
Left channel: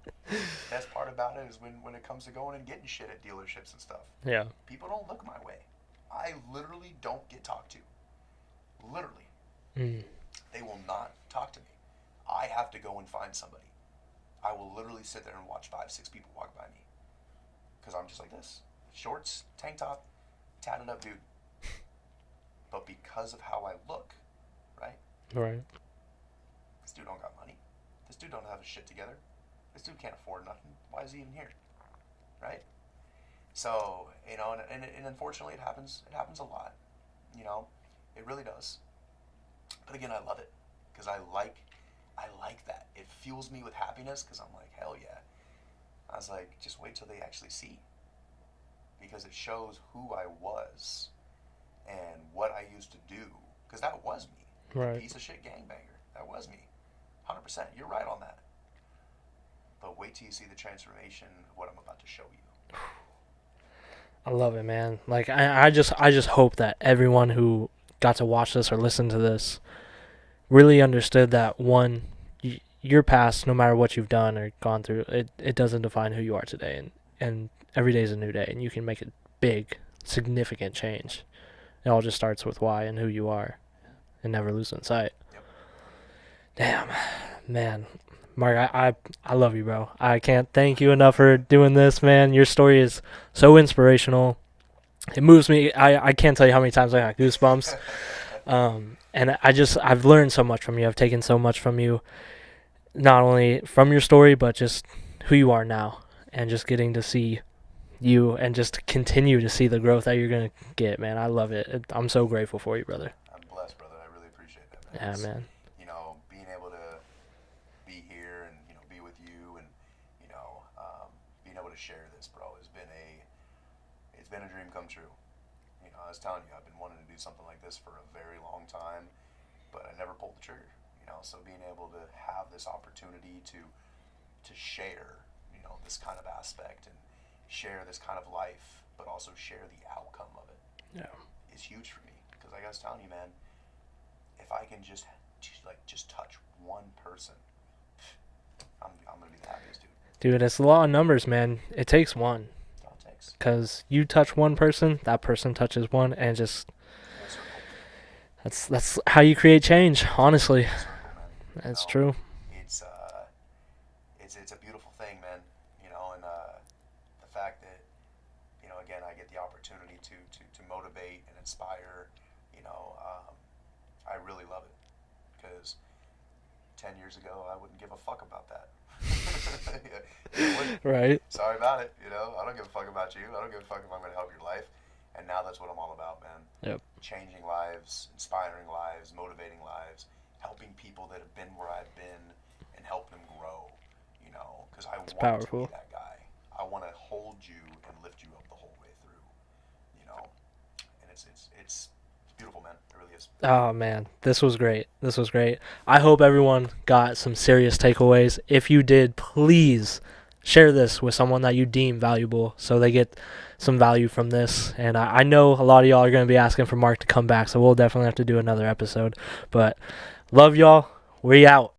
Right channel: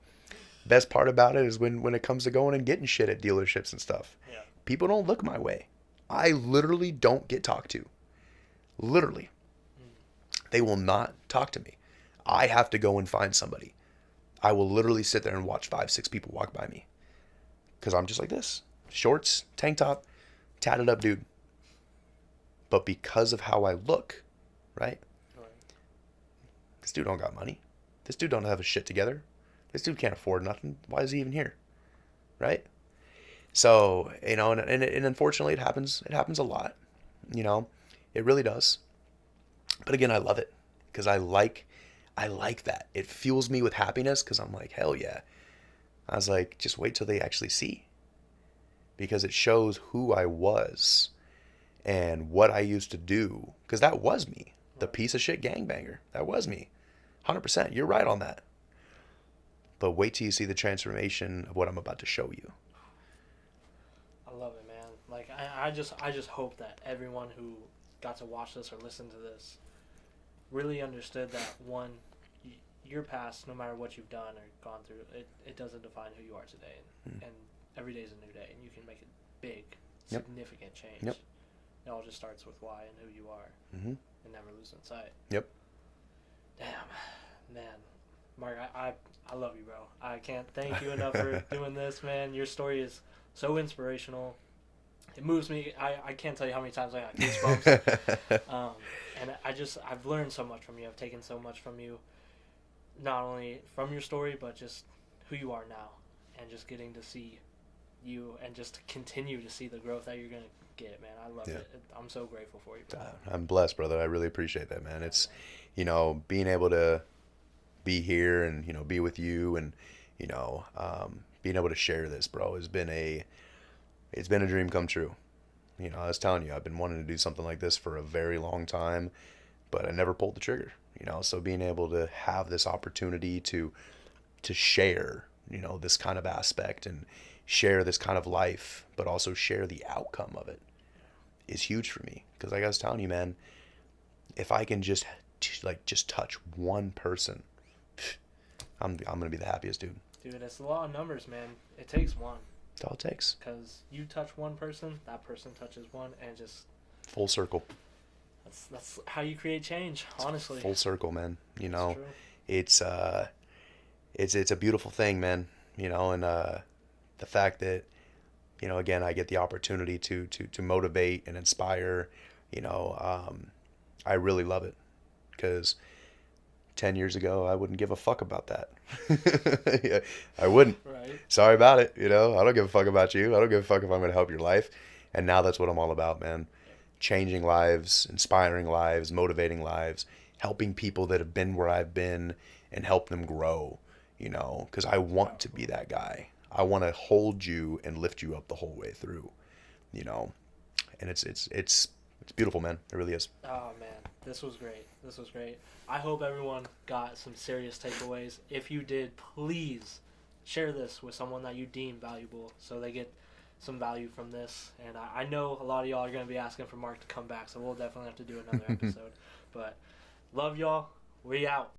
Best part about it is when it comes to going and getting shit at dealerships and stuff. Yeah. People don't look my way. I literally don't get talked to. Literally. They will not talk to me. I have to go and find somebody. I will literally sit there and watch 5, 6 people walk by me. Because I'm just like this. Shorts, tank top, tatted up dude. But because of how I look, right? Right. This dude don't got money. This dude don't have his shit together. This dude can't afford nothing. Why is he even here? Right? So, you know, and unfortunately it happens. It happens a lot. You know, it really does. But again, I love it because I like that. It fuels me with happiness because I'm like, hell yeah. I was like, just wait till they actually see. Because it shows who I was and what I used to do. Because that was me. The piece of shit gangbanger. That was me. 100%. You're right on that. But wait till you see the transformation of what I'm about to show you. I love it, man. Like I just hope that everyone who got to watch this or listen to this really understood that one, your past, no matter what you've done or gone through, it doesn't define who you are today, and every day is a new day, and you can make a big, significant change. Yep. It all just starts with why and who you are, and never lose in sight. Yep. Damn, man. Mark, I love you, bro. I can't thank you enough for doing this, man. Your story is so inspirational. It moves me. I can't tell you how many times I got goosebumps. And I've learned so much from you. I've taken so much from you, not only from your story, but just who you are now, and just getting to see you and just continue to see the growth that you're going to get, man. I love it. I'm so grateful for you, brother. I'm blessed, brother. I really appreciate that, man. Yeah, man. You know, being able to be here and, you know, be with you and, you know, being able to share this, bro, it's been a dream come true. You know, I was telling you, I've been wanting to do something like this for a very long time, but I never pulled the trigger, you know, so being able to have this opportunity to share, you know, this kind of aspect and share this kind of life, but also share the outcome of it is huge for me. Because like I was telling you, man, if I can just touch one person, I'm gonna be the happiest dude. Dude, it's the law of numbers, man. It takes one. That's all it takes. Because you touch one person, that person touches one, and just full circle. That's how you create change, honestly. Full circle, man. That's true. It's a beautiful thing, man. You know, and the fact that, you know, again, I get the opportunity to motivate and inspire. You know, I really love it because 10 years ago, I wouldn't give a fuck about that. I wouldn't. Right. Sorry about it. You know, I don't give a fuck about you. I don't give a fuck if I'm going to help your life. And now that's what I'm all about, man. Yep. Changing lives, inspiring lives, motivating lives, helping people that have been where I've been and help them grow, because I It's want to be powerful. that guy. I want to hold you and lift you up the whole way through, you know. And it's beautiful, man. It really is. Oh man, this was great. This was great. I hope everyone got some serious takeaways. If you did, please share this with someone that you deem valuable so they get some value from this. And I know a lot of y'all are going to be asking for Mark to come back, so we'll definitely have to do another episode. But love y'all. We out.